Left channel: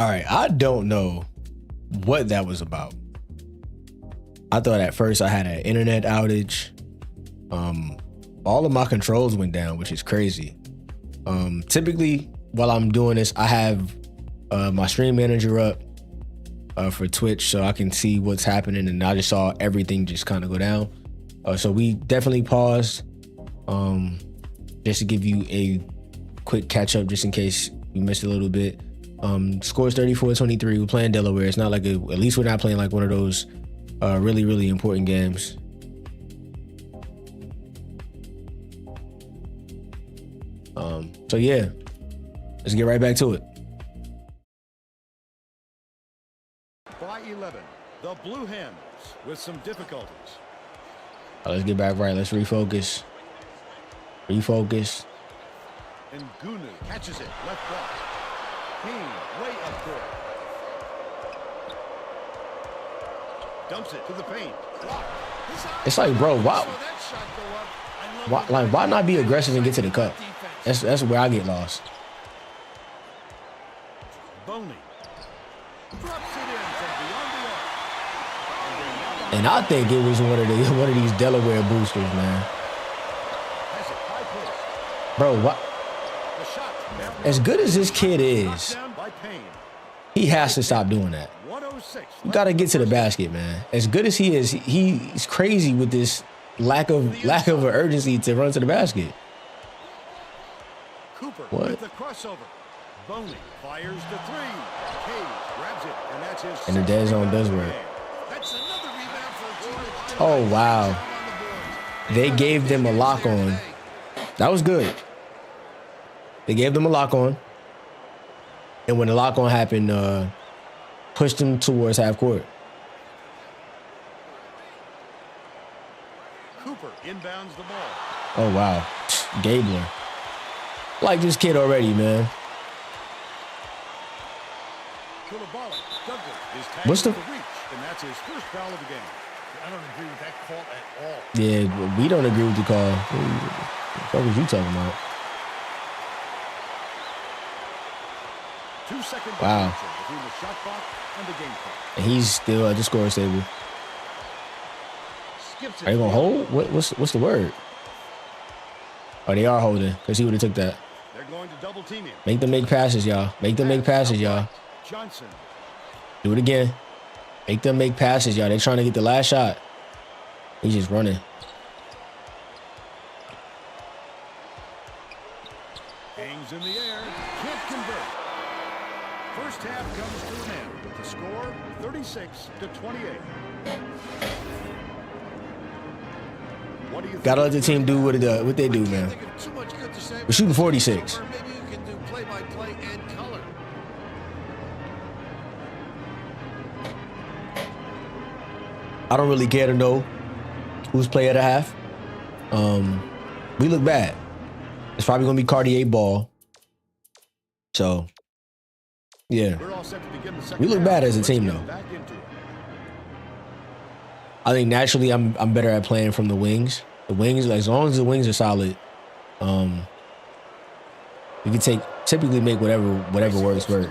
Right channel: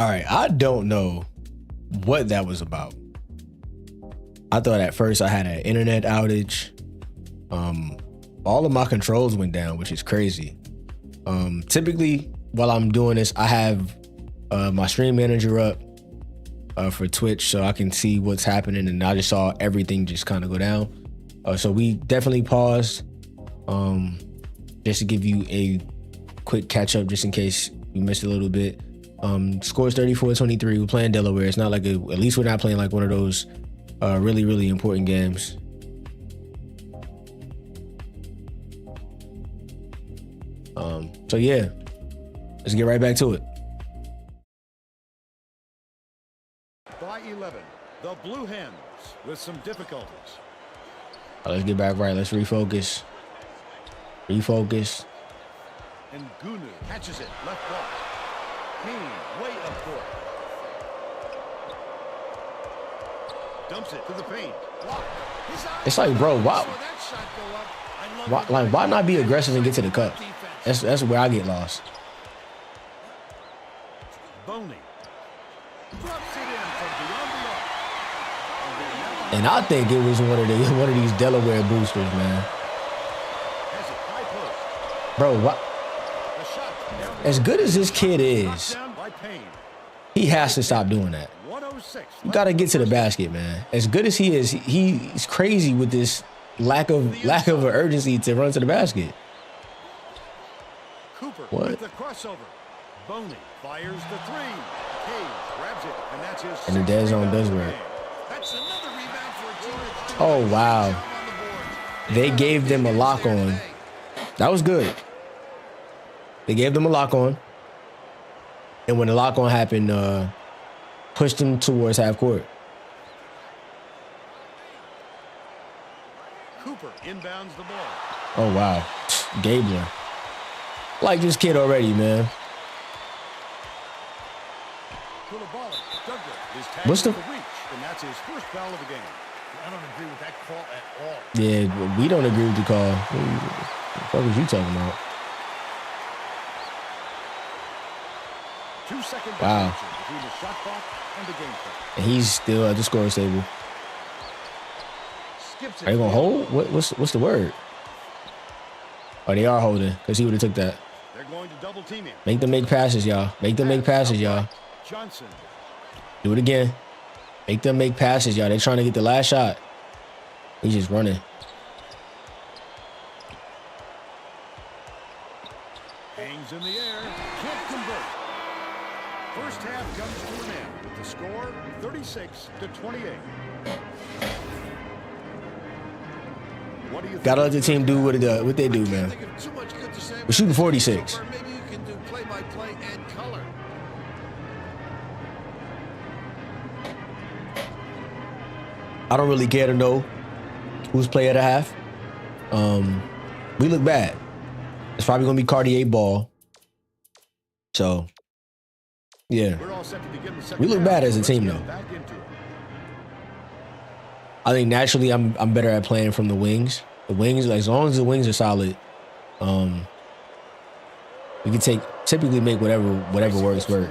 All right, I don't know what that was about. I thought at first I had an internet outage. All of my controls went down, which is crazy. Typically, while I'm doing this, I have my stream manager up for Twitch so I can see what's happening, and I just saw everything just kind of go down. So we definitely paused just to give you a quick catch up just in case you missed a little bit. Scores 34-23. We're playing Delaware. It's not like at least we're not playing like one of those really, really important games. So yeah, let's get right back to it. By 11, the Blue Hens with some difficulties. Let's get back right. Let's refocus. Refocus. And Gunu catches it, left block. Hens way up court. Dumps it to the paint. Block. It's like, bro, why not be aggressive and get to the cup? That's where I get lost. Boney drops it in from beyond the arc. And I think it was one of these Delaware boosters, man. Has it high post. Bro, what? As good as this kid is, he has to stop doing that. You got to get to the basket, man. As good as he is, he's crazy with this lack of urgency to run to the basket. Cooper what? With the crossover. Boney fires the three. Cage grabs it, and that's his. And the dead zone does work. That's another rebound for a team that's oh wow! They gave them a lock on. That was good. They gave them a lock on, and when the lock on happened, pushed them towards half court. Cooper inbounds the ball. Oh wow, Gabler. Like this kid already, man. What's the reach, and that's his first foul of the game. I don't agree with that call at all. Yeah, we don't agree with the call. What was you talking about? 2 second wow. Between the shot clock and the game clock. And he's still at the scorer's table. Skips it. Are they gonna hold? What's the word? Oh, they are holding because he would have took that. They're going to double team him. Make them make passes, y'all. Make them make passes, y'all. Johnson. Do it again. Make them make passes, y'all. They're trying to get the last shot. He's just running. Hangs in the air. Can't convert. First half comes to an end with the score 36-28. What do you Gotta let the team do what they do, man. We're shooting 46. Maybe you can do play-by-play and color. I don't really care to know who's play at a half. We look bad. It's probably gonna be Cartier ball. So, yeah, we look bad as a team, though. I think naturally I'm better at playing from the wings. The wings, as long as the wings are solid, we can typically make whatever works work.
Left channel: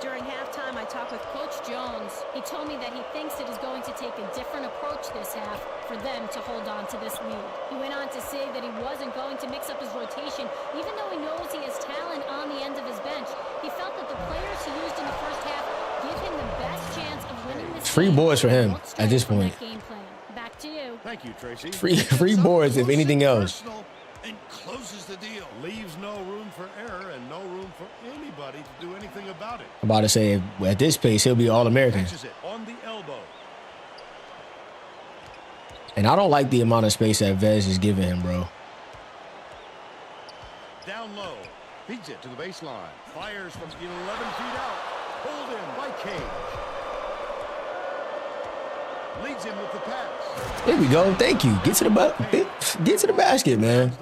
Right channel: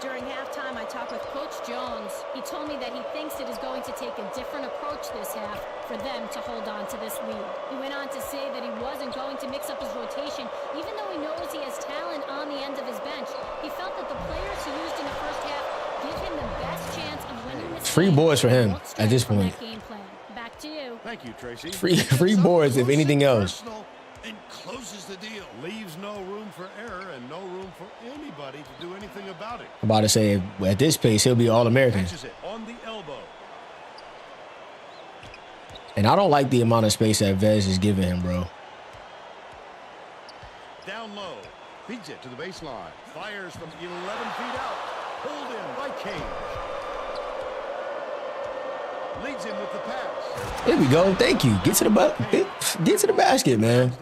During halftime, I talked with Coach Jones. He told me that he thinks it is going to take a different approach this half for them to hold on to this lead. He went on to say that he wasn't going to mix up his rotation, even though he knows he has talent on the end of his bench. He felt that the players he used in the first half give him the best chance of winning this. Free boards for him at this point. Game plan. Back to you. Thank you, Tracy. Free boards, if anything else. And closes the deal. Leaves no room for error and no room for anybody to do anything about it. I'm about to say, at this pace, he'll be All-American. Catches it on the elbow. And I don't like the amount of space that Vez is giving him, bro. Down low. Feeds it to the baseline. Fires from 11 feet out. Pulled in by Cage. Leads him with the pass. There we go. Thank you. Get to the basket, man.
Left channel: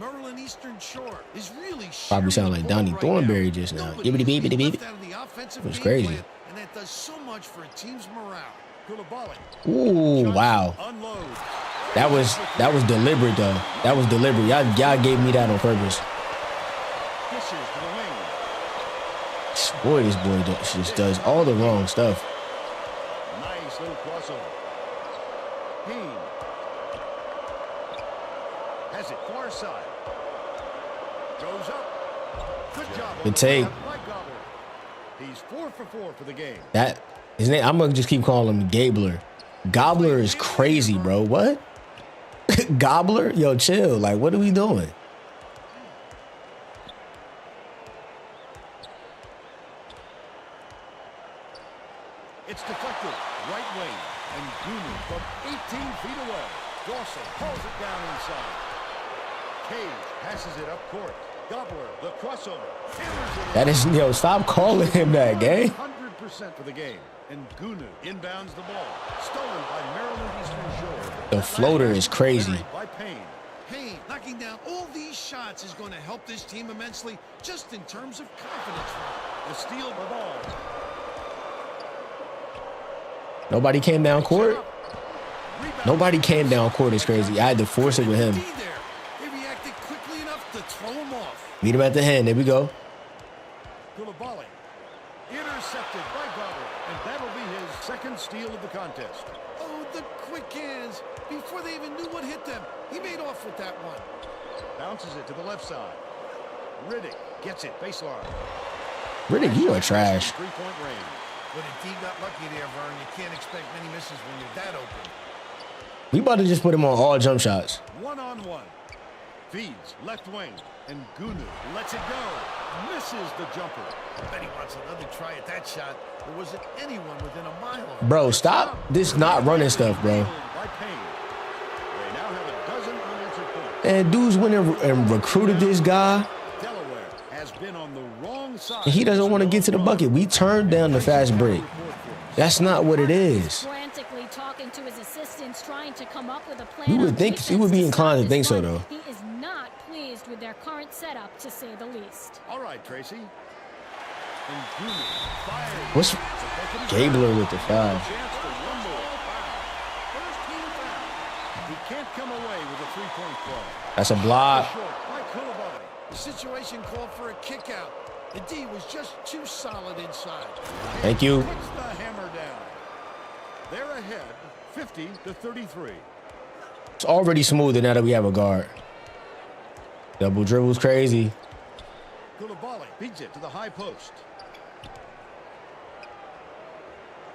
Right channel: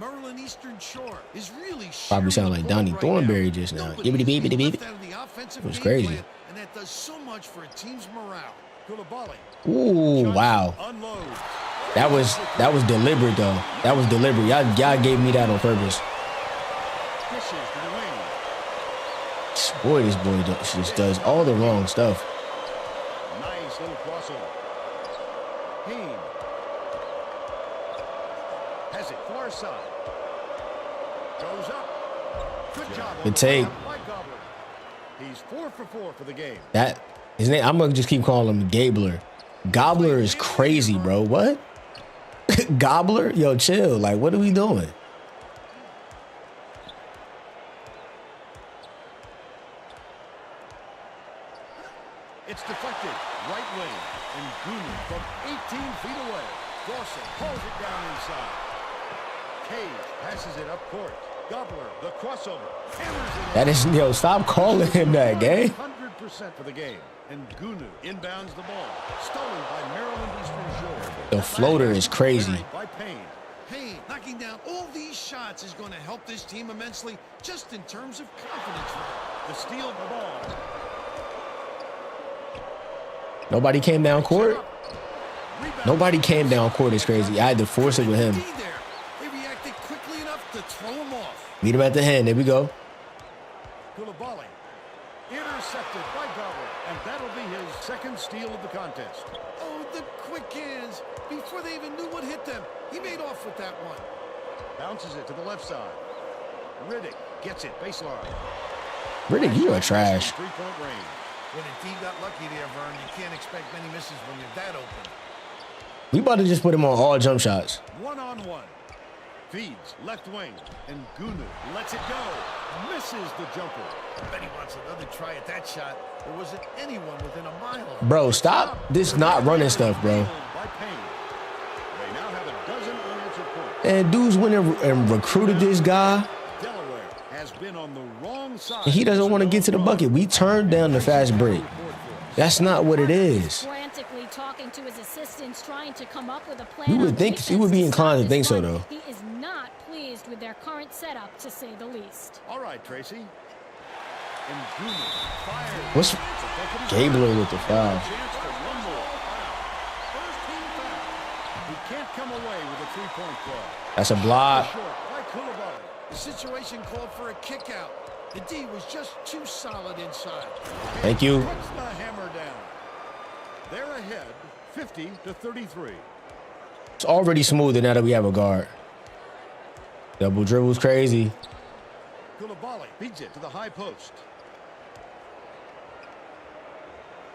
Maryland Eastern Shore is really probably sound like Donnie Thornberry just now. Gibbity beep beep. It was crazy. And that does so much for a team's morale. Ooh, wow. That was deliberate though. That was deliberate. Y'all gave me that on purpose. Dishes to the wing. Boy, this boy just does all the wrong stuff. Nice little crossover. Hens has it far side. Goes up. Good job on Good the take. layup by Gobbler. He's 4 for 4 for the game. That his name. I'm gonna just keep calling him Gabler. Gobbler is crazy, bro. What? Gobbler? Yo, chill. Like, what are we doing? It's deflected. Right wing. And Gunu from 18 feet away. Dawson pulls it down inside. Cage passes it up court. Gobbler, the crossover. Hammers it in. That is, yo, stop calling him that, gang. 100% for the game. And Gunu inbounds the ball. Stolen by Maryland Eastern Shore. The floater is crazy. By Payne. Payne knocking down all these shots is going to help this team immensely just in terms of confidence for her. The steal by ball. Nobody came down court. Nobody came down court. It's crazy. I had to force it with him. They reacted quickly enough to throw him off. Meet him at the hand. There we go. Koulibaly intercepted by Gobbler, and that'll be his second steal of the contest. Oh, the quick hands. Before they even knew what hit them, he made off with that one. Bounces it to the left side. Riddick gets it baseline. Riddick, you are trash. 3-point range. When a D got lucky there, Vern, you can't expect many misses when you're that open. We about to just put him on all jump shots. 1-on-1. Feeds left wing, and Gunu lets it go. Misses the jumper. I bet he wants another try at that shot. There wasn't anyone within a mile of him. Bro, stop this not running stuff, bro. By Payne. They now have a dozen unanswered points. And dudes went and recruited this guy. Delaware has been on the wrong side. And he doesn't want to get to the bucket. We turned down the fast break. That's not what it is. Frantically talking to his assistants, trying to come up with a plan. You would think he would be inclined to think so, though. He is not pleased with their current setup, to say the least. All right, Tracy. And Gunu fires. What's Gabler with the foul? Chance for one more. He can't come away with a three-point play. That's a block. Short by Koulibaly. The situation called for a kick out. The D was just too solid inside. Thank you. Puts the hammer down. They're ahead, 50-33. It's already smoother now that we have a guard. Double dribble's crazy. Koulibaly beats it to the high post.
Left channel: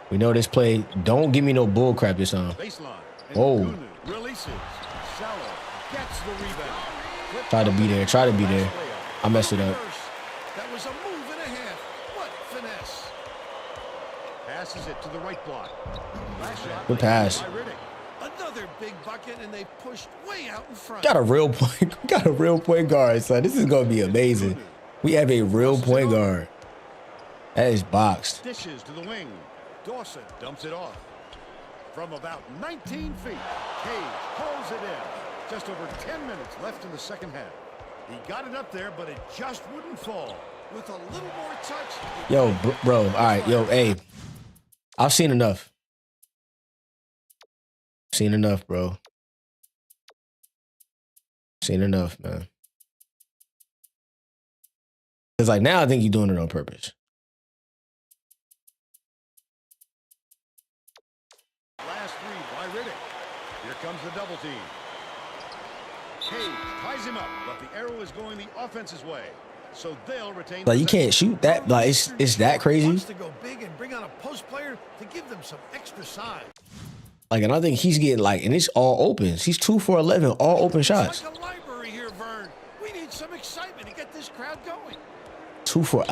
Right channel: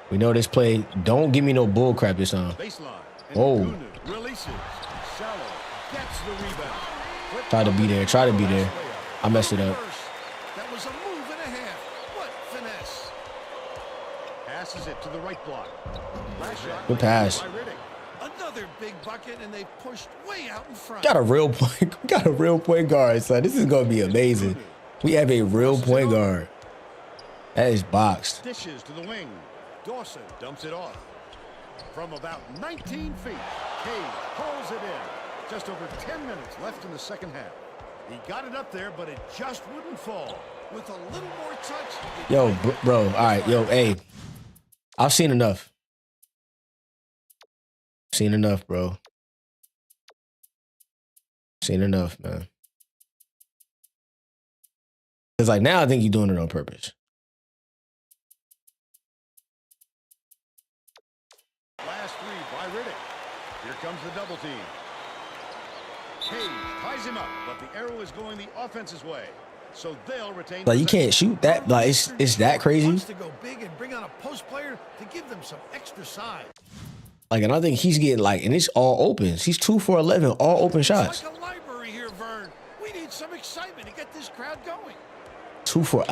We know this play. Don't give me no bull crap this time. Baseline. And Whoa. Gunu releases. Salo gets the rebound. Flip Try to be there. Try to be there. I messed it up. That was a move and a half. What finesse. Passes it to the right block. Last shot. Good pass. By Riddick. Another big bucket, and they pushed way out in front. Got a real point. We got a real point guard, son. This is gonna be amazing. We have a real point guard. That is boxed. Dishes to the wing. Dawson dumps it off. From about 19 feet, Cage pulls it in. Just over 10 minutes left in the second half. He got it up there, but it just wouldn't fall. With a little more touch. Yo, bro. All right, yo, hey. I've seen enough. Seen enough, bro. Seen enough, man. Because, like, now I think you're doing it on purpose. Last three by Riddick. Here comes the double team. Cage ties him up, but the arrow is going the offense's way. So they'll retain. Like, you can't shoot that. Like, it's that crazy. Wants to go big and bring on a post player to give them some extra size. Like, and I think he's getting, like, and it's all opens. He's 2 for 11, all open shots. It's like a library here, Vern. We need some excitement to get this crowd going. 2 for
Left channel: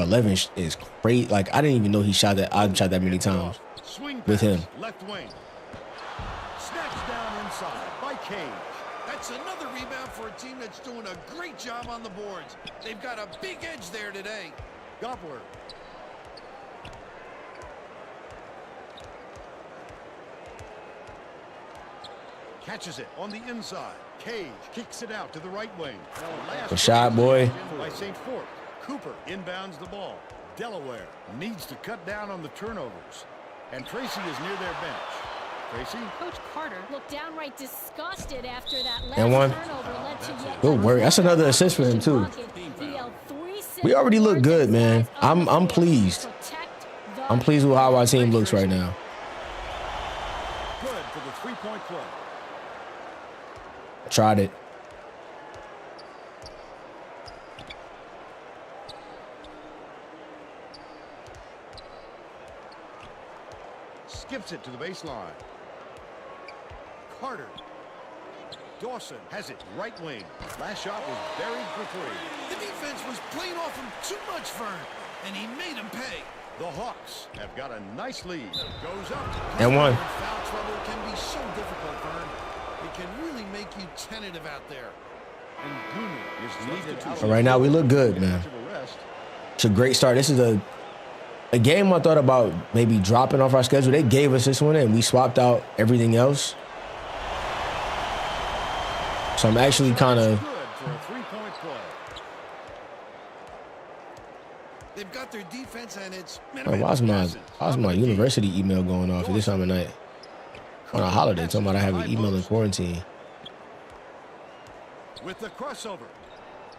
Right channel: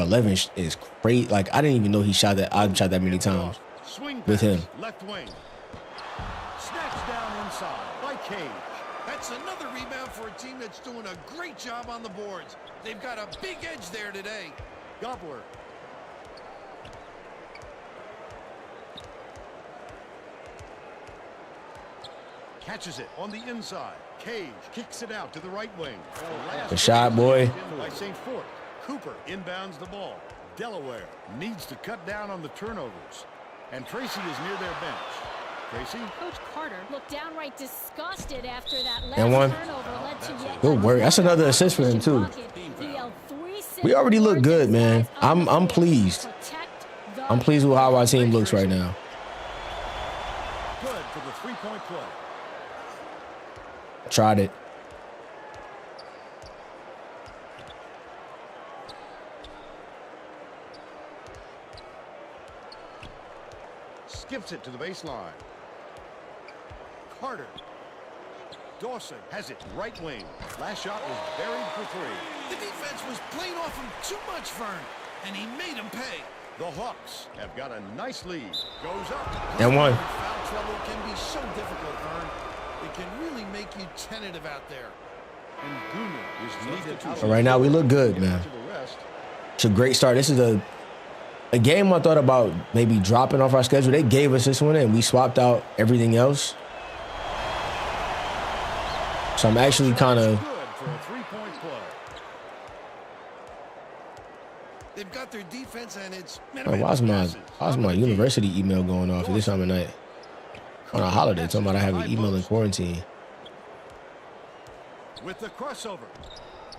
11 is great. Like, I didn't even know he shot that. I've shot that many times Swing with him. Left wing. Snatched down inside by Cage. That's another rebound for a team that's doing a great job on the boards. They've got a big edge there today. Gobbler. Catches it on the inside. Cage kicks it out to the right wing. The last Good shot, boy. by St. Fort. Cooper inbounds the ball. Delaware needs to cut down on the turnovers. And Tracy is near their bench. Tracy. Coach Carter looked downright disgusted after that last And one. turnover led to yet Good work. That's another assist for him, too. bucket. He yelled 3 We already look words good, at his man. guys on the I'm floor. pleased. Protect the I'm pleased with how our team Thanks, looks right Tracy. now. Good for the three-point play. Tried it. Skips it to the baseline. Carter. Dawson has it right wing. Last shot was buried for three. The defense was playing off him too much, Vern, and he made him pay. The Hawks have got a nice lead. Goes up. And one. Foul trouble can be so difficult, Vern. It can really make you tentative out there. And Gunu is needed out. But right now, we look good, man. Much of a rest. It's a great start. This is a game I thought about maybe dropping off our schedule. They gave us this one, and we swapped out everything else. So I'm actually kind of... Good for a three-point play. They've got their defense, and it's Why's my university email going off at this time of night? On a holiday, talking about I have an email in quarantine. With the crossover.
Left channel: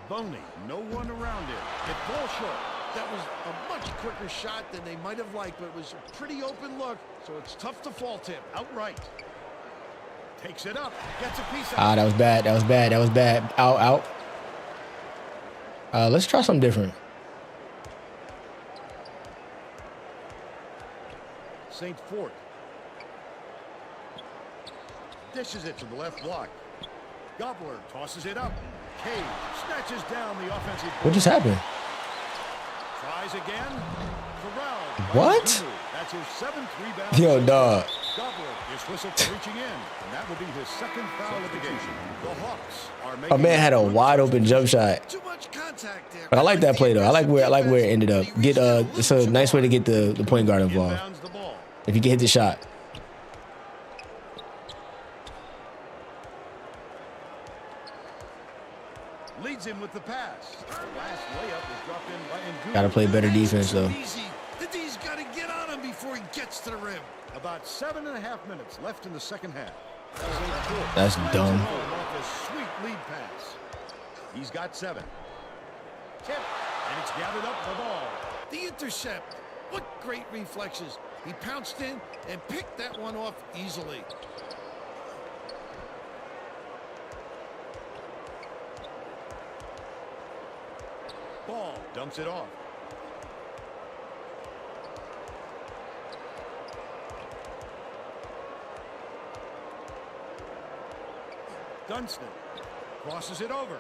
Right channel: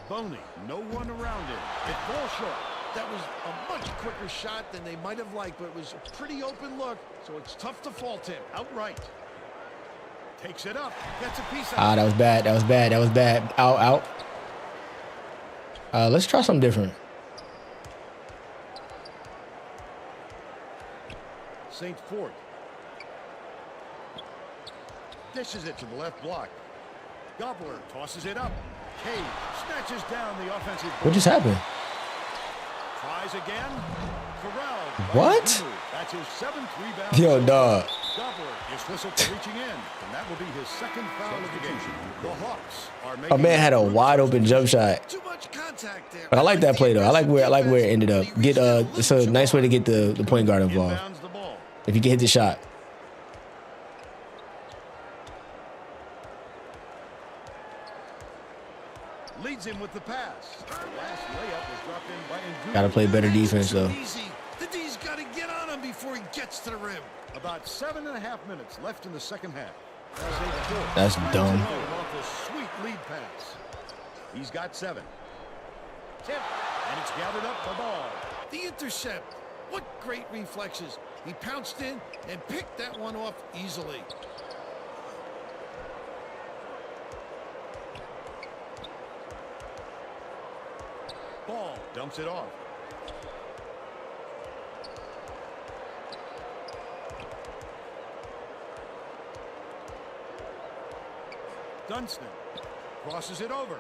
Boney, no one around him. It falls short. That was a much quicker shot than they might have liked, but it was a pretty open look, so it's tough to fault him. Outright. Takes it up. Gets a piece out. Ah, that was bad. That was bad. That was bad. Out. Let's try something different. St. Fort. Dishes it to the left block. Gobbler tosses it up. Cage snatches down the offensive board. What just happened? Tries again. Corralled. by What? Gunu. That's his 7th rebound. Yo, dog. Gobbler is whistled for reaching in, and that will be his 2nd foul of the game. The Hawks are A making... man had a wide open jump shot. Too much contact there. But I like that play though. I like where it ended up. It's a nice way to get the point guard involved. Inbounds the ball. If you can hit the shot. Leads him with the pass. The last layup was dropped in by Ngunu. Gotta play better defense though. Easy. The D's got to get on him before he gets to the rim. About 7.5 minutes left in the second half. St. Fort That's slams dumb. it home off a sweet lead pass. He's got 7. Tip, and it's gathered up the ball. The intercept. What great reflexes. He pounced in and picked that one off easily. Ball dumps it off. Dunstan crosses it over.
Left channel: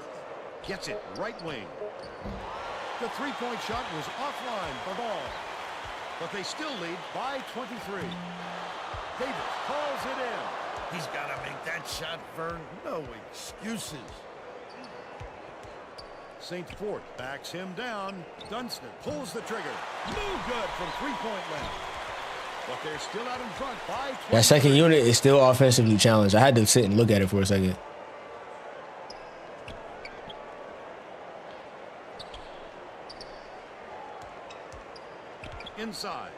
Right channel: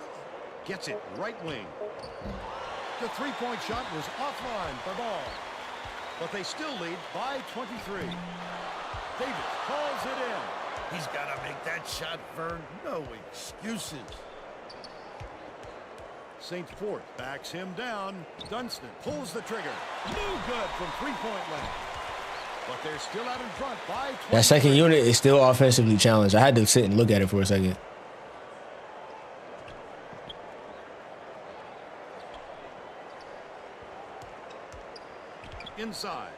Gets it right wing. The three-point shot was offline by Ball. But they still lead by 23. Davis calls it in. He's got to make that shot, Vern. No excuses. St. Fort backs him down. Dunstan pulls the trigger. No good from three-point land. But they're still out in front by 23. That second unit is still offensively challenged. I had to sit and look at it for a second. Inside.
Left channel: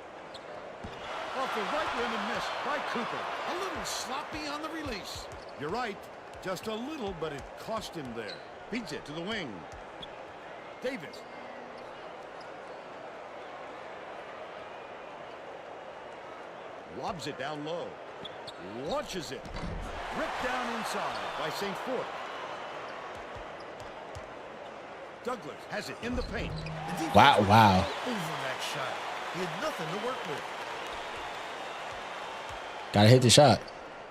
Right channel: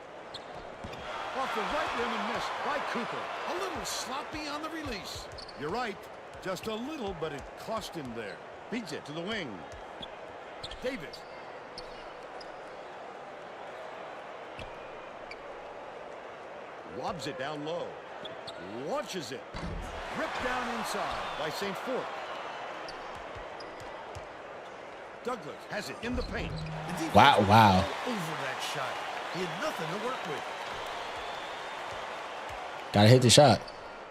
Off the right rim and missed by Cooper. A little sloppy on the release. You're right. Just a little, but it cost him there. Beats it to the wing. Davis. Lobs it down low. Launches it. Ripped down inside by St. Fort. Douglas has it in the paint. The defense Wow, was wow. all over that shot. He had nothing to work with. Gotta hit the shot.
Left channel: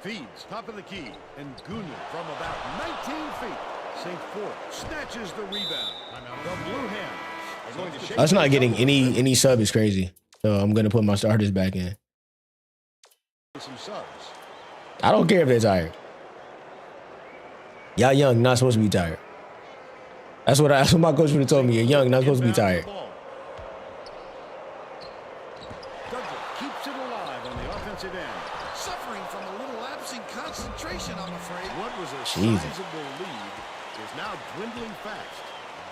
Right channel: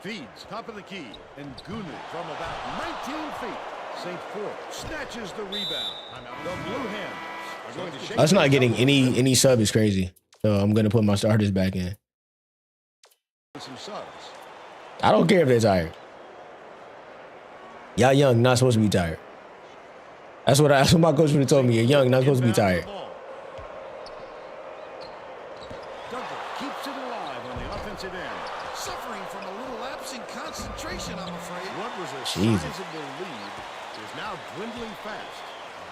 Feeds top of the key. And Gunu from about 19 feet. St. Fort snatches the rebound. The Blue Hens are going to shake. Us not things getting up a little bit. any sub is crazy. So I'm gonna put my starters back in. Some subs. I don't care if they're tired. Y'all young, not supposed to be tired. That's what my coach would have told me. You're young, not supposed to be Inbounds the tired. ball. Douglas keeps it alive on the offensive end. Suffering from a little lapse in concentration, I'm afraid. What was a Jesus. sizable lead is now dwindling fast.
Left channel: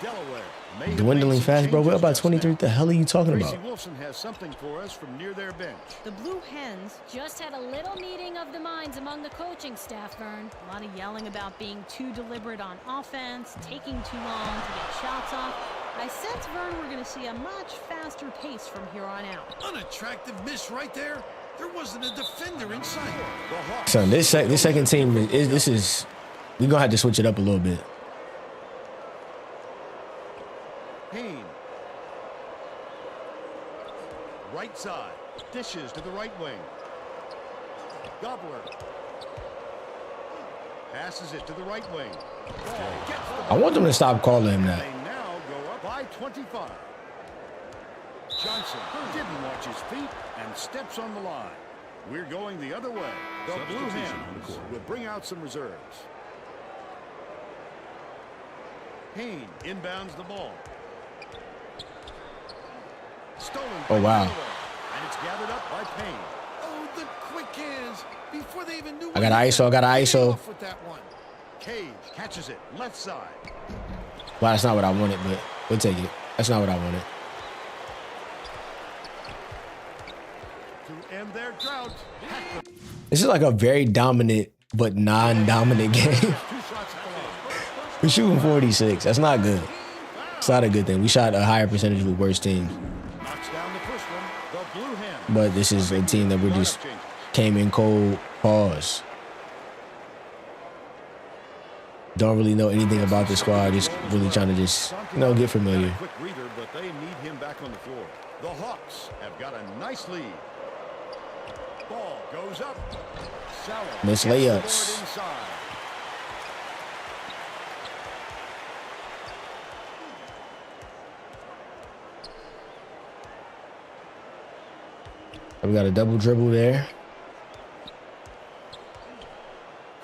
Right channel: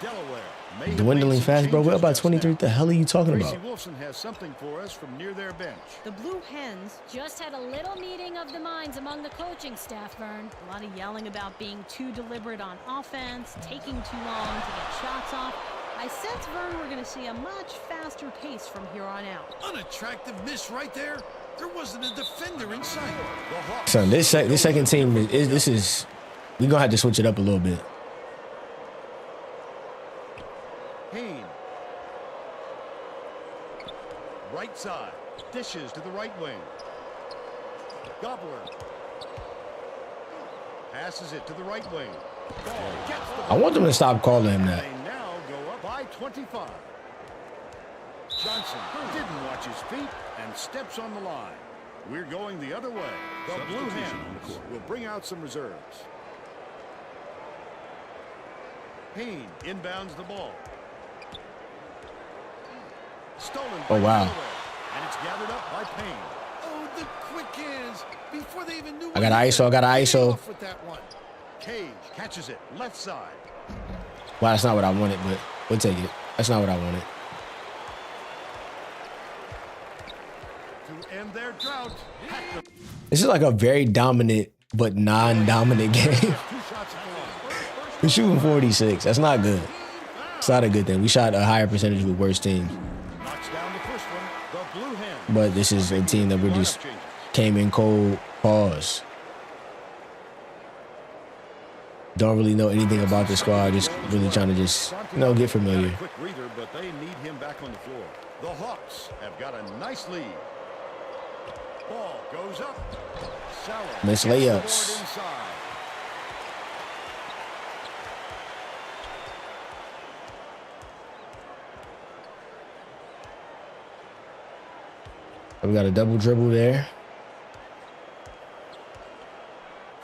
Delaware may have Dwindling made some fast, bro. We're changes about just 23. now. What the hell are you talking Tracy about? Wolfson has something for us from near their bench. The Blue Hens Just had a little meeting of the minds among the coaching staff, Vern. a lot of yelling about being too deliberate on offense, taking too long to get shots off. I sense, Vern, we're going to see a much faster pace from here on out. Unattractive miss right there. There wasn't a defender in sight. The Hawks. Son, this second team is we're gonna have to switch it up a little bit. Hens. Right side. Dishes to the right wing. Gobbler. Passes it to the right wing. Ball gets the I want them to stop calling him that. They now go up by 25. Johnson didn't watch his feet and steps on the line. We're going the other way. The Blue Hens will bring out some reserves. Hens inbounds the ball. Stolen by Oh, wow. Delaware, and it's gathered up by Payne. Oh, the quick hands. Before they even knew I got ISO, I got ISO. off with that one. Cage catches it left side. Well, that's not what I wanted, but we'll take it. That's not what I wanted. To end their drought. This is like a very dominant but non-dominant game. 2 shots at the line. We're shooting 46. That's not good. It's not a good thing. We shot a higher percentage with worse teams. Knocks down the first one. The Blue Hens. But this is a team that we're just Lineup changes. came in cold. Pause. Don't really know anything about the squad. Just really trying to just, get familiar. Got a quick breather, but they need him back on the floor. The Hawks have got a nice lead. Ball goes up. Sallow Miss gets the board layups. inside. We got a double dribble there.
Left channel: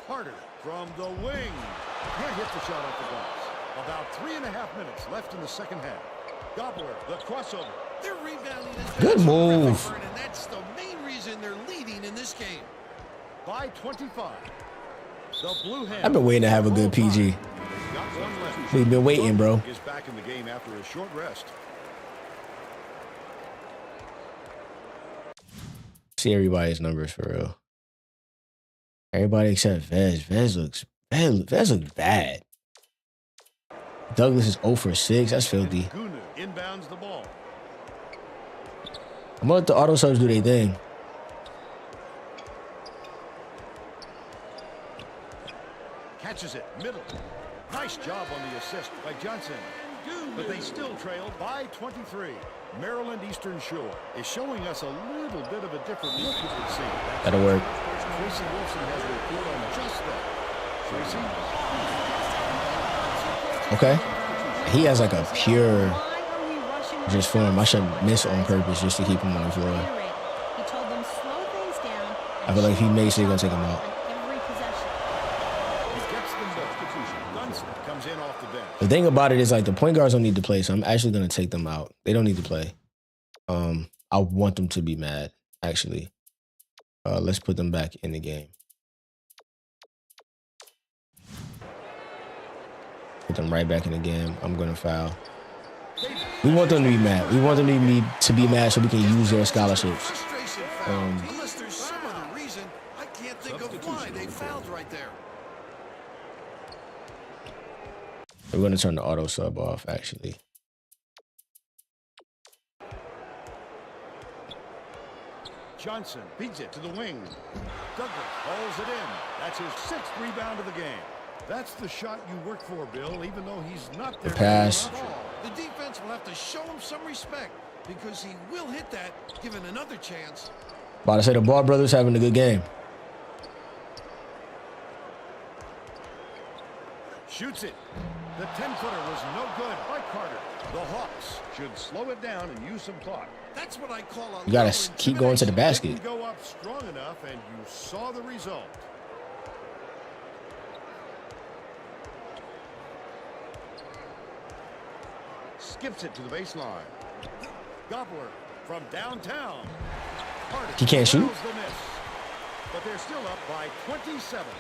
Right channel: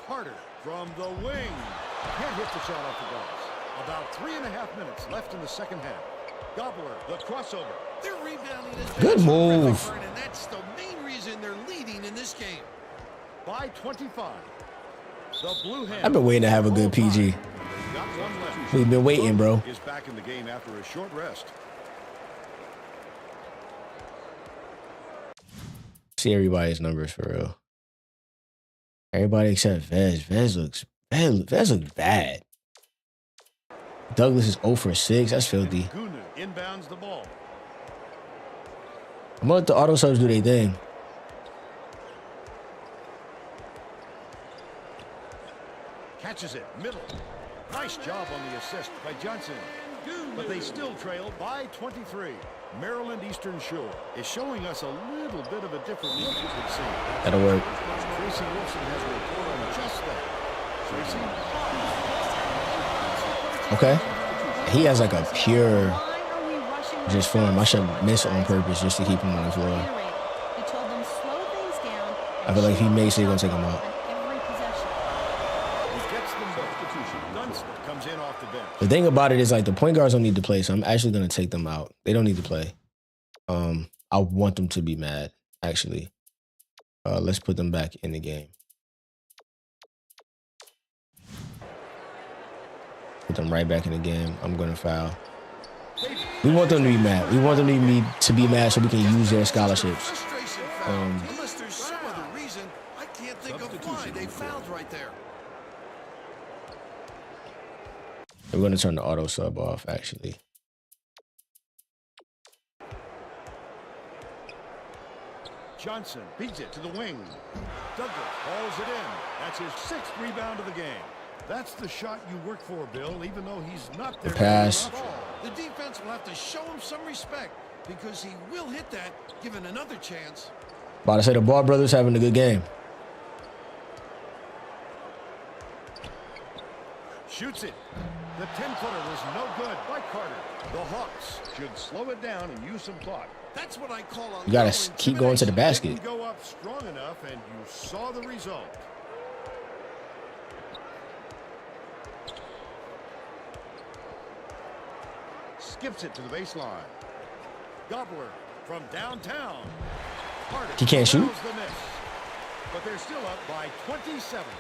Carter from the wing. Can't hit the shot off the glass. About 3.5 minutes left in the second half. Gobbler, the crossover. Their rebounding has been Good terrific, move. Vern, and that's the main reason they're leading in this game. By 25. The Blue Hens. I've been waiting to have a good PG. They've got one left. We've been waiting, bro. Is back in the game after a short rest. See everybody's numbers for real. Everybody except Vez. Vez looks bad. Douglas is 0 for 6. That's filthy. Gunu inbounds the ball. I'm gonna let the auto subs do their thing. Catches it, middle. Nice job on the assist by Johnson. But they still trail by 23. Maryland Eastern Shore is showing us a little bit of a different look, it would seem. That'll work. And Tracy Wolfson has a report on just that. Tracy? Just had an impromptu coaching Okay. meeting, Vern. He has like a pure Why are we rushing our just form. I shots so should much, miss on guys? purpose just to keep him on the floor. Reiterated. He told them slow things down. I feel like if he makes it, they're gonna take him out. On every possession. He gets them both. Dunstan comes in off the bench. The thing about it is like the point guards don't need to play, so I'm actually gonna take them out. They don't need to play. I want them to be mad, actually. Let's put them back in the game. Put them right back in the game. I'm gonna foul. We want them to be mad. We want them to be mad so we can use their scholarships. Frustration foul. Unless there's some other reason, I can't think of why they fouled right there. We're gonna turn the auto sub off, actually. Johnson beats it to the wing. Douglas hauls it in. That's his 6th rebound of the game. That's the shot you work for, Bill, even though he's not there. Pass. The defense will have to show him some respect because he will hit that given another chance. About to say the Ball brothers having a good game. Shoots it. The 10-footer was no good by Carter. The Hawks should slow it down and use some clock. That's what I call a You gotta little keep going to the Didn't basket. go up strong enough, and you saw the result. Skips it to the baseline. Gobbler from downtown. Carter He can't shoot? nails the miss. But they're still up by 27.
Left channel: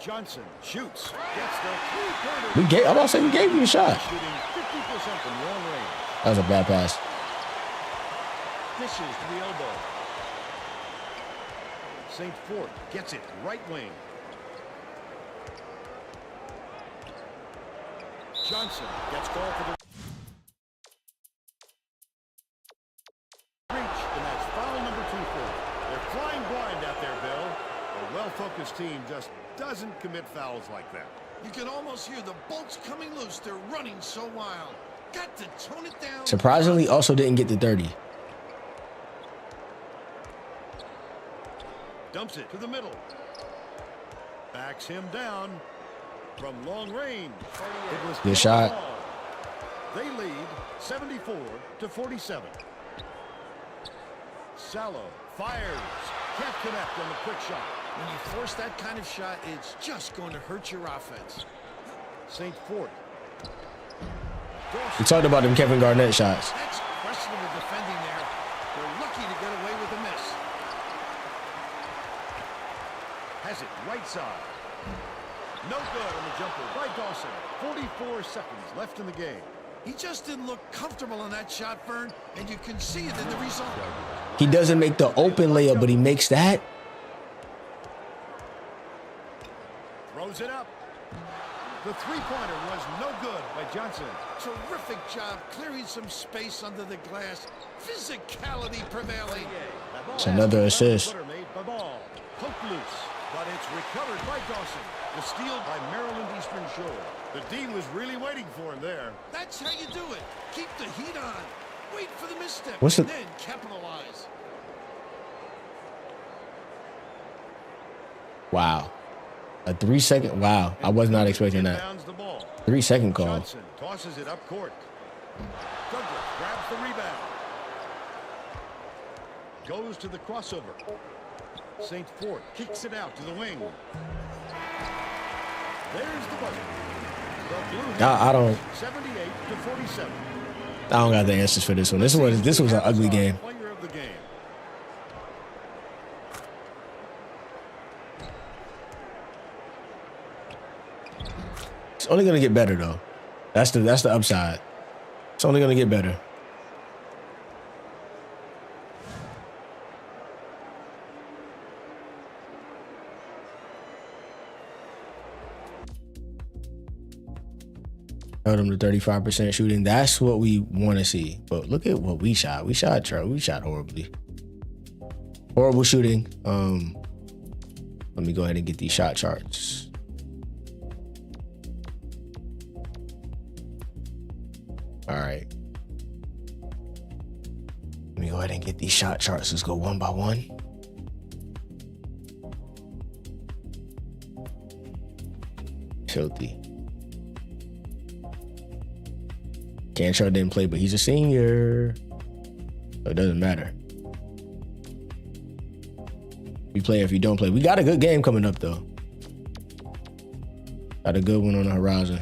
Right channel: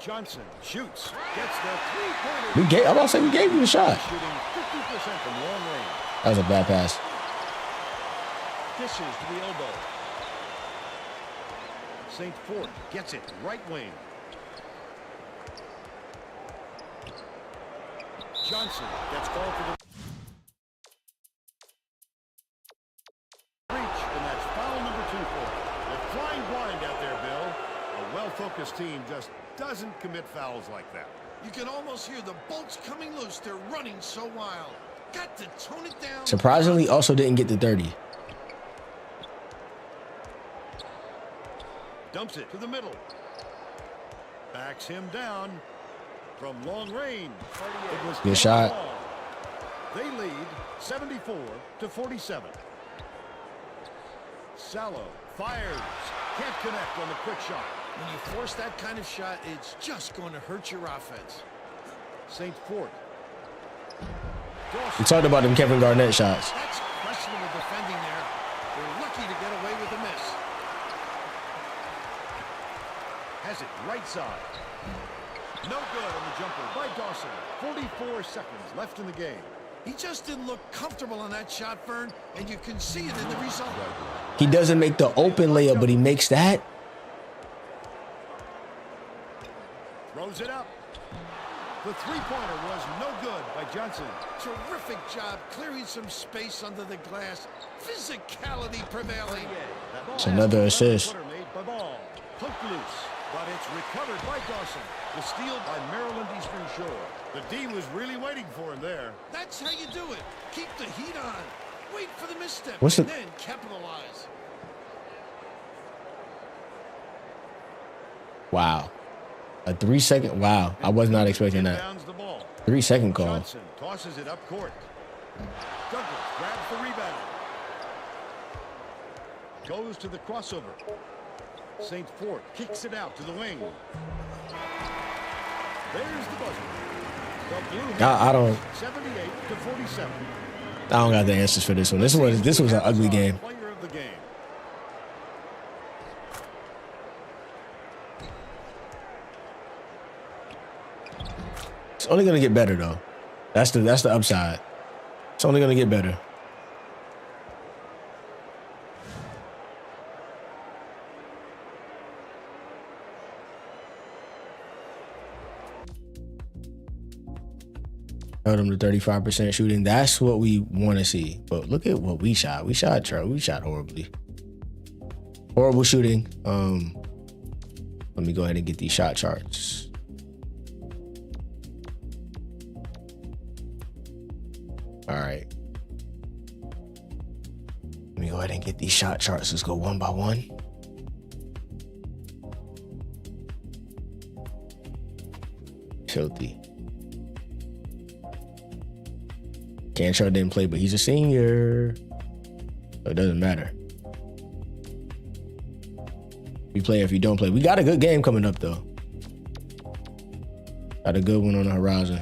Johnson shoots, gets the three-pointer. I'm about to say we gave you a shot. Shooting 50% from long range. That was a bad pass. Dishes to the elbow. St. Fort gets it right wing. Johnson gets called for the reach, and that's foul number 2 for him. They're flying blind out there, Bill. A well-focused team just doesn't commit fouls like that. You can almost hear the bolts coming loose. They're running so wild. Got to tone it down. Surprisingly, also didn't get to 30. Dumps it to the middle. Backs him down from long range. It was good shot. They lead 74-47. Sallow fires. Can't connect on the quick shot. When you force that kind of shot, it's just going to hurt your offense. St. Fort. We talked about them Kevin Garnett shots. That's questionable defending there. They're lucky to get away with a miss. Has it right side. No good on the jumper by Dawson. 44 seconds left in the game. He just didn't look comfortable on that shot, Vern, and you can see it in the result. He doesn't make the open layup, but he makes that. Throws it up. The three-pointer was no good by Johnson. Terrific job clearing some space under the glass. Physicality prevailing. It's another assist. Made by Ball. Poked loose, but it's recovered by Dawson. The steal by Maryland Eastern Shore. The D was really waiting for him there. That's how you do it. Keep the heat on. Wait for the misstep and then capitalize. Wow. A 3-second. Wow. I was not expecting that. 3-second call. Johnson tosses it up court. Douglas grabs the rebound. Goes to the crossover. St. Fort kicks it out to the wing. There's the buzzer. The Blue Hens, I don't 78-47. I don't got the answers for this one. This was an ugly game. Player of the game. It's only gonna get better though. That's the upside. It's only gonna get better. Held him to 35% shooting. That's what we want to see. But look at what we shot. We shot horribly. Horrible shooting. Let me go ahead and get these shot charts. All right. Let me go ahead and get these shot charts. Let's go one by one. Filthy. Cantrell didn't play, but he's a senior. So it doesn't matter. You play if you don't play. We got a good game coming up, though. Got a good one on the horizon.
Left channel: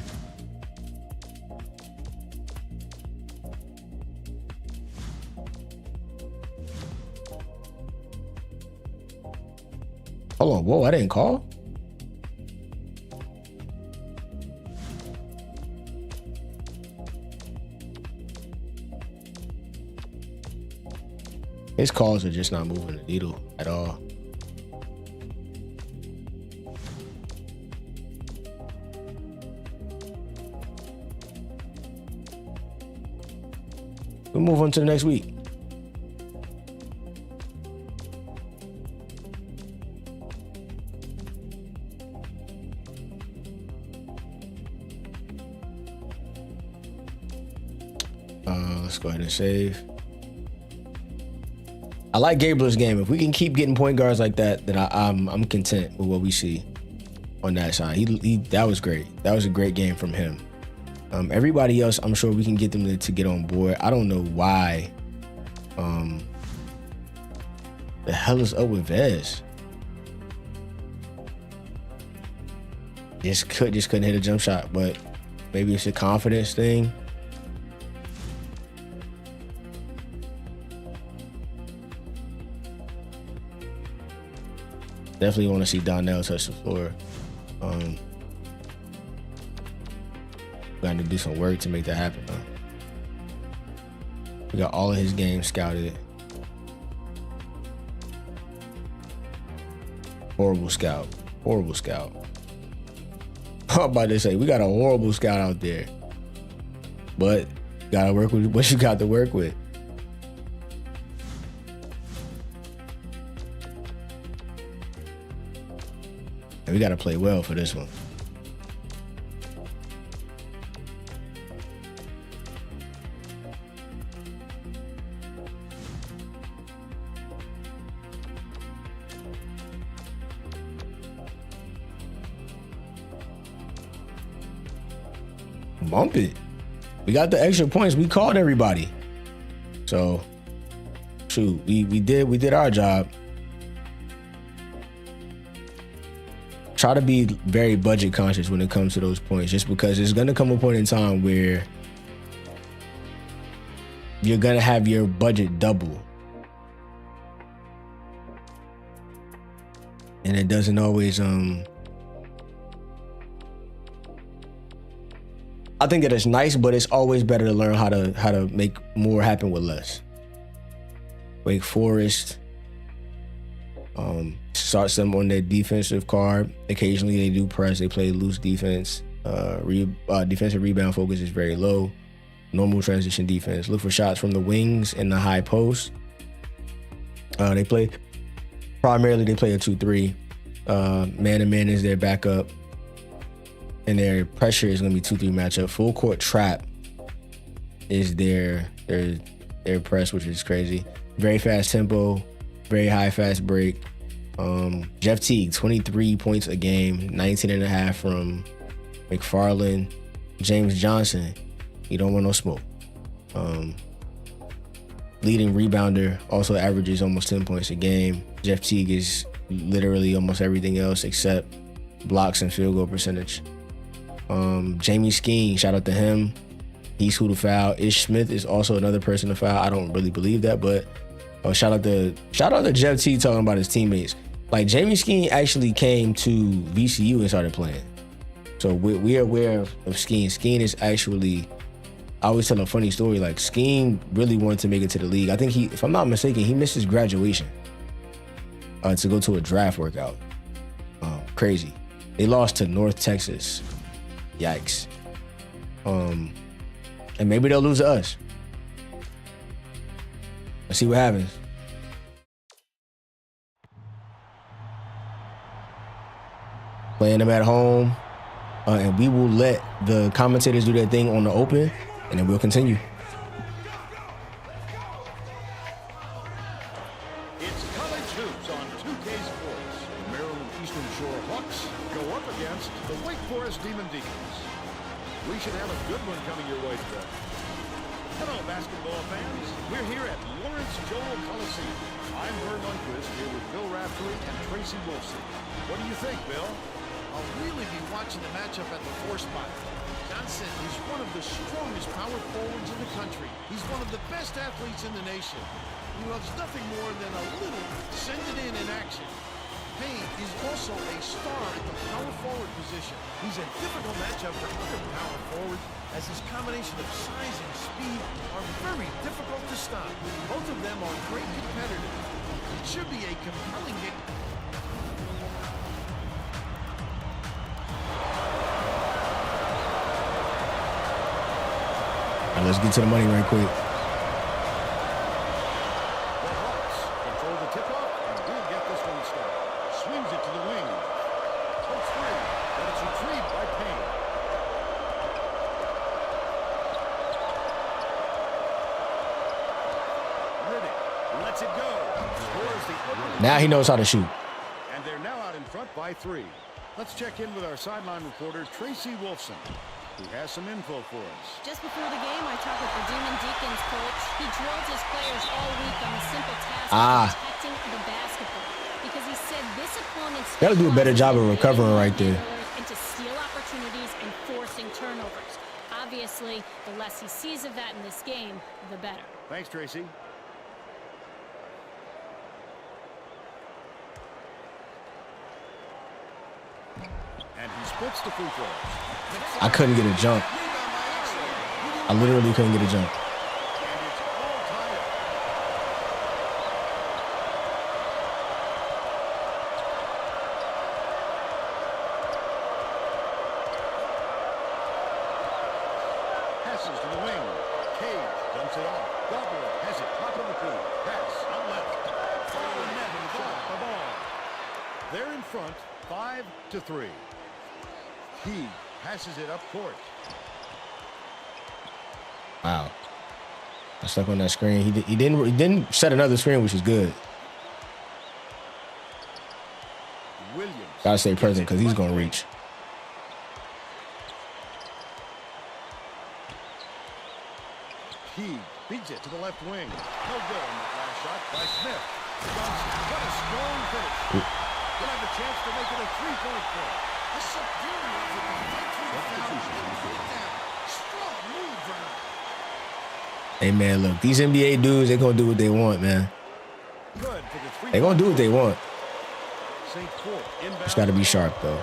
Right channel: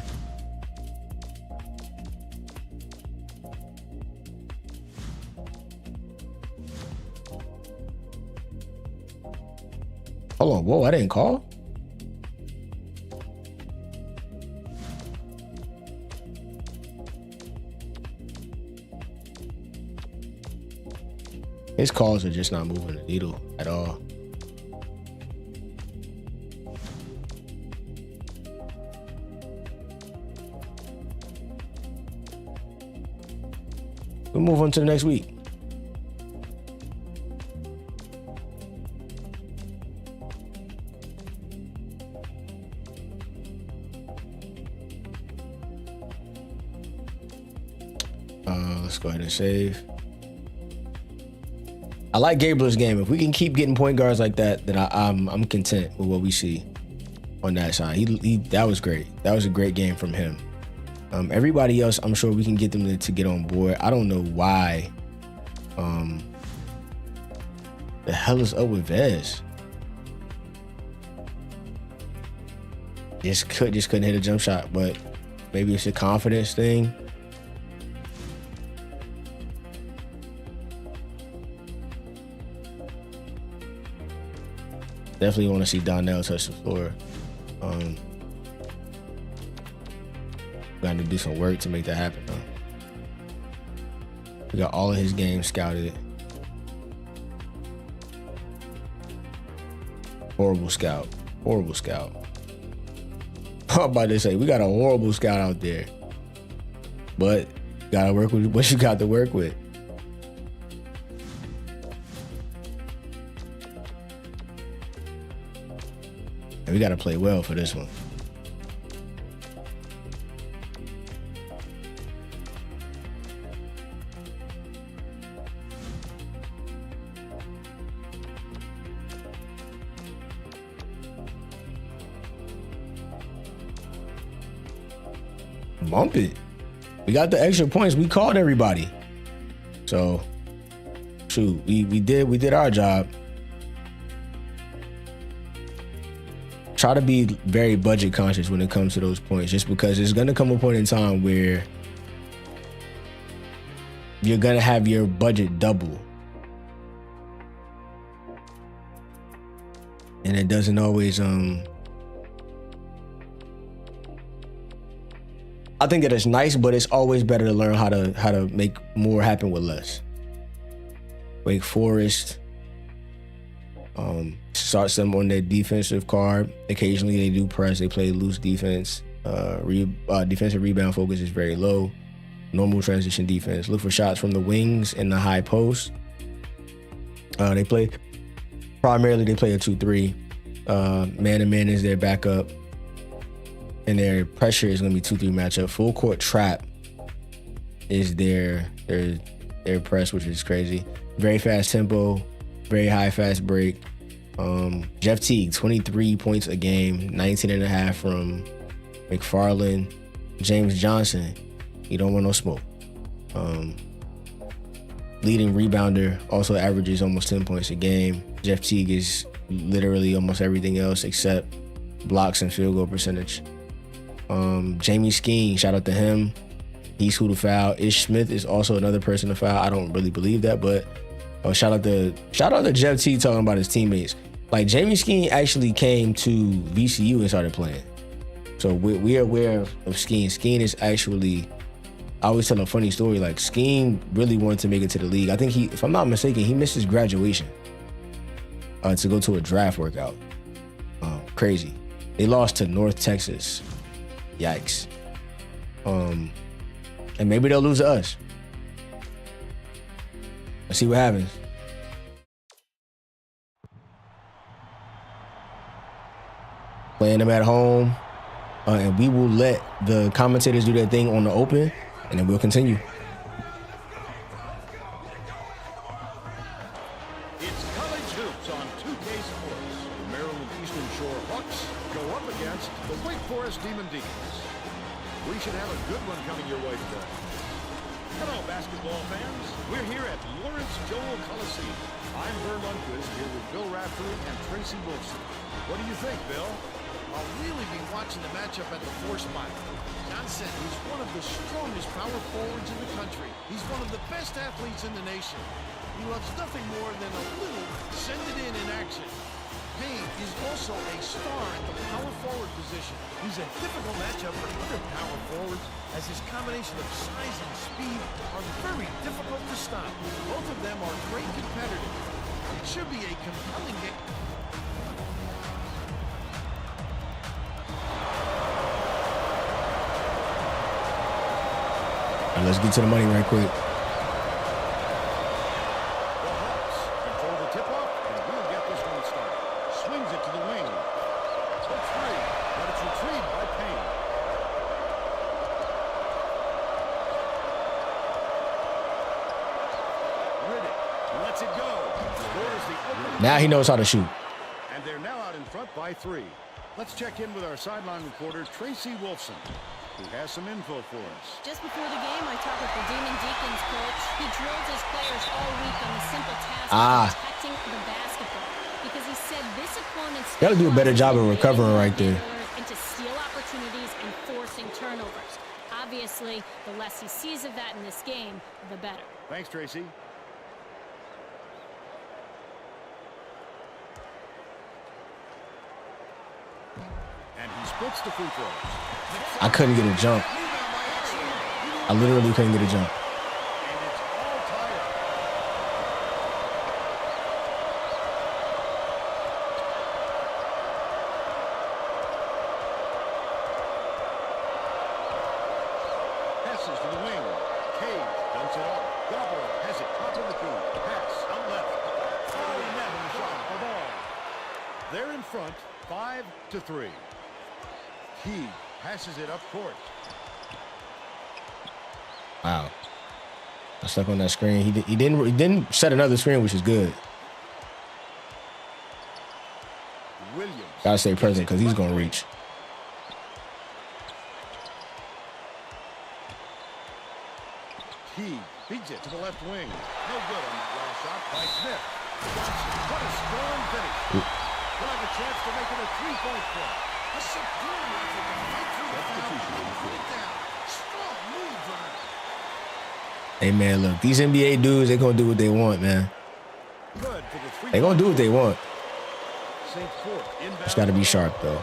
Hold on. Whoa, I didn't call? His calls are just not moving the needle at all. We'll move on to the next week. Let's go ahead and save. I like Gabler's game. If we can keep getting point guards like that, then I'm content with what we see on that side. He that was great. That was a great game from him. Everybody else, I'm sure we can get them to get on board. I don't know why. The hell is up with Vez? Just couldn't hit a jump shot, but maybe it's a confidence thing. Definitely want to see Donnell touch the floor. Got to do some work to make that happen, though. We got all of his games scouted. Horrible scout. Horrible scout. I'm about to say, we got a horrible scout out there. But gotta work with what you got to work with. And we gotta play well for this one. Bump it. We got the extra points. We called everybody. So, shoot, we did our job. Try to be very budget conscious when it comes to those points, just because there's gonna come a point in time where you're gonna have your budget double. And it doesn't always I think that it's nice, but it's always better to learn how to make more happen with less. Wake Forest starts them on their defensive card. Occasionally they do press. They play loose defense. Defensive rebound focus is very low. Normal transition defense. Look for shots from the wings and the high post. They play a 2-3. Man-to-man is their backup. And their pressure is going to be 2-3 matchup. Full court trap is their press, which is crazy. Very fast tempo, very high fast break. Jeff Teague, 23 points a game, 19.5 from McFarland. James Johnson, you don't want no smoke. Leading rebounder, also averages almost 10 points a game. Jeff Teague is literally almost everything else except blocks and field goal percentage. Jamie Skeen, shout out to him. He's who to foul. Ish Smith is also another person to foul. I don't really believe that, but shout out to Jeff T talking about his teammates. Like, Jamie Skeen actually came to VCU and started playing. So we're aware of Skeen. Skeen is actually, I always tell a funny story. Like, Skeen really wanted to make it to the league. I think if I'm not mistaken, he missed his graduation to go to a draft workout. Crazy. They lost to North Texas. Yikes. And maybe they'll lose to us. Let's see what happens. Playing them at home. And we will let the commentators do their thing on the open, and then we'll continue. It's college hoops on 2K Sports. The Maryland Eastern Shore Hawks go up against the Wake Forest Deacons. We should have a good one coming your way today. Hello, basketball fans. We're here at Lawrence Joel Coliseum. I'm Vern Lundquist here with Bill Raftery and Tracy Wolfson. What do you think, Bill? I'll really be watching the matchup at the 4 spot. Johnson is one of the strongest power forwards in the country. He's one of the best athletes in the nation. He loves nothing more than a little send it in action. Payne is also a star at the power forward position. He's a difficult matchup for other power forwards, as his combination of size and speed are very difficult to stop. Both of them are great competitors. It should be a compelling game. All right, let's get to the money right quick. The Hawks control the tip-off, and we'll get this one started. Swings it to the wing. Hook three, but it's retrieved by Payne. Riddick lets it go. Scores the opening. Now he knows how to shoot. And they're now out in front by 3. Let's check in with our sideline reporter, Tracy Wolfson, who has some info for us. Just before the game, I talked with the Deacons coach. He drilled his players all week on the simple task of protecting the basketball, because he said this opponent got to do a better job of recovering right there. And to steal opportunities and forcing turnovers. Obviously, the less he sees of that in this game, the better. Thanks, Tracy. And he splits the free throws. I couldn't get a jump. Rebound by accident. He didn't I literally couldn't get a jump. And it's all tied up. Passes to the wing. Cage dumps it off. Gobbler has it. Top of the key. Pass out left. Oh, net on the shot. The ball. They're in front, 5-3. He passes it up court. Wow. I stuck on that screen. He didn't set another screen, which is good. Williams. Gotta stay present because he's gonna reach. He beats it to the left wing. No good on that last shot by Smith. Johnson, what a strong finish. He'll have a chance to make it a three-point play. A superior effort to fight through the foul and put it down. Strong move, Vern. Hey, man, look, these NBA dudes, they're going to do what they want, man. Good for the three. They're going to do what they want. St. Fort inbound. Just got to be sharp, though.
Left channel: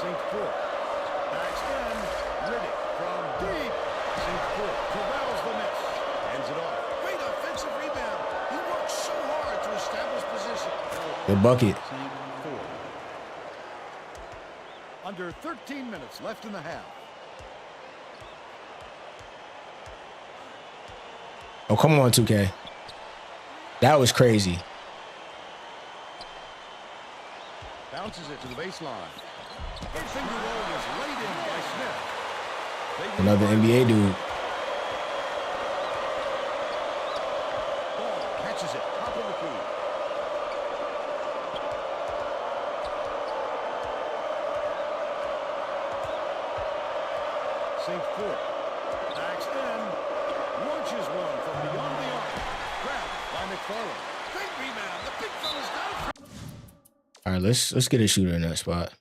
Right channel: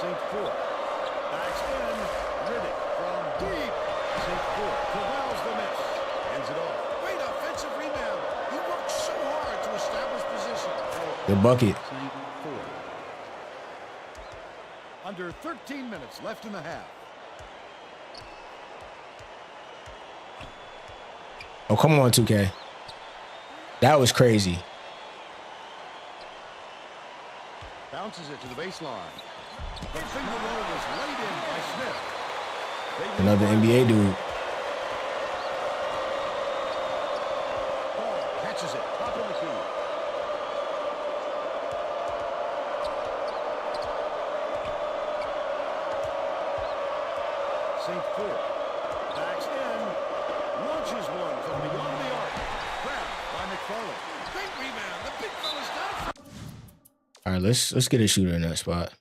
St. Fort backs in. Riddick from deep. St. Fort corrals the miss. Hands it off. Great offensive rebound. He worked so hard to establish position. Good bucket. Under 13 minutes left in the half. Oh, come on, 2K. That was crazy. Bounces it to the baseline. The finger roll was laid in by Smith. Another NBA dude. Ball catches it. Top of the key. St. Fort backs in. Launches one from beyond the arc. Grabbed by McFarland. Great rebound. The big fella's not afraid. All right, let's get a shooter in that spot.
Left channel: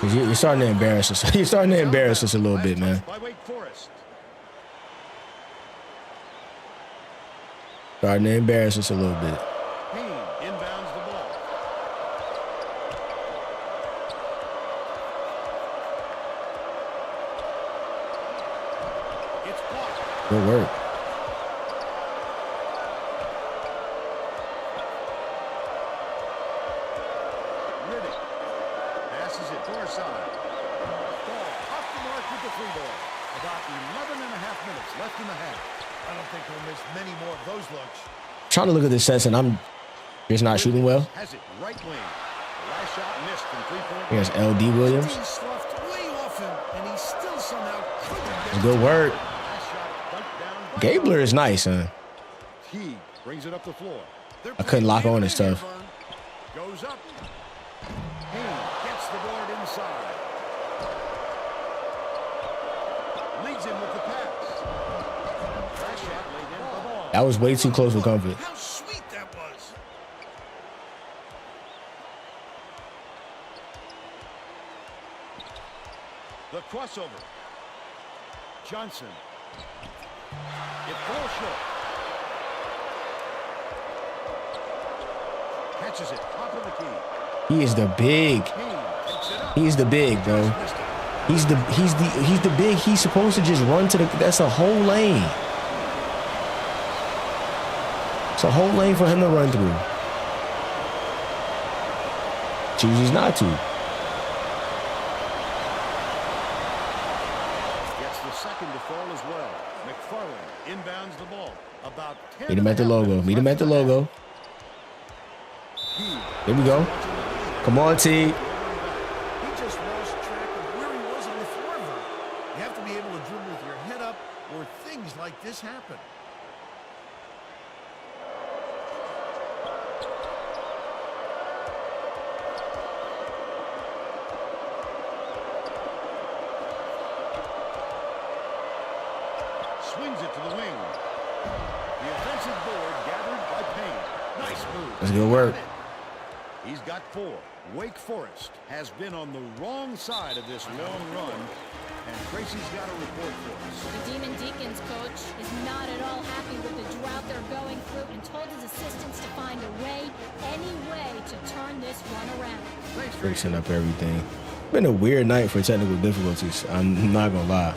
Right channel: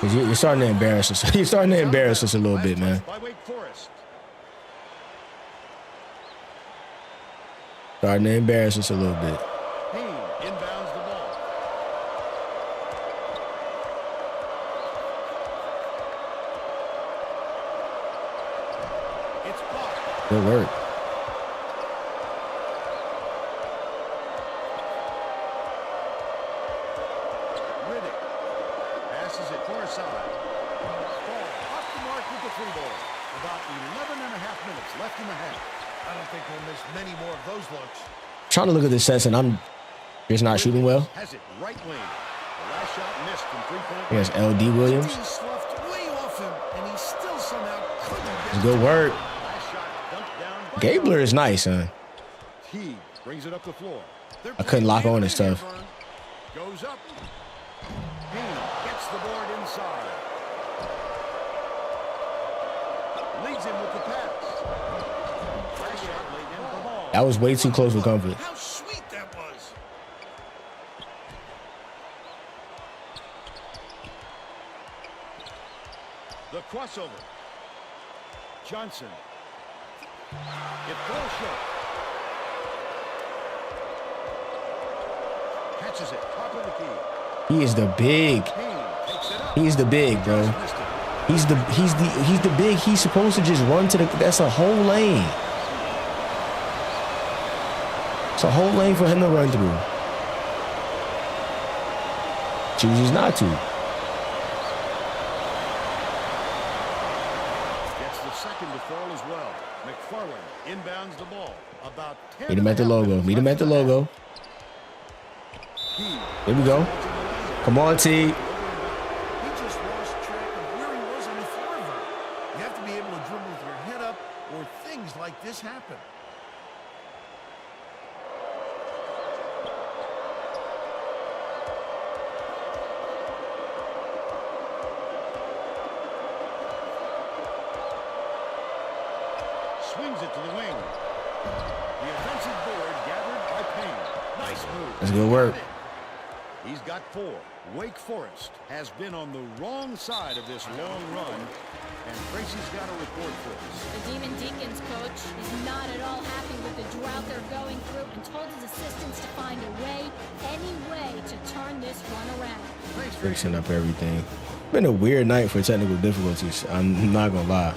Cause you're starting to embarrass us. You're starting to embarrass us a little bit, man. By Wake Forest. Starting to embarrass us a little bit. Hens inbounds the ball. It's blocked. Good work. Riddick passes it far side. Ball off the mark with the three ball. About 11 and a half minutes left in the half. I don't think we'll miss many more of those looks. Trying to look at this sets and I'm just not shooting well. Has it right wing. The last shot missed from three-point Against range. LD Williams. He sloughed way off him, and he still somehow couldn't get It's it good to work. Last shot dunked down by Gabler is nice, huh? Teague brings it up the floor. They're I couldn't lock playing on and man stuff. here, Vern. Goes up. Haynes gets the board inside. Leads him with the pass. Last shot laid in the ball. That was way too close for comfort. How sweet that was. The crossover. Johnson. It falls short. Catches it. Top of the key. He is the big. Haynes takes it up. He is the big, bro. Just missed it. He's the big. He's supposed to just run to the. That's a whole lane. It's a whole lane for him to run through. Chooses not to. Gets the second to fall as well. McFarland inbounds the ball. About 10 Meet him at the logo. Meet him at the logo. There we go. Come on, T. He just lost track of where he was on the floor, Vern. You have to be able to dribble with your head up, or things like this happen. Swings it to the wing. The offensive board gathered by Payne. Nice move. That's good work. He's got 4. Wake Forest has been on the wrong side of this long run, and Tracy's got a report for us. The Demon Deacons coach is not at all happy with the drought they're going through and told his assistants to find a way, any way, to turn this run around. Thanks, Tracy. Fixing up everything. Been a weird night for technical difficulties. I'm not gonna lie.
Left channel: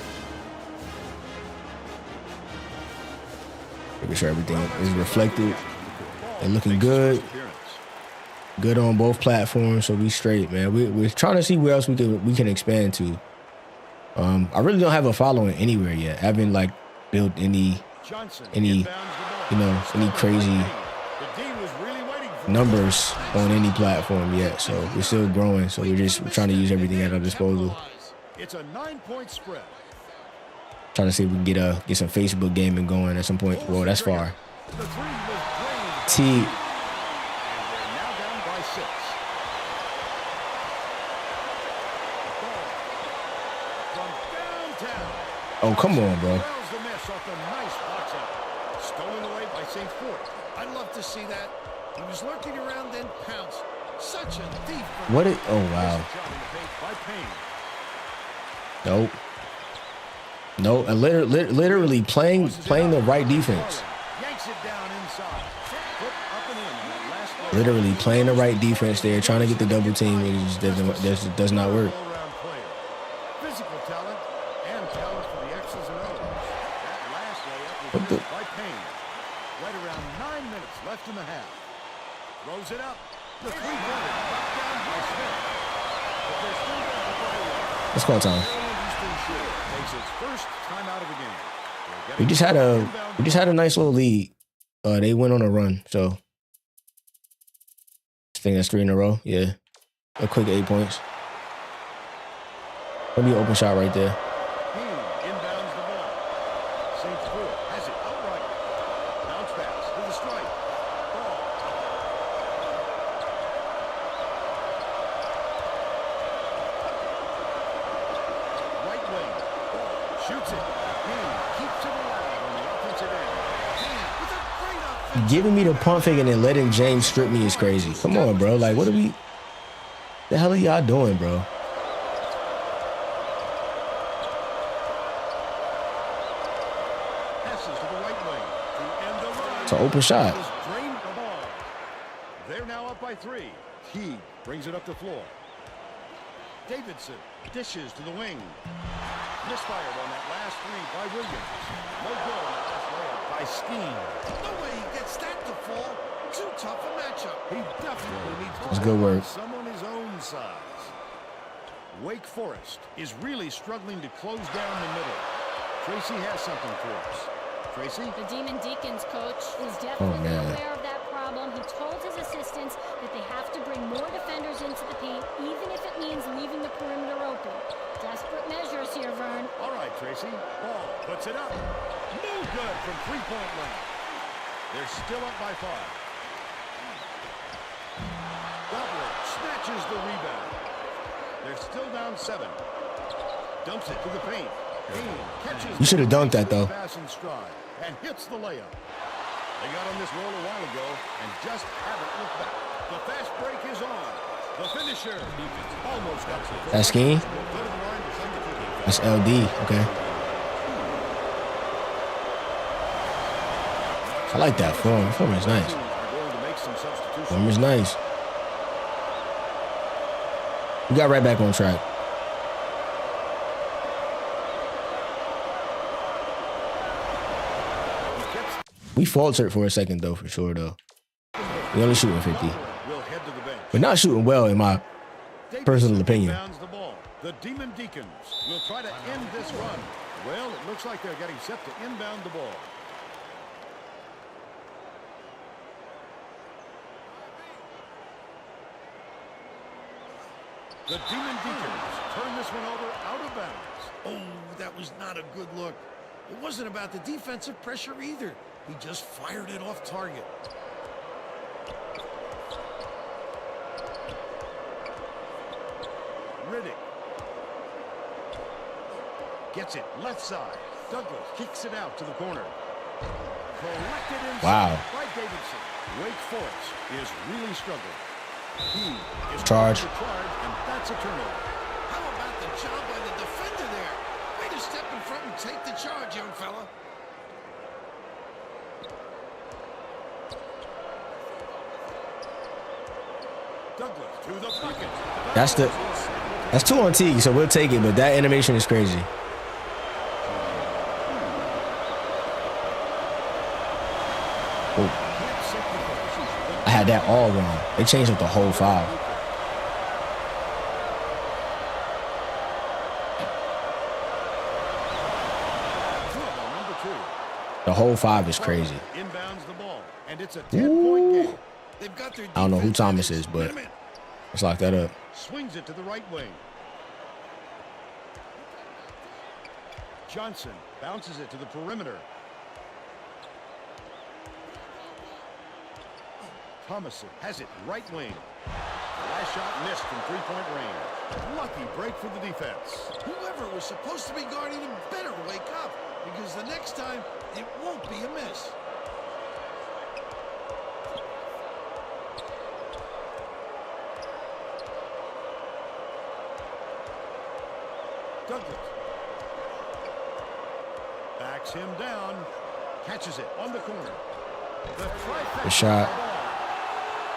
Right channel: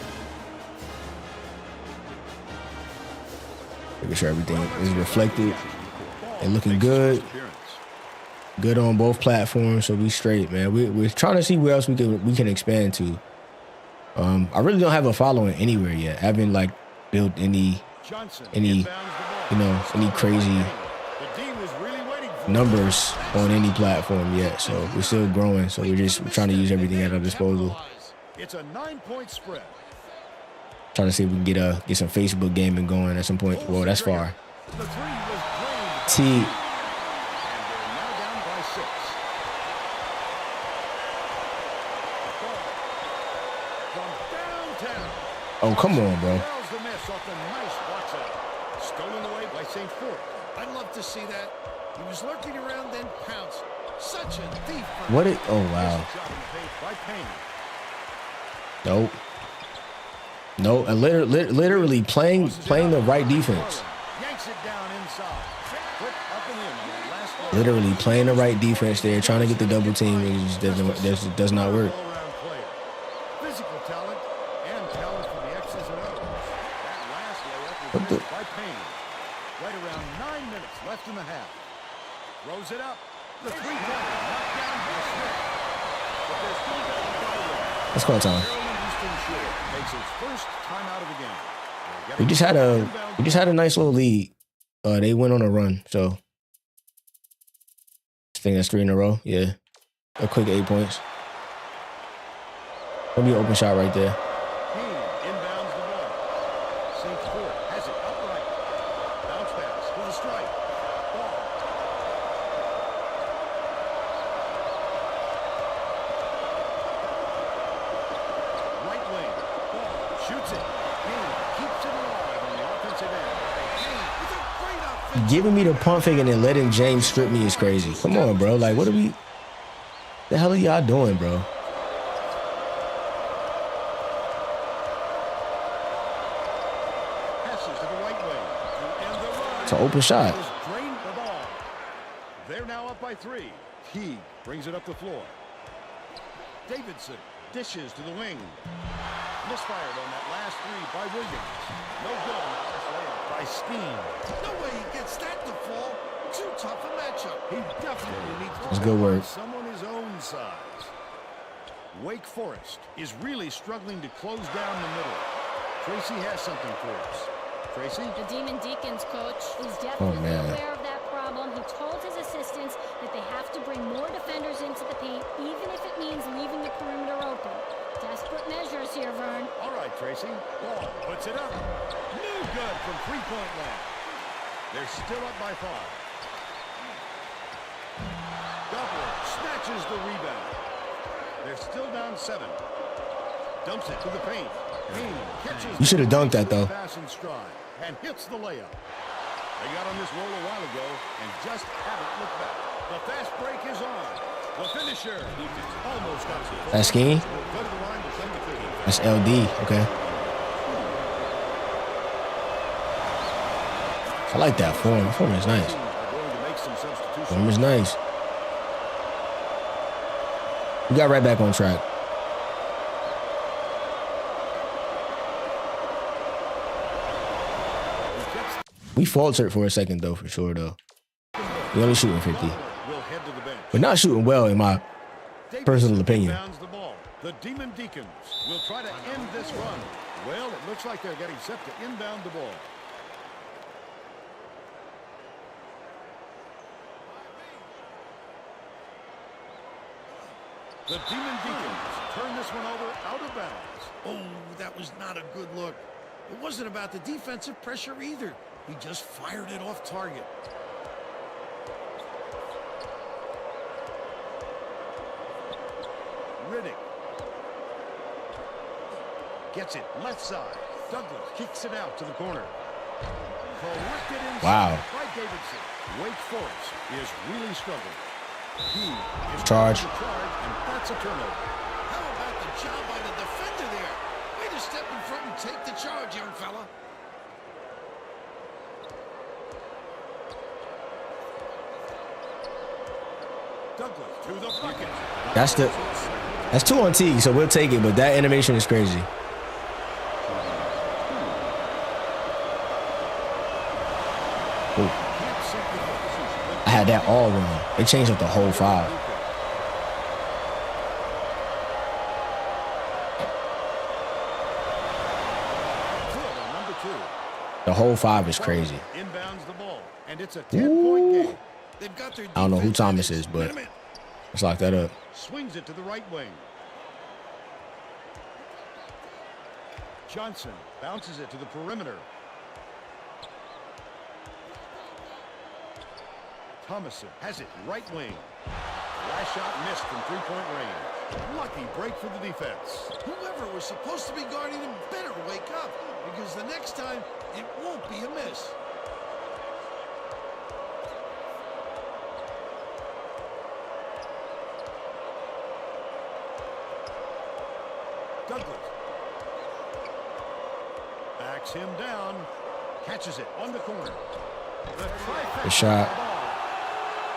Making sure everything is reflected and looking good. Good on both platforms, so we straight, man. We're trying to see where else we can expand to. I really don't have a following anywhere yet. I haven't like built any any crazy numbers on any platform yet. So we're still growing. So we're trying to use everything at our disposal. It's a 9-point spread. Trying to see if we can get some Facebook gaming going at some point. Well, that's far. The 3 was drained. T. And they're now down by 6. Ball from downtown. Oh, come on, bro. Corrals the miss off the nice box out. Stolen away by St. Fort. I'd love to see that. He was lurking around, then pounced. Such a thief. What it? Oh, wow. Shot in the paint by Payne. Nope. No, literally playing the right defense. Yanks it down inside. Foot up and in on that last play. Literally playing the right defense there, trying to get the double team, and it just does not work. All-around player. Physical talent and talent for the X's and O's. That last layup was missed by Payne. Right around 9 minutes left in the half. Throws it up. The three-pointer knocked down by Smith. But they're still down by 1. Let's call time. Maryland Eastern Shore takes its first time out of the game. We just had a nice little lead. They went on a run, so I think that's 3 in a row. Yeah, a quick 8 points. Gonna be an open shot right there. Hens inbounds the ball. St. Fort has it outright. Bounce pass to the stripe. Ball. Right wing. Ball. Shoots it. Payne keeps it alive on the offensive end. Payne with a great offensive. Giving me the pump fake and then letting James strip me is crazy. Come on, bro. Like, what are we? The hell are y'all doing, bro? Passes to the right wing to end the run. It's an open shot. It was drained the ball. They're now up by 3. Teague brings it up the floor. Davidson dishes to the wing. Misfired on that last 3 by Williams. No good on the last layup by Skeen. No way he gets that to fall. Too tough a matchup. He definitely needs to That's good work. someone his own size. Wake Forest is really struggling to close down the middle. Tracy has something for us. Tracy? The Demon Deacons coach is definitely man. aware of that problem. He told his assistants that they have to bring more defenders into the paint, even if it means leaving the perimeter open. Desperate measures here, Vern. All right, Tracy. Ball puts it up. No good from three-point land. They're still up by 5. Gobbler snatches the rebound. They're still down 7. Dumps it to the paint. Payne catches. You should have dunked that, though. Pass in stride and hits the layup. They got on this roll a while ago and just haven't looked back. The fast break is on. The finisher almost got it to fall. That's Skeen? He'll go to the line to shoot 2. That's LD. Okay. I like that form. Form is nice. Are going to make some substitutions. Form is nice. We got right back on track. We faltered for a second, though, for sure, though. We only shooting 50. Will head to the bench. We're not shooting well, in my personal opinion. Inbounds the ball. The Demon Deacons will try to end this run. Well, it looks like they're getting set to inbound the ball. The Demon Deacons turn this one over out of bounds. Oh, that was not a good look. It wasn't about the defensive pressure either. He just fired it off target. Riddick gets it left side. Douglas kicks it out to the corner. Collected inside Wow. by Davidson. Wake Forest is really struggling. He is Charge. the charge, and that's a turnover. How about the job by the defender there? Way to step in front and take the charge, young fella. Douglas to the bucket. That's 2 on T, so we'll take it, but that animation is crazy. Oh. Can't sink the first. I had that all wrong. They changed up the whole 5. Good on number 2. The whole 5 is crazy. Inbounds the ball, and it's a 10-point game. They've got their I don't know who defense Thomas at is, its but minimum. let's lock that up. Swings it to the right wing. Johnson bounces it to the perimeter. Thomason has it right wing. The last shot missed from 3-point range. Lucky break for the defense. Whoever was supposed to be guarding him better wake up, because the next time it won't be a miss. Douglas backs him down, catches it on the corner. The trifecta Good shot. of the ball.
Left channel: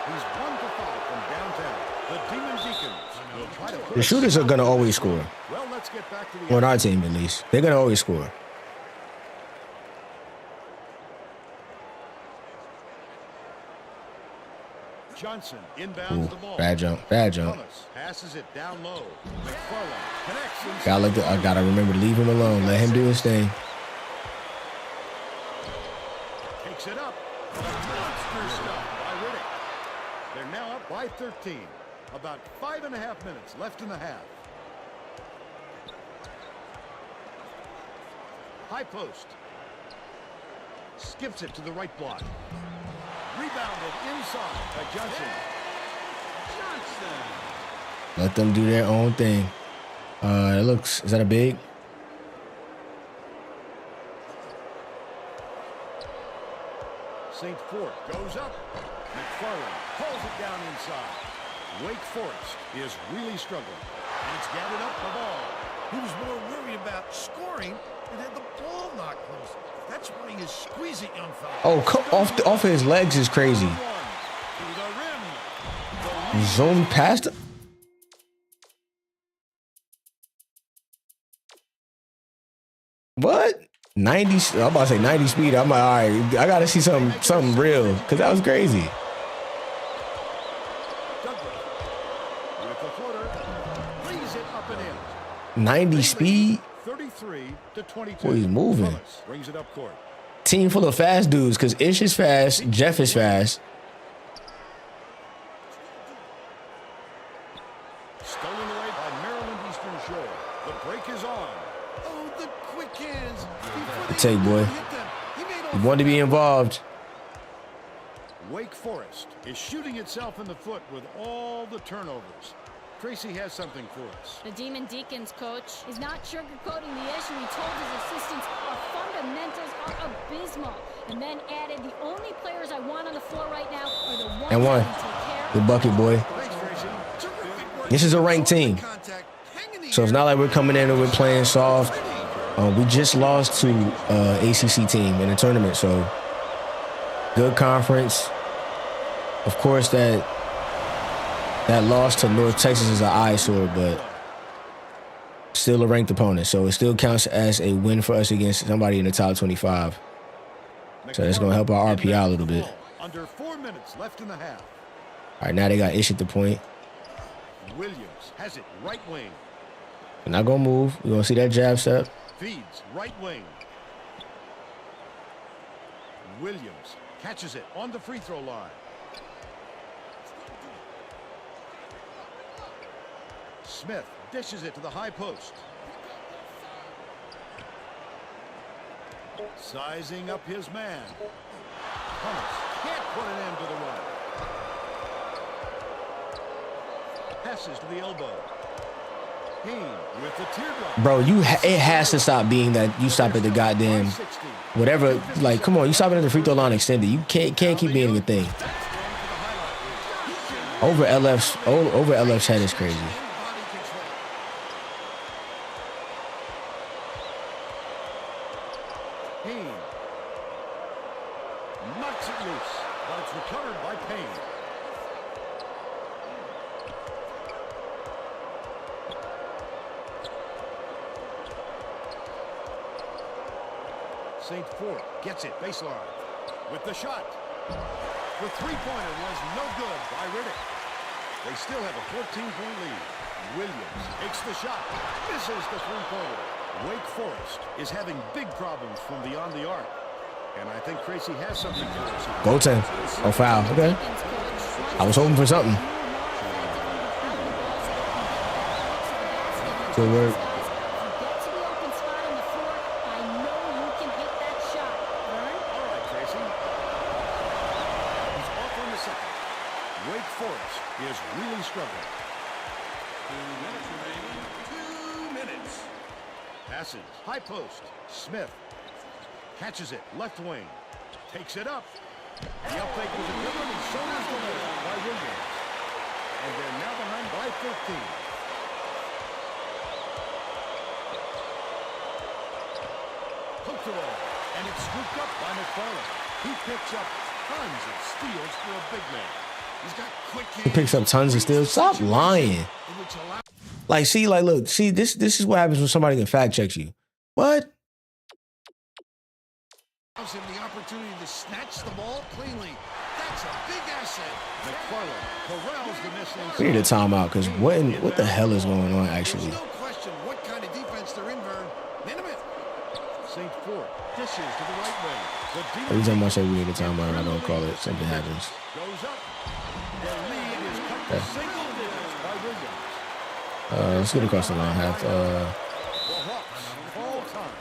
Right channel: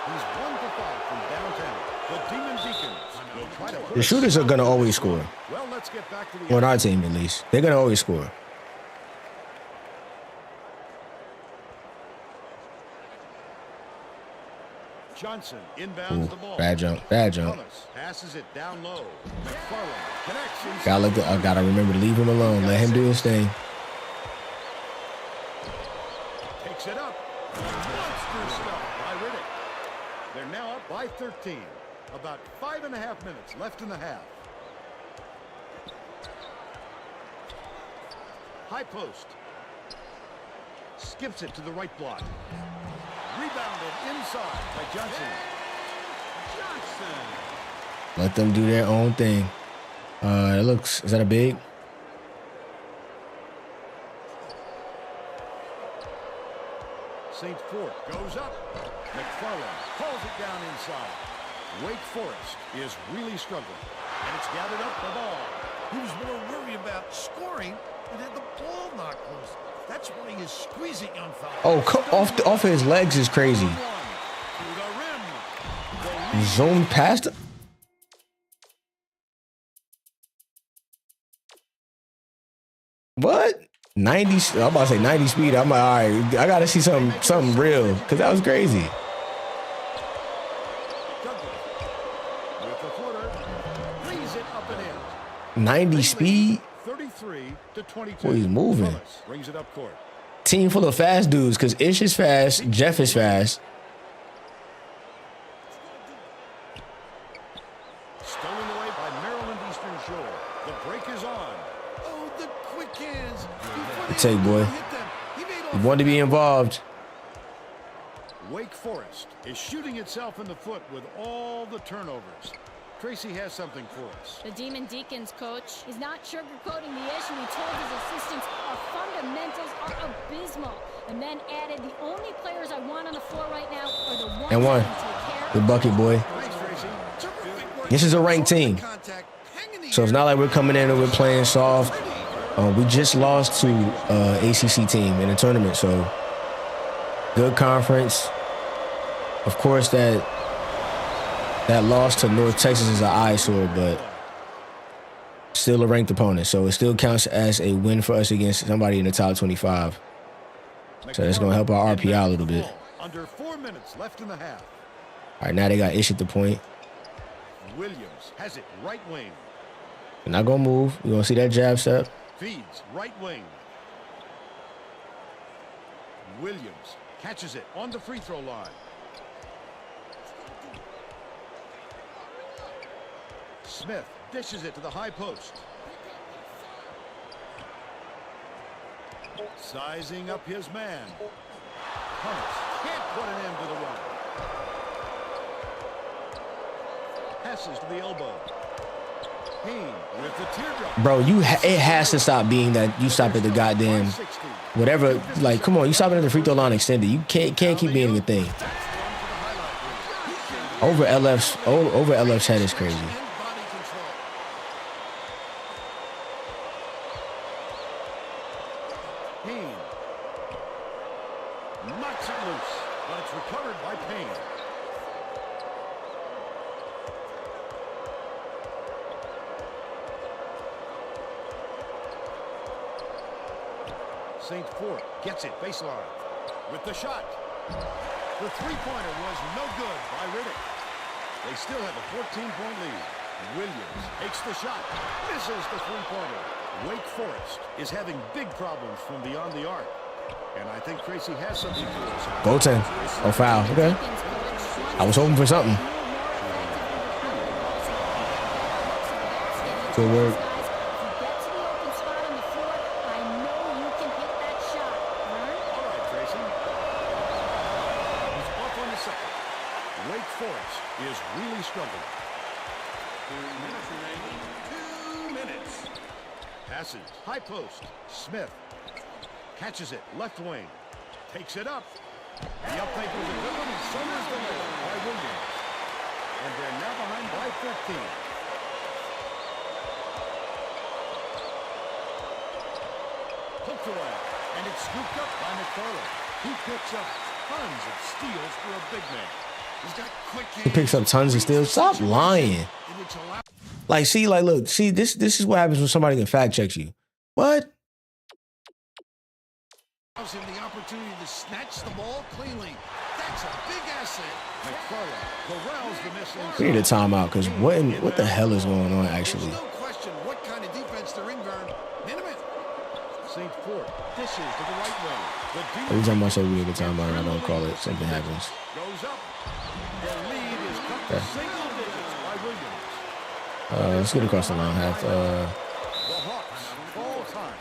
He's 1 for 5 from downtown. The Demon Deacons will try to put The shooters are gonna always score. Well, let's get back to the On our team, at least. They're gonna always score. Johnson inbounds Ooh, the ball. bad jump. Bad jump. Thomas passes it down low. McFarland connects inside. I gotta remember to leave him alone. Let him do his thing. Takes it up. A monster stuff by Riddick. They're now up by 13. About 5.5 minutes left in the half. High post. Skips it to the right block. Rebounded inside by Johnson. Let them do their own thing. Is that a big? St. Fort goes up. McFarland hauls it down inside. Wake Forest is really struggling, and it's gathered up the ball. He was more worried about scoring and had the ball knocked loose. That's why he is squeezing, young fella. Oh, off his legs is crazy. To the rim. The lead Zone past him. What? 90? I'm about to say 90 speed. I'm like, all right, I gotta see something real, because that was crazy. Douglas with the floater. Lays it up and in. 90 speed. 33 to 22. Boy, he's moving. Thomas brings it up court. Team full of fast dudes, because Ish is fast, Jeff is fast. Stolen away by Maryland Eastern Shore. The break is on. Oh, the quick hands. Before they Take, boy. hit them, he made You want to be involved. Wake Forest is shooting itself in the foot with all the turnovers. Tracy has something for us. The Demon Deacons coach is not sugarcoating the issue. He told his assistants our fundamentals are abysmal, and then added, the only players I want on the floor right now are the ones And one. that can take care The of bucket the ball. boy. Thanks, Tracy. terrific work. This is a ranked team. Contact, hang in the So it's air. not like we're coming in and we're playing soft. Pretty. We just lost to ACC team in the tournament, so good conference. Of course, that loss to North Texas is an eyesore, but still a ranked opponent. So it still counts as a win for us against somebody in the top 25. So that's going to help our RPI a little bit. Under 4 minutes left in the half. All right, now they got Ish at the point. Williams has it right wing. They're not going to move. We're going to see that jab step. Feeds right wing. Williams catches it on the free throw line. Smith dishes it to the high post. Sizing up his man. Thomas can't put an end to the run. Passes to the elbow. Haynes with the teardrop. Bro, it has to stop being that you stop at the goddamn whatever. Like, come on, you stop it at the free throw line extended. You can't keep being a thing. That's one for the highlight reel. He can Over LF's head is crazy. Payne knocks it loose, but it's recovered by Payne. St. Fort gets it baseline with the shot. The three-pointer was no good by Riddick. They still have a 14-point lead. Williams takes the shot, misses the three-pointer. Wake Forest is having big problems from beyond the arc. And I think Tracy has something for us. Goaltend. Oh, foul. Okay. I was hoping for something. Good work. Second. Wake Forest is really struggling. Passes. High post. Smith catches it. Left wing. Takes it up. The up fake was a good one, and so was the layup by Williams. And they're now behind by 13. Poked away. And it's scooped up by McFarland. He picks up tons of steals for a big man. He's got quick hands. He picks up tons of steals. Stop lying. Like, see, like, look, see, this is what happens when somebody can fact check you. What? Allows him the opportunity to snatch the ball cleanly. That's a big asset. McFarland corrals the miss inside. We need a timeout because what the hell is going on actually? There's no question what kind of defense they're in, Vern. Minimum. St. Fort dishes to the right wing. Every time I say we need a timeout and I don't call it, something happens. Goes up. The lead is cut to single digits by Williams. Let's get across the line. Half. The Hawks call time.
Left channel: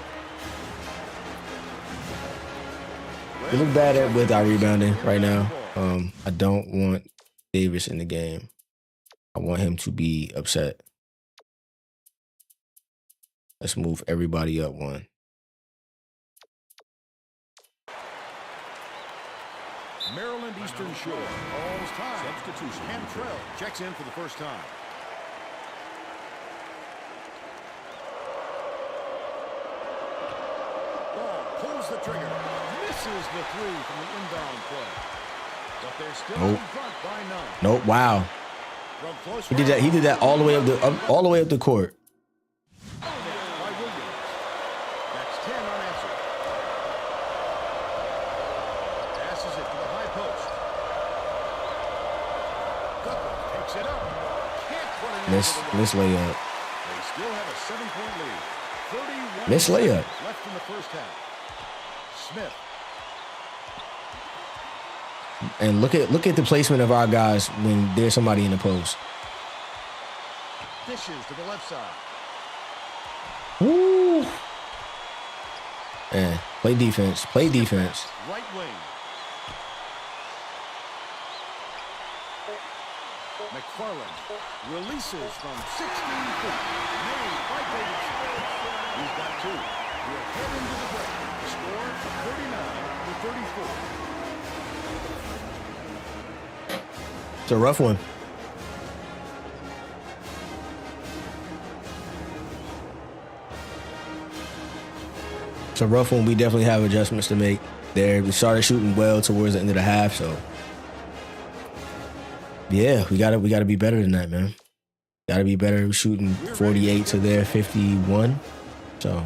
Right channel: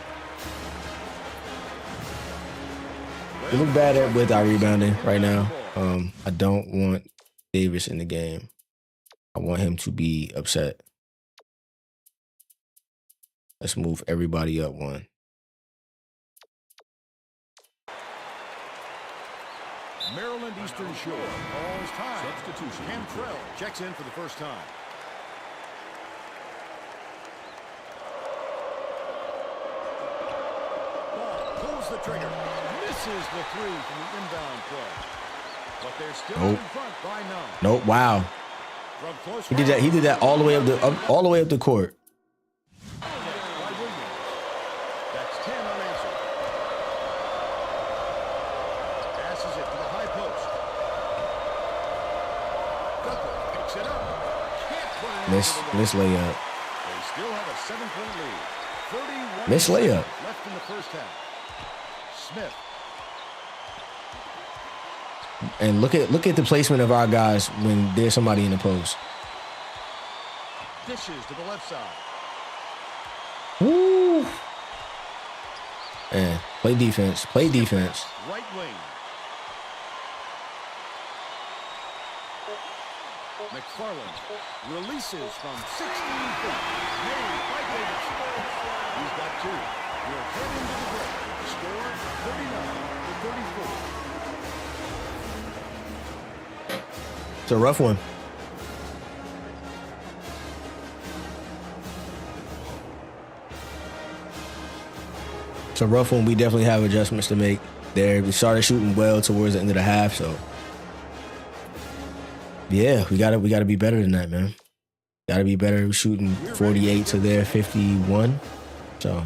We look bad with our rebounding right now. I don't want Davis in the game. I want him to be upset. Let's move everybody up one. Maryland Eastern Shore calls time. Cantrell checks in for the first time. Ball pulls the trigger. Misses the three from the inbound play. But they're still in front by 9. Nope. Wow. From close he did that all the way up the court. Net by Williams. That's 10 unanswered. Passes it to the high post. Douglas takes it up. Can't put it in. Miss layup. They still have a 7-point lead. 31 miss layup left in the first half. Smith. And look at the placement of our guys when there's somebody in the post. Dishes to the left side. Woo! Man, play defense. Play defense. Right wing. McFarland releases from 16 feet. Made by Davidson. He's got 2. We'll head into the break. The score 39-34. It's a rough one. It's a rough one. We definitely have adjustments to make there. We started shooting well towards the end of the half, so yeah, we gotta be better than that, man. Gotta be better. We're shooting 48 to their 51. So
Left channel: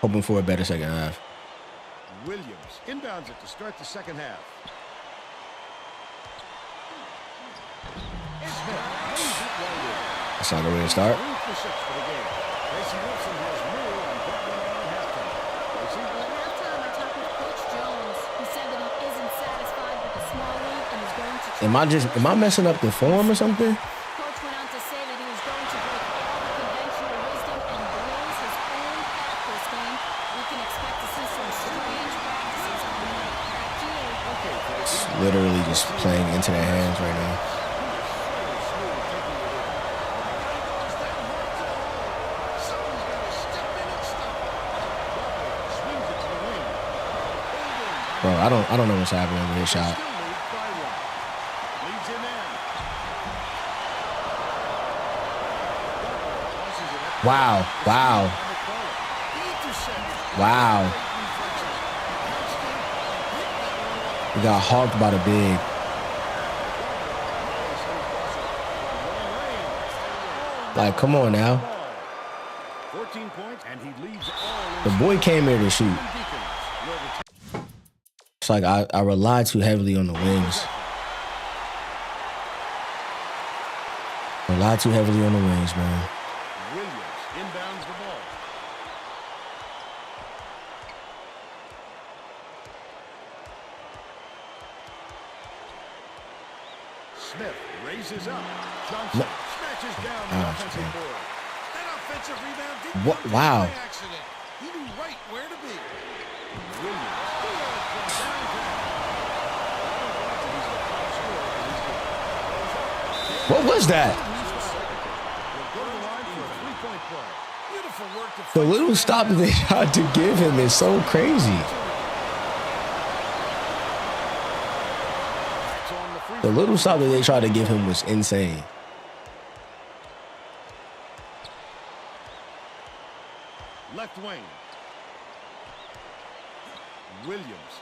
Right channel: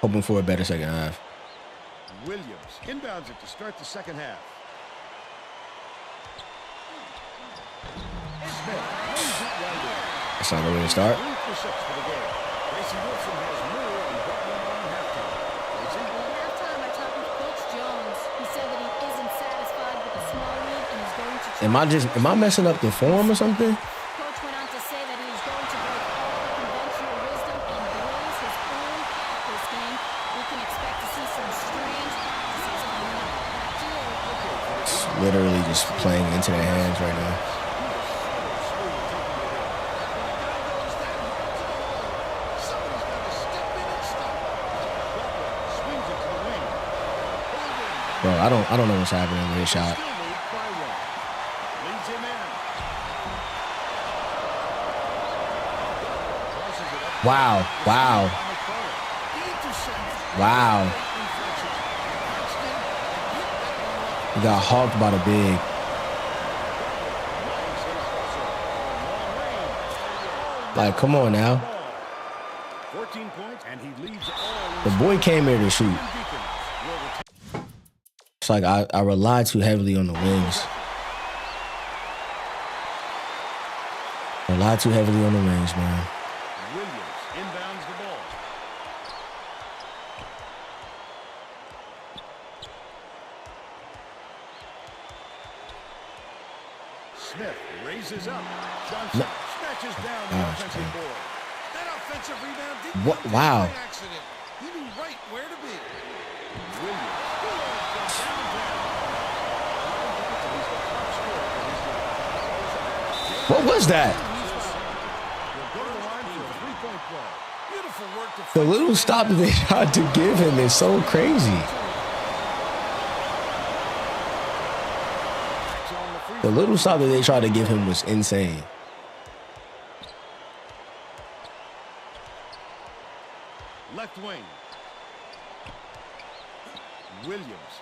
hoping for a better second half. Williams inbounds it to start the second half. Smith lays it right in. That's not the way to start. 3 for 6 for the game. Tracy Wilson has more on what went on in halftime. Tracy? Well, at halftime, I talked with Coach Jones. He said that he isn't satisfied with the small lead and is going to try. Am I messing up the form or something? Coach went on to say that he is going to break all the conventional wisdom and blaze his own path this game. We can expect to see some strange practices coming up. Back to you. Okay, Tracy. It's literally just playing into their hands right now. He was so smooth taking it in. When a guy goes that hard to the hole, somebody's got to step in and stop to the wing. Pulled in by Bro, I don't know what's happening with his shot. Still lead by one. Leads him in. Gobler tosses it up. Wow, wow, By McFarland. The intercept. wow. Great reflexes. He pounced in and picked that one off. We got hawked by the big. Gobler, nice little crossover from long range. Oh, Like, come on now. ball. 14 points, and he leads all in The boy came here to shoot. Deacons will retain It's like I rely too heavily on the wings. Rely too heavily on the wings, man. Williams inbounds the ball. Smith raises up. Johnson snatches down the Gosh, offensive man. board. That offensive rebound didn't What- come to wow. by accident. He knew right where to be. Williams, good from downtown. 11 points, and he's the top scorer for his team. Goes up. What was that? He's fouled. He'll go to the line for a three-point play. Beautiful work to The fight little through stop that that they tried to give him is so crazy. Backs on the free The throw. little stop that they tried to give him was insane. Left wing. Williams.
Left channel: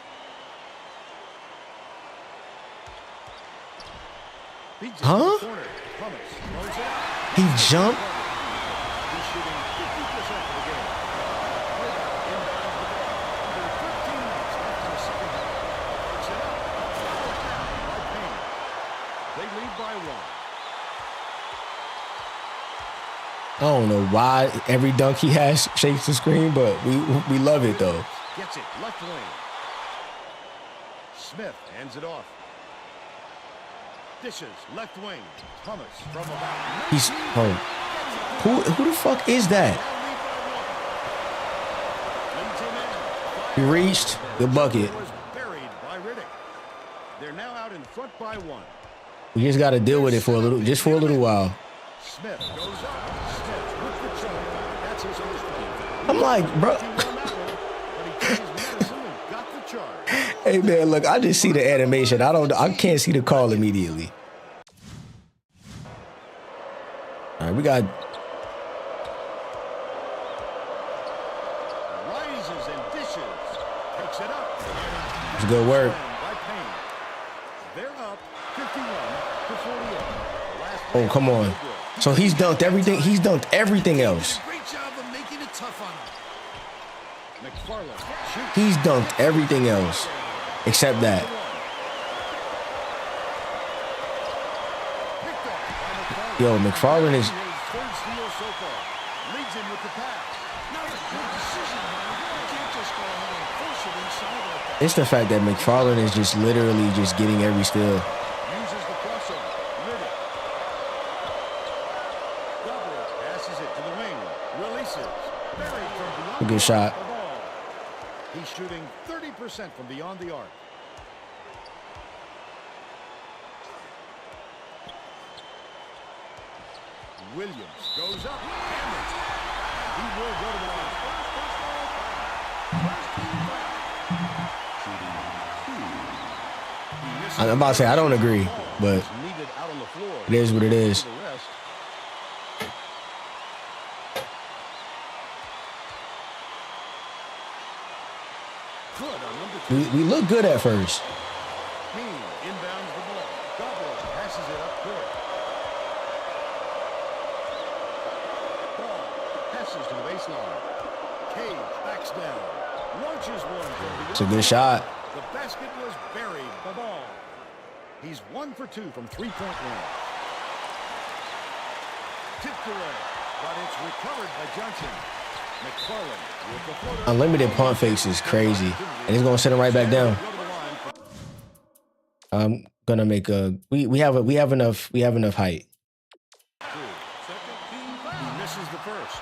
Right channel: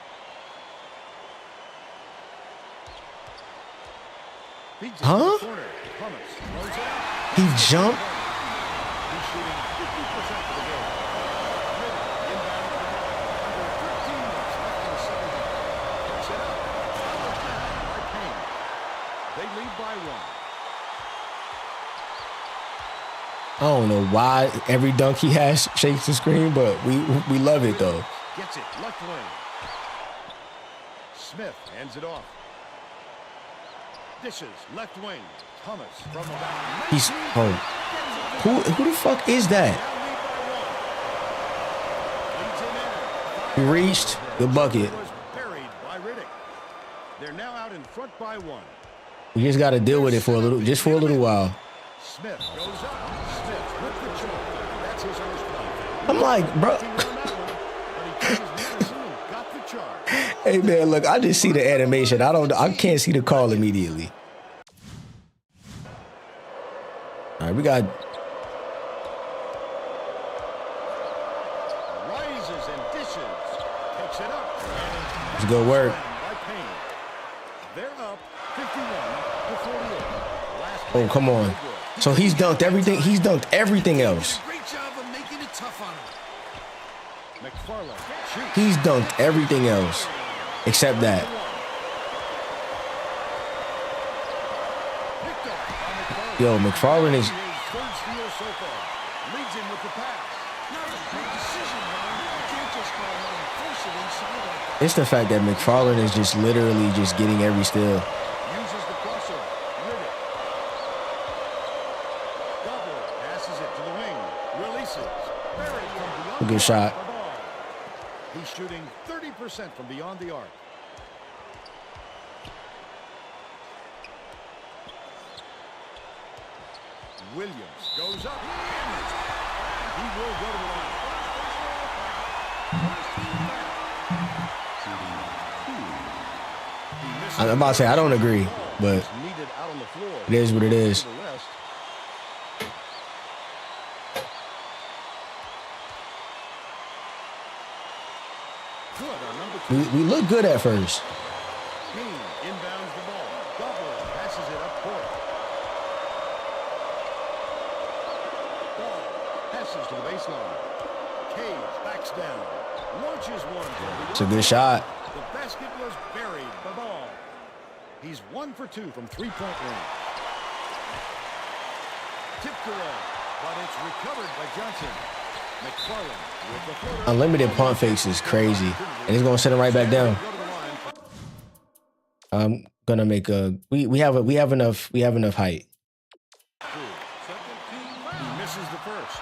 Beats it to Huh? the corner. Thomas throws it out. He Hits it jumped? to the corner. He's shooting 50% for the game. Riddick inbounds the ball. Under 13 minutes left in the second half. Takes it up. Powered down by Payne. They lead by one. I don't know why every dunk he has shakes the screen, but we love it though. Gets it left wing. Smith hands it off. Dishes left wing. Thomas from about 19 He's feet. oh, Gets it to who the fuck is that? now lead by one. Leads him in. Fires. He reached the bucket. Was buried by Riddick. They're now out in front by one. We just got to deal with it for a little while. Smith goes up. Smith with the charge. That's his first foul. I'm like, bro. Working on that one, but he took his medicine and got the charge. Hey man, look, I just see the animation. I can't see the call immediately. All right, we got Rises and dishes. Takes it up. And It's good work. by Payne. They're up 51 to 48. The last Oh, layup come was on. no good. So he's dunked everything. He's dunked everything Did else. a great job of making it tough on him. McFarland shoots. He's dunked everything else except that. Picked off by McFarland. Yo, McFarland is- His third steal so far. Leads him with the pass. Not a good decision, man. You can't just go ahead and force it inside like that. It's the fact that McFarland is just literally just getting every steal. Uses the crossover. Riddick. Gobler passes it to the wing. Releases. Buried from beyond A good the shot. arc. The ball. He's shooting 30% from beyond the arc. Williams goes up, hammered, and he will go to the line. He misses I'm about to say I don't agree, the ball. but It's needed out on the floor. it is what it is. For the rest. Good on number two. we look good at first. Hens inbounds the ball. Gobler passes it up court. Ball passes to the baseline. Cage backs down. Launches one from beyond. It's a good the shot. arc. The basket was buried by Ball. He's 1 for 2 from three-point range. Tipped away, but it's recovered by Johnson. McFarland with the floater. Unlimited pump fakes is crazy, and he's gonna send him right back down. Go to the line for I'm gonna make a. We have enough height. 2. He misses the first.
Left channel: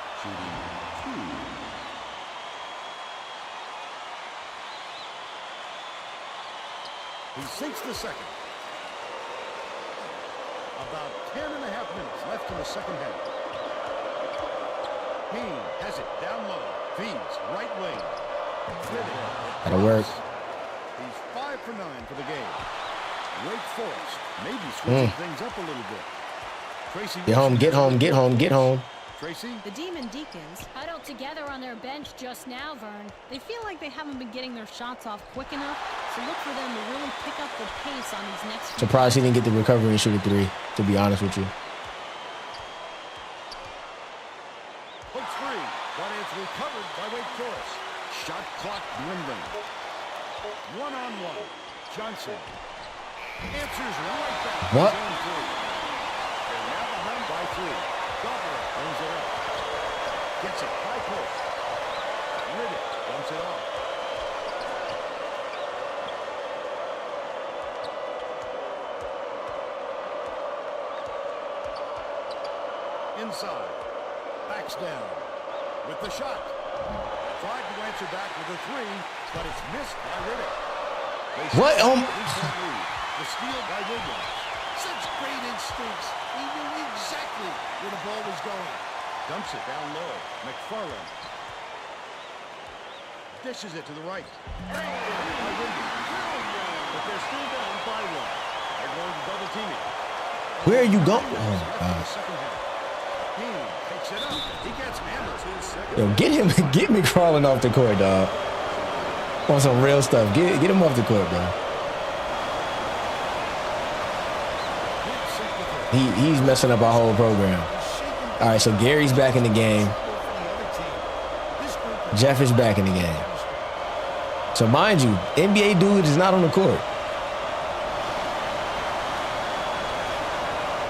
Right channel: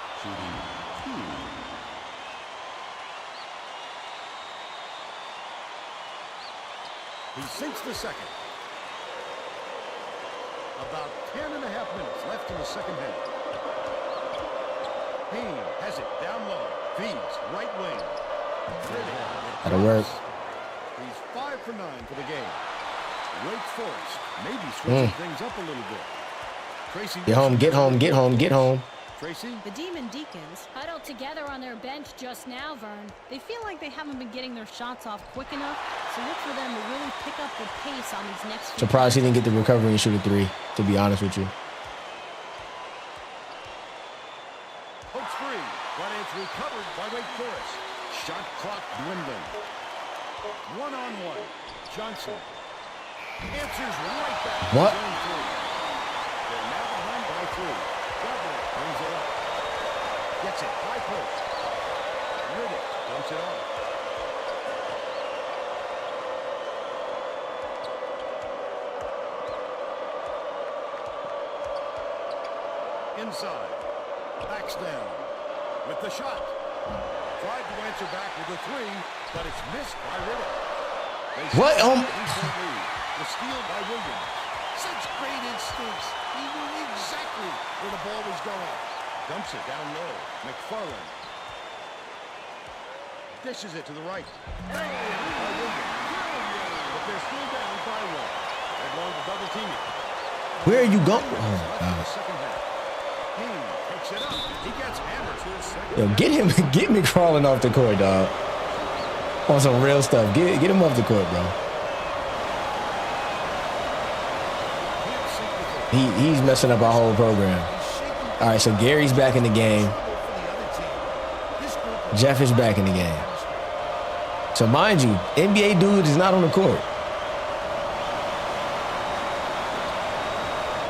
He sinks the second. About 10 and a half minutes left in the second half. Hens has it down low. Feeds right wing. That'll work. He's 5 for 9 for the game. Wake Forest maybe switching things up a little bit. Tracy, Get home, get home, get home, get home. Tracy, The Demon Deacons, Huddled together on their bench just now, Vern. they feel like they haven't been getting their shots off quick enough, so look for them to really pick up the pace on these next few. Surprised he didn't get the recovery and shoot a 3, to be honest with you. pokes free, but it's recovered by Wake Forest. Shot clock dwindling. 1-on-1. Johnson answers right back. What? His own 3. They're now behind by 3. Gobbler brings it up. Gets it high post. Riddick dumps it off. Inside. Backs down. With the shot. Tried to answer back with a 3, but it's missed by Riddick. They What? still have a 3-point lead. The steal by Williams. Such great instincts. He knew exactly where the ball was going. Dumps it down low. McFarland. Dishes it to the right. Banked in by Williams. But they're still down by 1. They're going to double team it. Where are you going? Left Oh in my the God. second half. Hens takes it up. He gets hammered. Yo, get me crawling off the court, dog. On some real stuff. Get him off the court, bro. Can't sink with it. He's messing up our whole program. All right, so Gary's back in the game. Jeff is back in the game. So mind you, NBA dude is not on the court.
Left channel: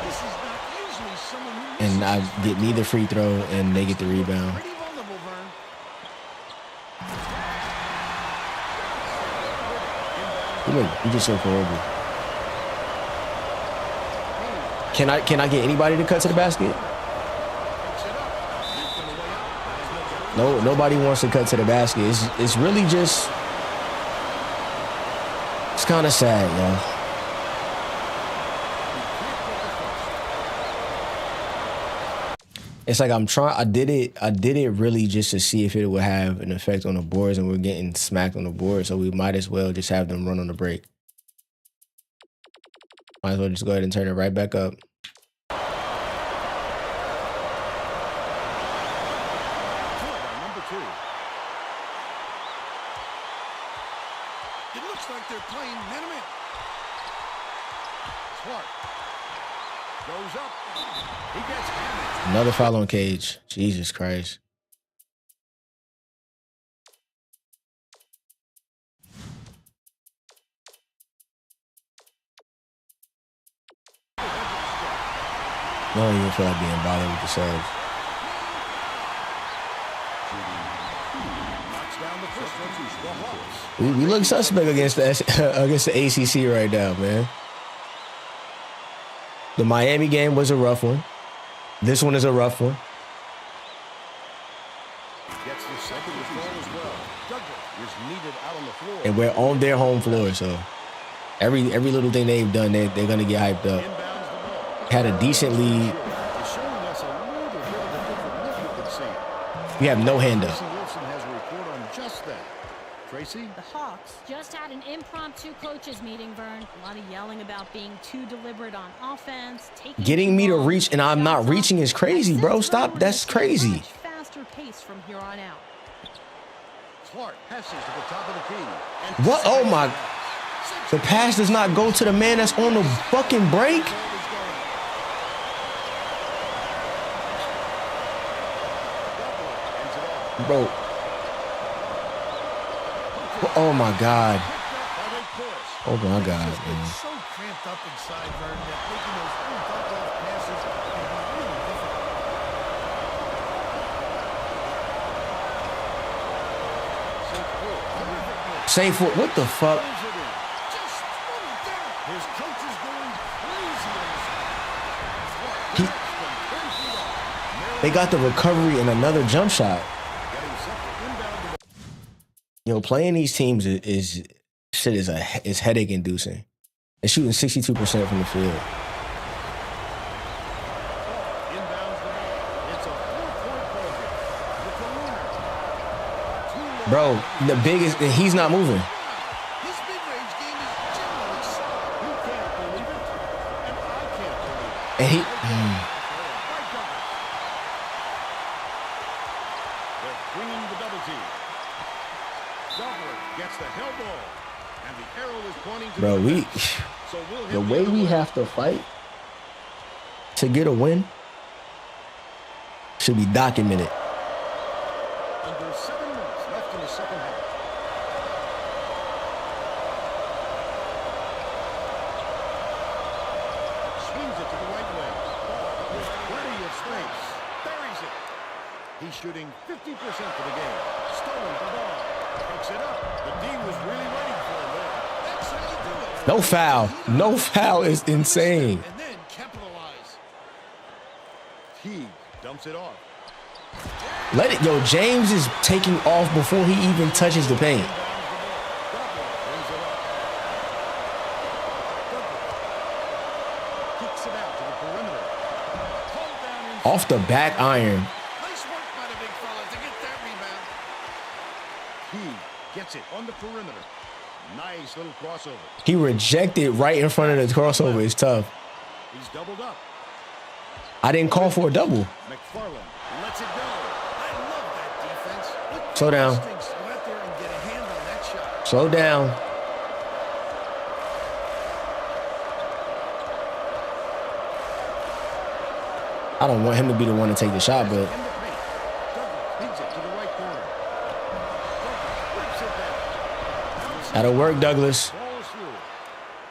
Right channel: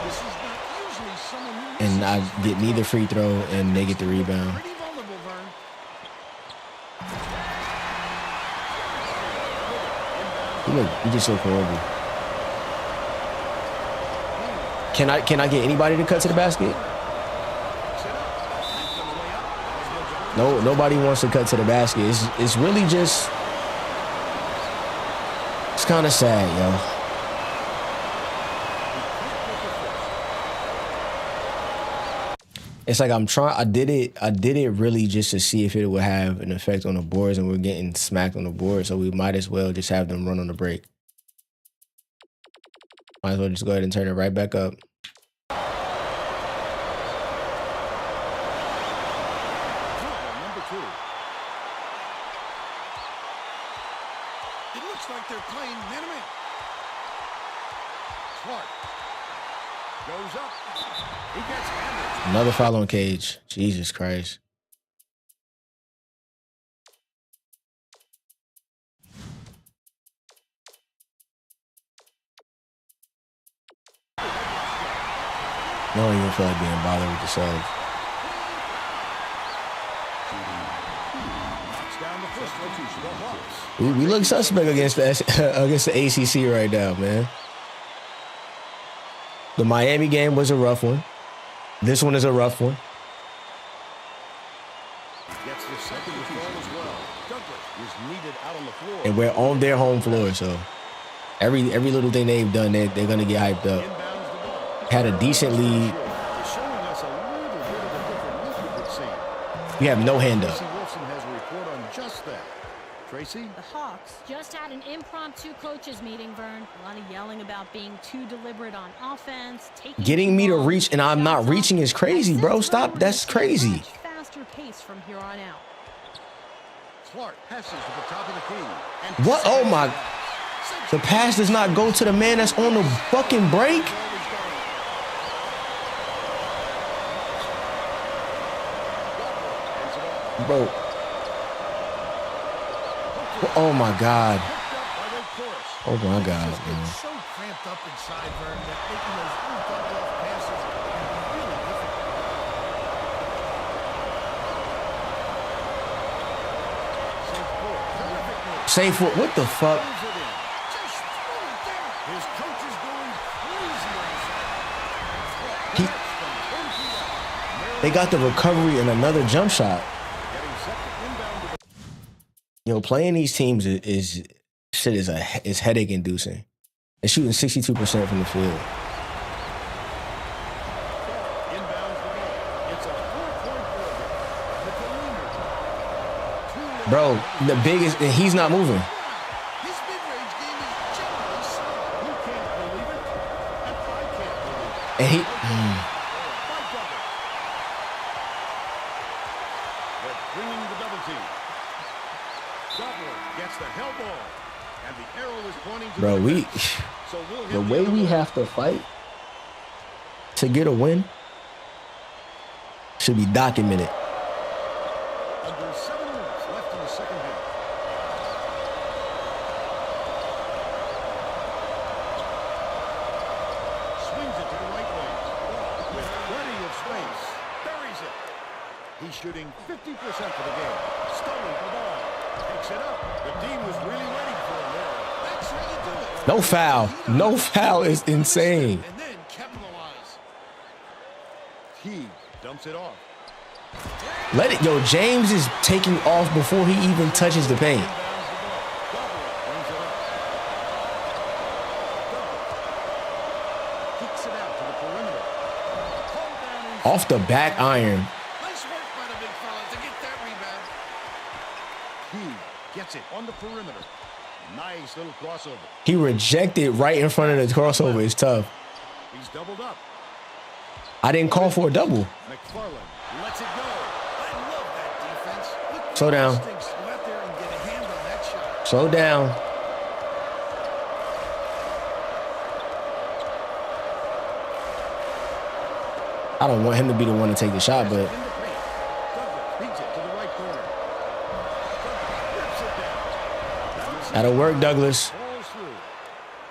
This is not usually someone who And I misses his get neither free throw, and they get the rebound. Pretty vulnerable, Vern. We just look horrible. Can I get anybody to cut to the basket? Takes it up. Tacked on the way up. And he'll get No, nobody wants to cut to the basket. It's really just, it's kind of sad, yo. he can't get the first. It's like I did it really just to see if it would have an effect on the boards, and we're getting smacked on the board, so we might as well just have them run on the break. Might as well just go ahead and turn it right back up. 12 on number 2. It looks like they're playing man-to-man. Clark goes up. He gets hammered. Another foul on Cage. Jesus Christ. Head to the strike. I don't even feel like being bothered with the subs. Knocks down the first one. The Hawks. We look suspect against the ACC right now, man. The Miami game was a rough one. This one is a rough one. He gets the second to fall as well. Douglas is needed out on the floor. And we're on their home floor, so every little thing they've done, they're going to get hyped up. Inbounds the ball. Had a decent lead. Is showing us a little bit of a different look, it would seem. We have no hand up. Tracy Wolfson has a report on just that. Tracy? The Hawks, Just had an impromptu coaches meeting, Vern. a lot of yelling about being too deliberate on offense, taking Getting too me to long reach and get I'm not shots off. reaching is crazy, I bro. sense Stop. Vern That's will see a crazy. much faster pace from here on out. Clark passes to the top of the key. And What? Oh my. pass. The pass does not go to the man that's on the fucking break. Ball is going. Gobbler ends it off. Bro. Oh my God. Picked up by Wake Forest. Oh my God, It's just been man. so cramped up inside, Vern, that making those little dump-off passes can be really difficult. St. Paul. Terrific move. Safe for what the fuck? Throws it in. Just throw it down. His coach is going crazy on the sideline. Clark He- connects from 10 feet out. Maryland They got the recovery and another jump shot. getting set to inbound the ball. Playing these teams is headache inducing. They're shooting 62% from the field. Ball inbounds the ball. It's a 4-point ball game with the leaner. Too Bro, the biggest, he's not moving. Wow, his mid-range game is generally solid. He can't believe it, and I can't believe it. And he, Layup by Douglas. They're bringing the double team. Gobbler gets the hell ball, and the arrow is pointing to bro, the we, defense. So we'll hit the the way other we way. have to fight to get a win should be documented. Under 7 minutes left in the second half. Swings it to the right wing. Ball with plenty of space. Buries it. He's shooting 50% for the game. Stolen the ball. Takes it up. The D was really waiting for him there. That's how you do it. No foul. No foul is insane. And then capitalize. Teague dumps it off. Let it, yo, James is taking off before he even touches the paint. Inbounds the ball. Gobbler brings it up. Douglas kicks it out to the perimeter. Pulled down inside. Off the back iron. Nice work by the big fella to get that rebound. Teague gets it on the perimeter. Nice little crossover. He rejected right in front of the crossover. It's tough. He's doubled up. I didn't call for a double. McFarland lets it go. I love that defense. What Slow down. instincts to go out there and get a hand on that shot. Slow down. I don't want him to be the one to take the shot, but In the paint. Douglas beats it to the right corner. Douglas rips it down. Bounces that'll work, by. Douglas. Falls through.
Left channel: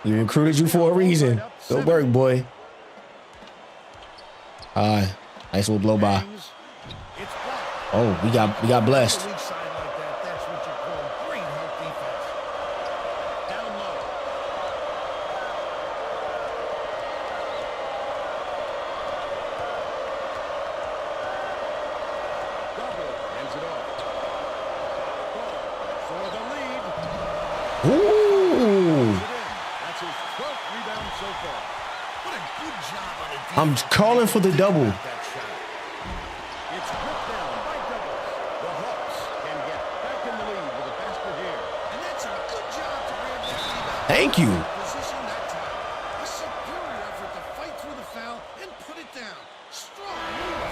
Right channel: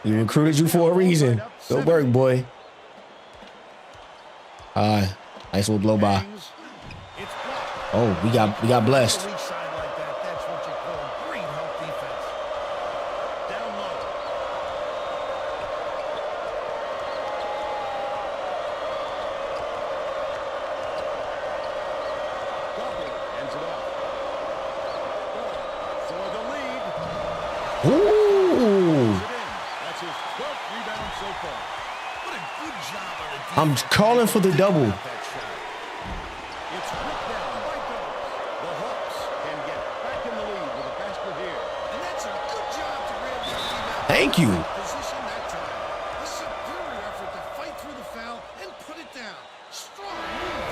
We recruited you for a reason. Good work, boy. Nice little blow by. Hangs. It's blocked. Oh, we got blessed. A weak side like that, that's what you call great help defense. Down low. Gobbler hands it off. Ball for the lead. Ooh. Puts it in. That's his 12th rebound so far. What a good job on the defense. I'm calling for the Think double. about that shot. It's ripped down by Douglas. The Hawks can get back in the lead with a basket here. And that's a good job to grab that rebound. Thank you. Perfect position that time. A superior effort to fight through the foul and put it down. Strong move.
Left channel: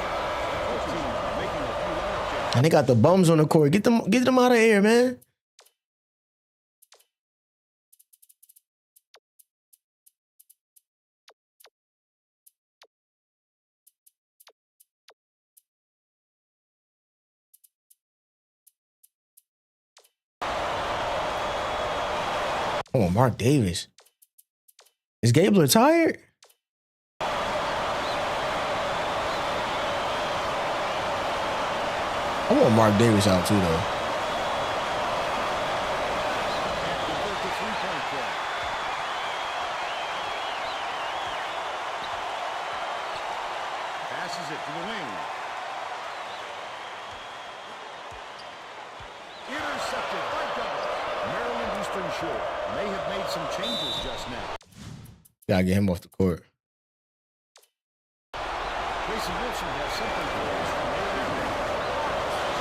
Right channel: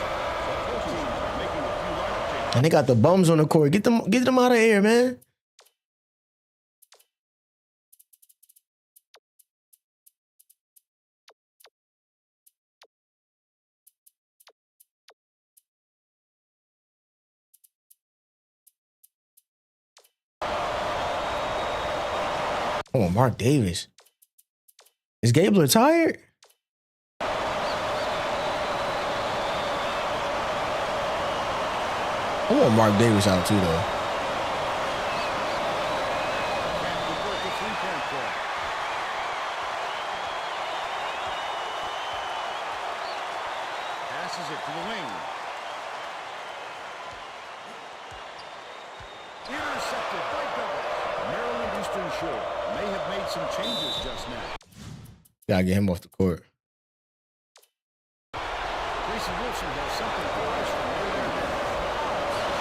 Both teams are making a few lineup changes. And they got the bums on the court. Get them out of here, man. Oh, Mark Davis. Is Gabler tired? I want Mark Davis out too, though. Can't convert the three-point play. Passes it to the wing. Intercepted by Douglas. Maryland Eastern Shore may have made some changes just now. Gotta get him off the court. Tracy Wilson has something for us from near their bench.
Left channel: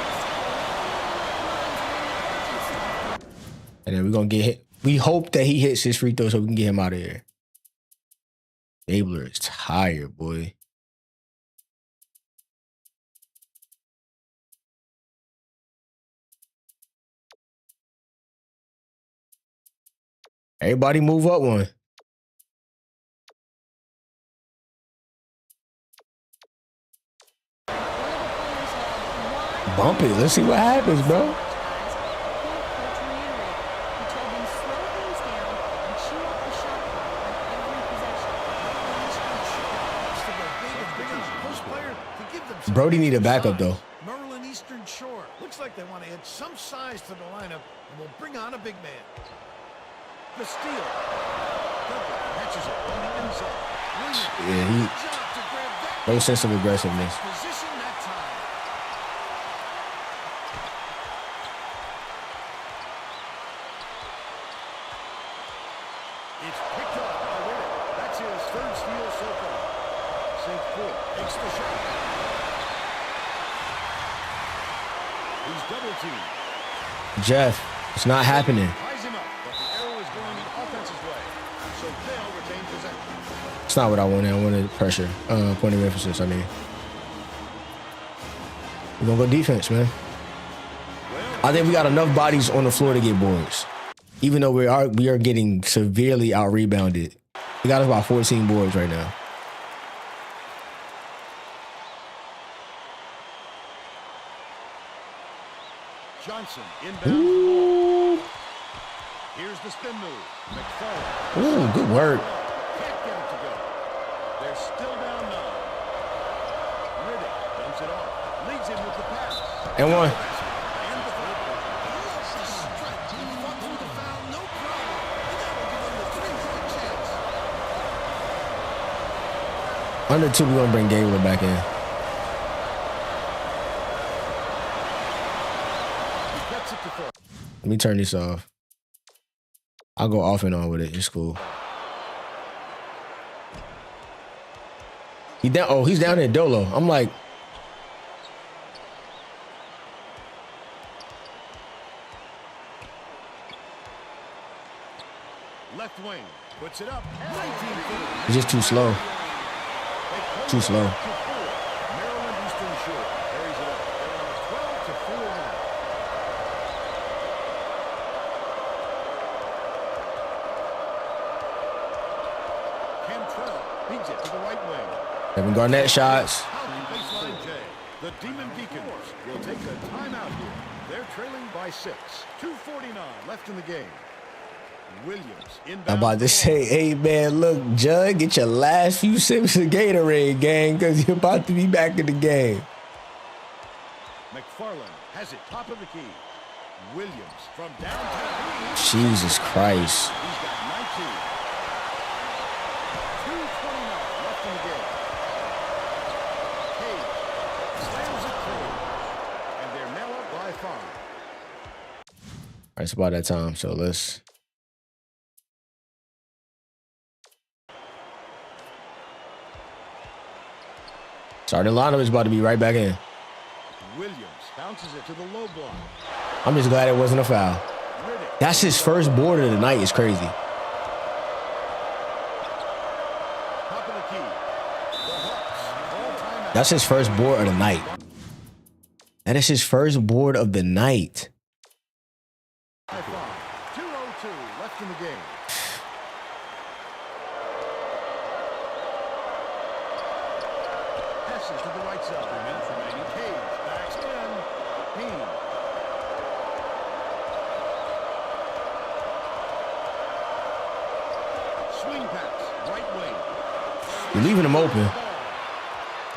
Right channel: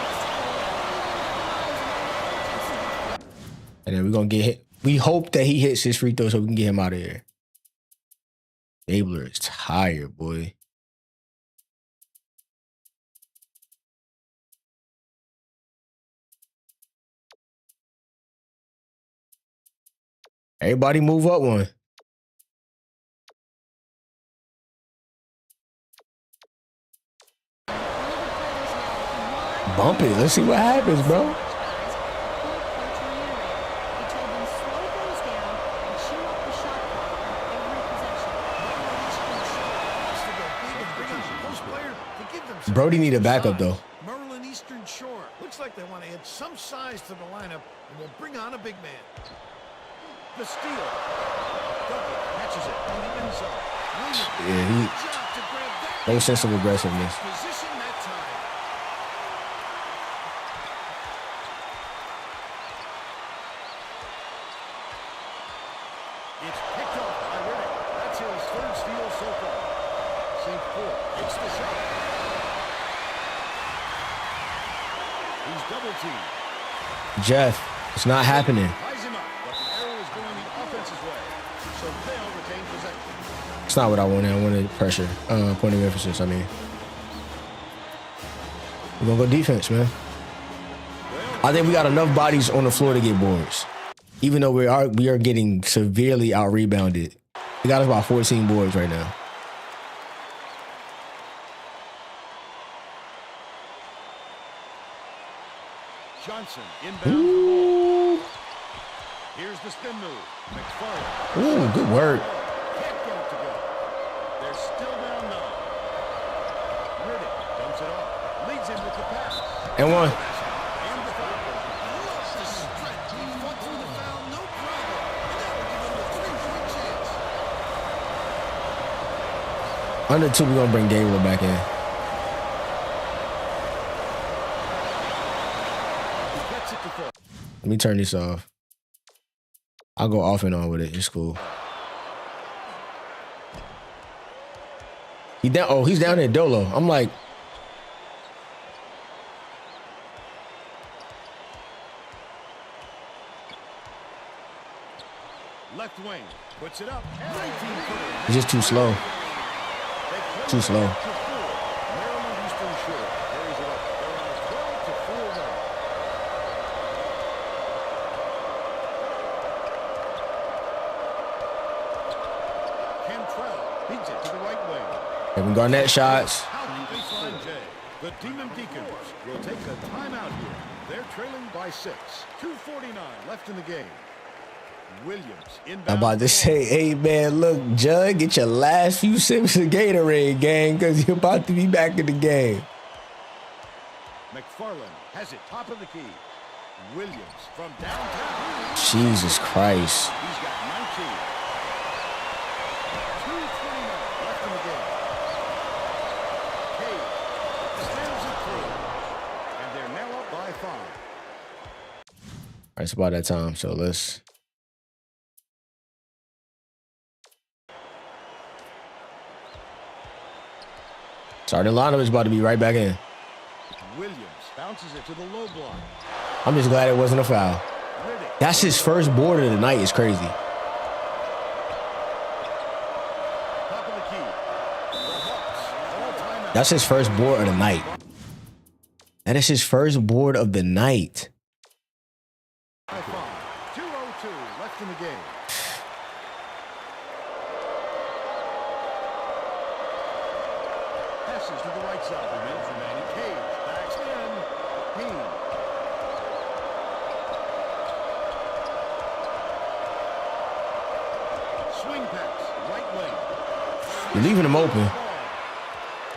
Just have a little meeting of the minds among the coaching staff. And then we're gonna get hit. We hope that he hits his free throw so we can get him out of here. Gabler is tired, boy. Everybody move up one. One of the players yelled, "Why Bump it. Let's see what happens, bro. so much, guys?" A point coach reiterated. He told them slow things down and chew up the shot clock on every possession. Maryland Eastern Shore wants to go big and bring on a post player to give them some Brody need a extra backup, size. though. Maryland Eastern Shore looks like they want to add some size to the lineup and will bring on a big man. The steal. Douglas catches it on the inside. Williams, Yeah, he- good job to grab that no rebound. sense of aggressiveness. Perfect position that time. It's picked off by Riddick. That's his third steal so far. St. Fort takes the shot. He's double teamed. Jeff, it's not happening. Ties him up, but the arrow is going the offense's way. So they'll retain possession. It's not what I wanted. I wanted pressure. Point of emphasis, I mean. We're going to go defense, man. I think we got enough bodies on the floor to get boards. Even though we are getting severely out-rebounded. We got us about 14 boards right now. Johnson inbounds the ball. Here's the spin move. McFarland. Ooh, good work. Can't get it to go. They're still down 9. Riddick dumps it off. Leads him with the pass. And one. And the foul. I love the strength. He fought through the foul, no problem. And that will give him the 3-point chance. Under 2, we're going to bring Gabler back in. Gets it to fall. Let me turn this off. I'll go off and on with it. It's cool. He's down there, Dolo. I'm like, Left wing puts it up. 19-footer. he's just too slow. Too slow. To 4. Maryland Eastern Shore carries it up. They're on a 12-4 run. Cantrell beats it to the right wing. Kevin Garnett shots. Out to baseline J. The Demon Deacons will take a timeout here. They're trailing by 6. 2:49 left in the game. Williams inbound. I'm about to say, hey, man, look, Judd, get your last few sips of Gatorade, gang, because you're about to be back in the game. McFarland has it top of the key. Williams from downtown. Jesus Christ. He's got 19. 2:29 left in the game. Cage slams it through. And they're now up by 5. All right, it's about that time, so let's... Starting lineup is about to be right back in. Williams bounces it to the low block. I'm just glad it wasn't a foul. Riddick. That's his first board of the night. It's crazy. Top of the key. The Hawks call timeout. That's his first board of the night. That is his first board of the night. By 5. 2:02 left in the game. Passes to the right side. Cage backs in. Hens. Swing pass, right wing. You're leaving him open.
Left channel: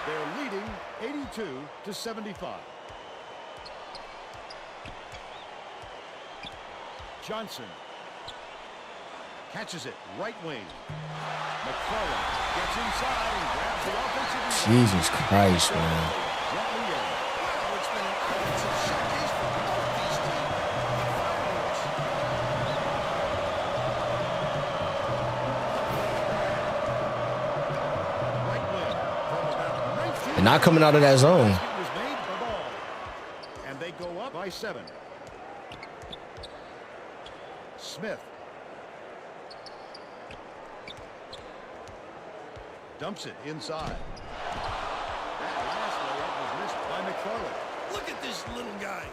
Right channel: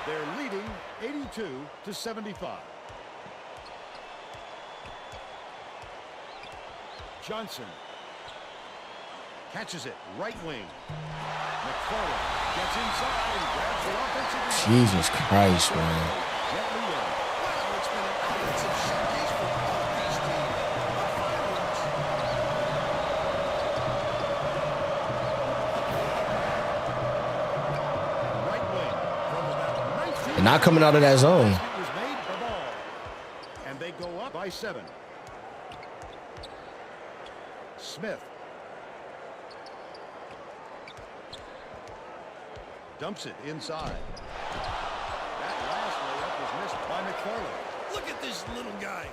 They're leading 82-75. Johnson catches it, right wing. McFarland gets inside and grabs the offensive rebound. Jesus Christ, man. Gently in. Wow, it's been an offensive showcase for both these teams. What fireworks. Right wing from about 19. And not coming out of that zone. Basket was made the ball. And they go up by 7. Smith dumps it inside. That last layup was missed by McFarland. Look at this little guy.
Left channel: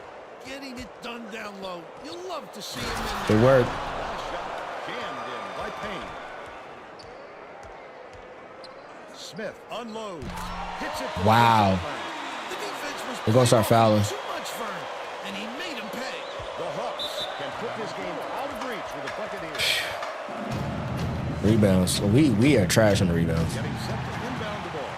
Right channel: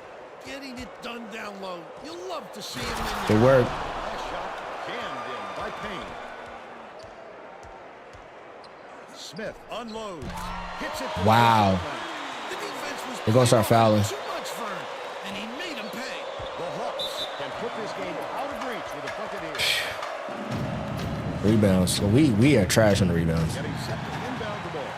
Getting it done down low. You'll love to see him in there. Good work. Last shot jammed in by Payne. Smith unloads. Hits it. From Wow. The defense was They're gonna start fouling. too much, Vern, and he made him pay. The Hawks can put this game out of reach with a bucket here. Rebounds. We are trash on the rebounds. Getting set to inbound the ball.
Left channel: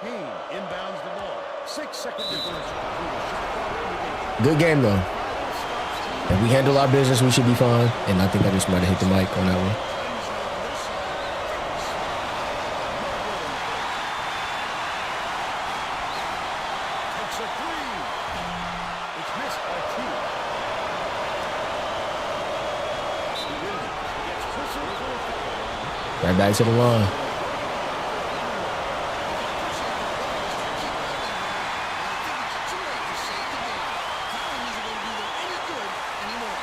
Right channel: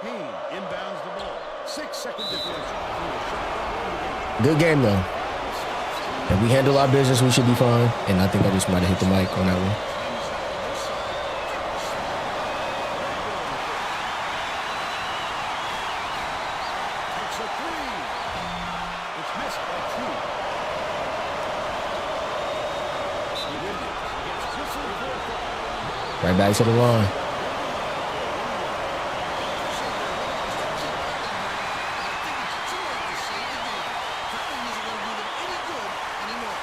Payne inbounds the ball. 6-second differential. Through a shot clock in the game. Good game, though. Foul stops the If we handle our business, we should be fine. And I think I just might have hit the mic on that one. Time is not on their side. Very smart play. no good on the first. Takes a 3. It's missed by T. Williams gets whistled for a foul. Right back to the line. I can appreciate their willingness to keep fouling her, but I think it's too late to save the game. Fouling isn't going to do them any good anymore.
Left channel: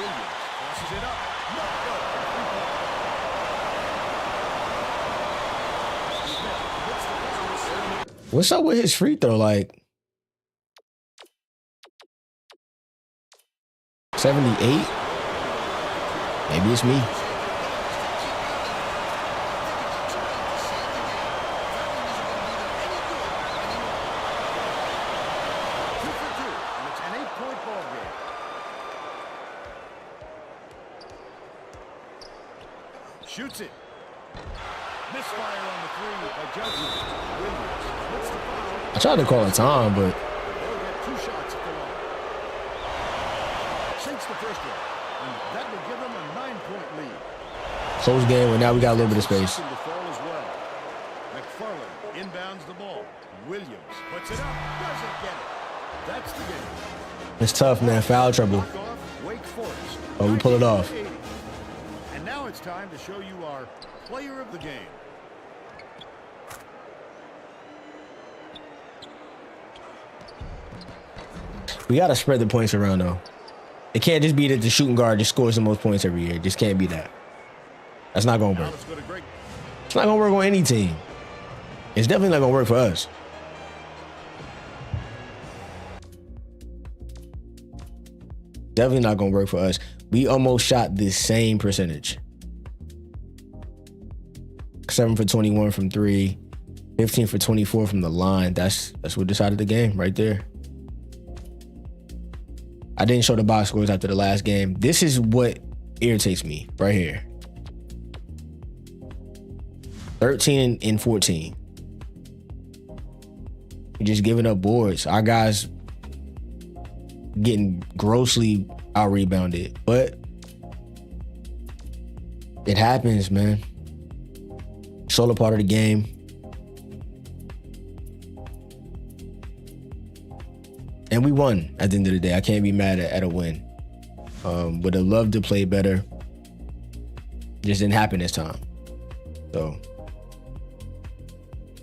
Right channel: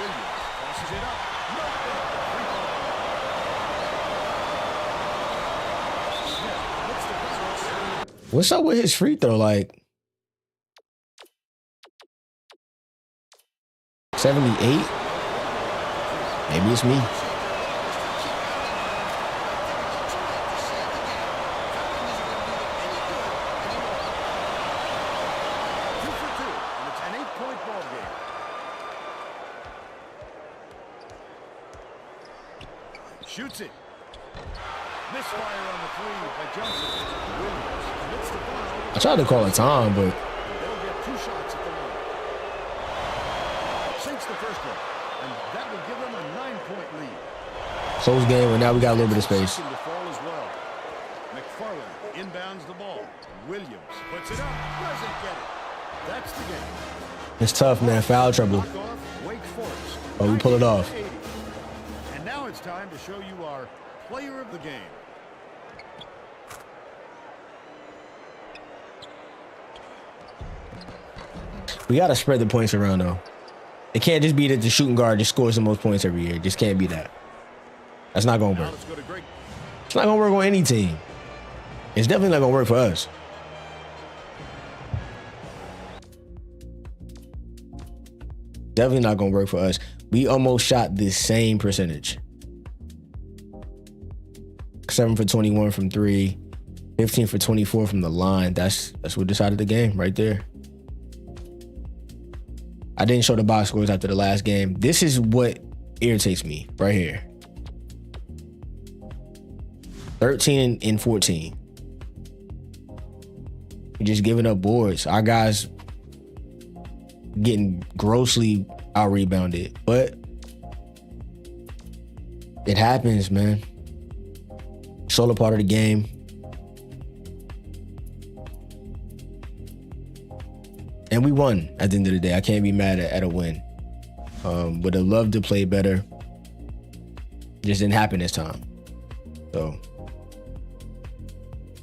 Williams tosses it up. No good. Three-point play. Smith commits the foul. What's up with his free throw? Like 78? Maybe it's me. Appreciate their willingness to keep fouling her, but I think it's too late to save the game. Fouling isn't going to do them any good anymore. 2 for 2, and it's an 8-point ball game. Shoots it. Misfire on the three by Johnson. Williams commits the foul. I tried to call a time, but And they'll get 2 shots at the line. Sinks the first one, and that will give them a 9-point lead. close game, but now we got a little bit of space. Second to fall as well. McFarland inbounds the ball. Williams puts it up, doesn't get it. That's the game. It's tough, man. Foul trouble. Knock off Wake Forest. Oh, we pull it off. 90. And now it's time to show you our player of the game. We got to spread the points around, though. It can't just be that the shooting guard just scores the most points every year. It just can't be that. That's not going to Now work. let's go to Greg. It's not going to work on any team. It's definitely not going to work for us. Definitely not going to work for us. We almost shot the same percentage. 7 for 21 from 3. 15 for 24 from the line. That's what decided the game right there. I didn't show the box scores after the last game. This is what irritates me right here. 13 and 14. We're just giving up boards. Our guys getting grossly out-rebounded. But it happens, man. It's all a part of the game. And we won at the end of the day. I can't be mad at a win. Would have loved to play better. Just didn't happen this time. So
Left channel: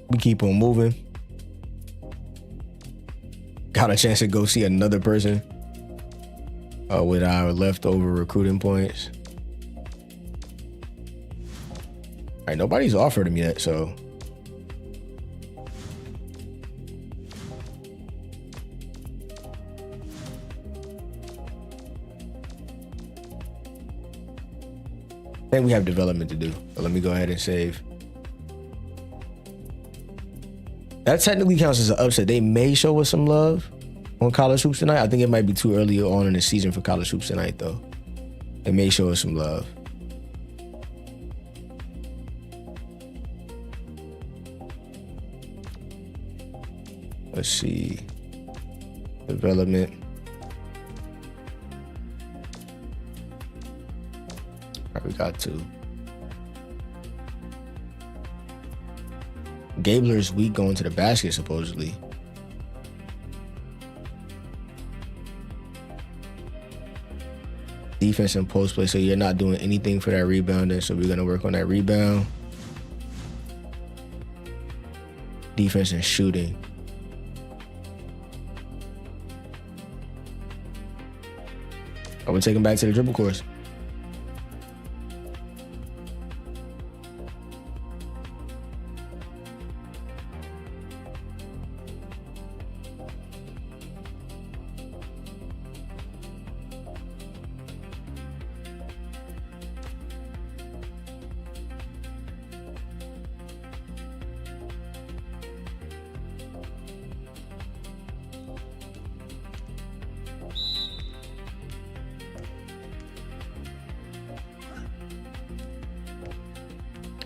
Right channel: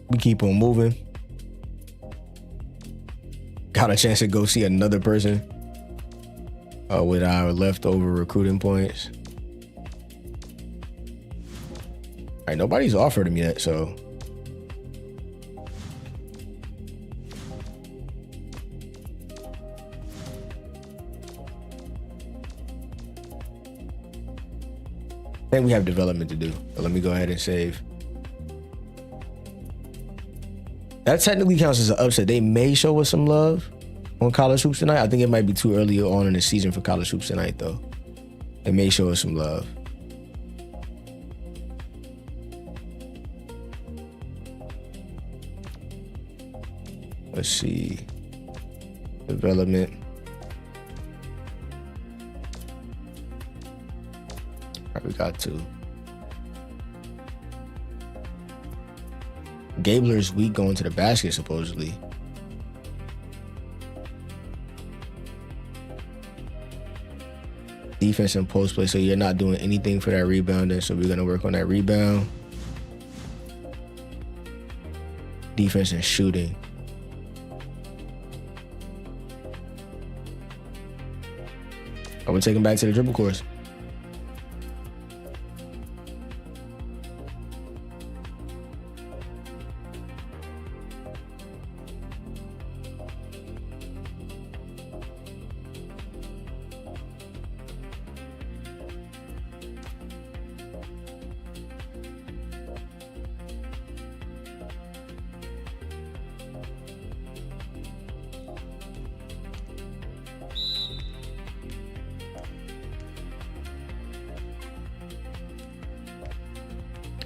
we keep on moving. Got a chance to go see another person with our leftover recruiting points. All right, nobody's offered him yet, so. I think we have development to do. But let me go ahead and save. That technically counts as an upset. They may show us some love on college hoops tonight. I think it might be too early on in the season for college hoops tonight, though. They may show us some love. Let's see. Development. All right, we got 2. Gabler's weak going to the basket, supposedly. Defense and post play, so you're not doing anything for that rebounding, so we're going to work on that rebound. Defense and shooting. I would take him back to the dribble course.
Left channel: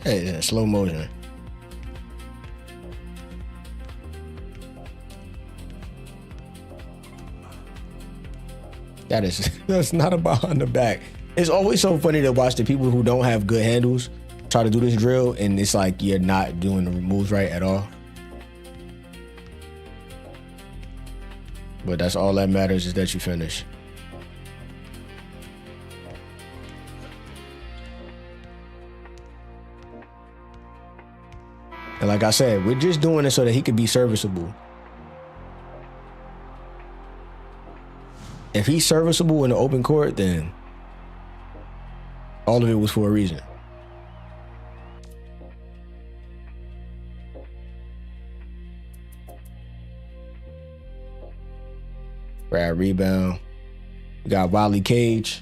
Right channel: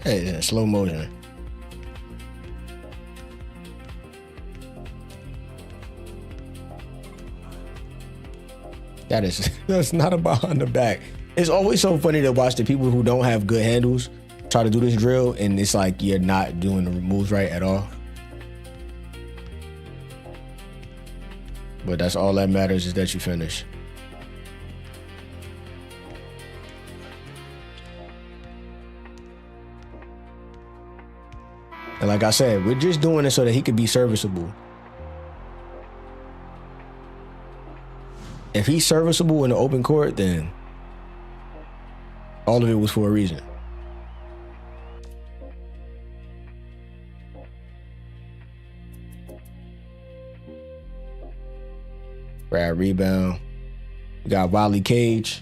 Hey, slow motion. That's not a behind the back. It's always so funny to watch the people who don't have good handles try to do this drill, and it's like you're not doing the moves right at all. But that's all that matters, is that you finish. And like I said, we're just doing it so that he could be serviceable. If he's serviceable in the open court, then all of it was for a reason. Grab rebound. We got Wiley Cage.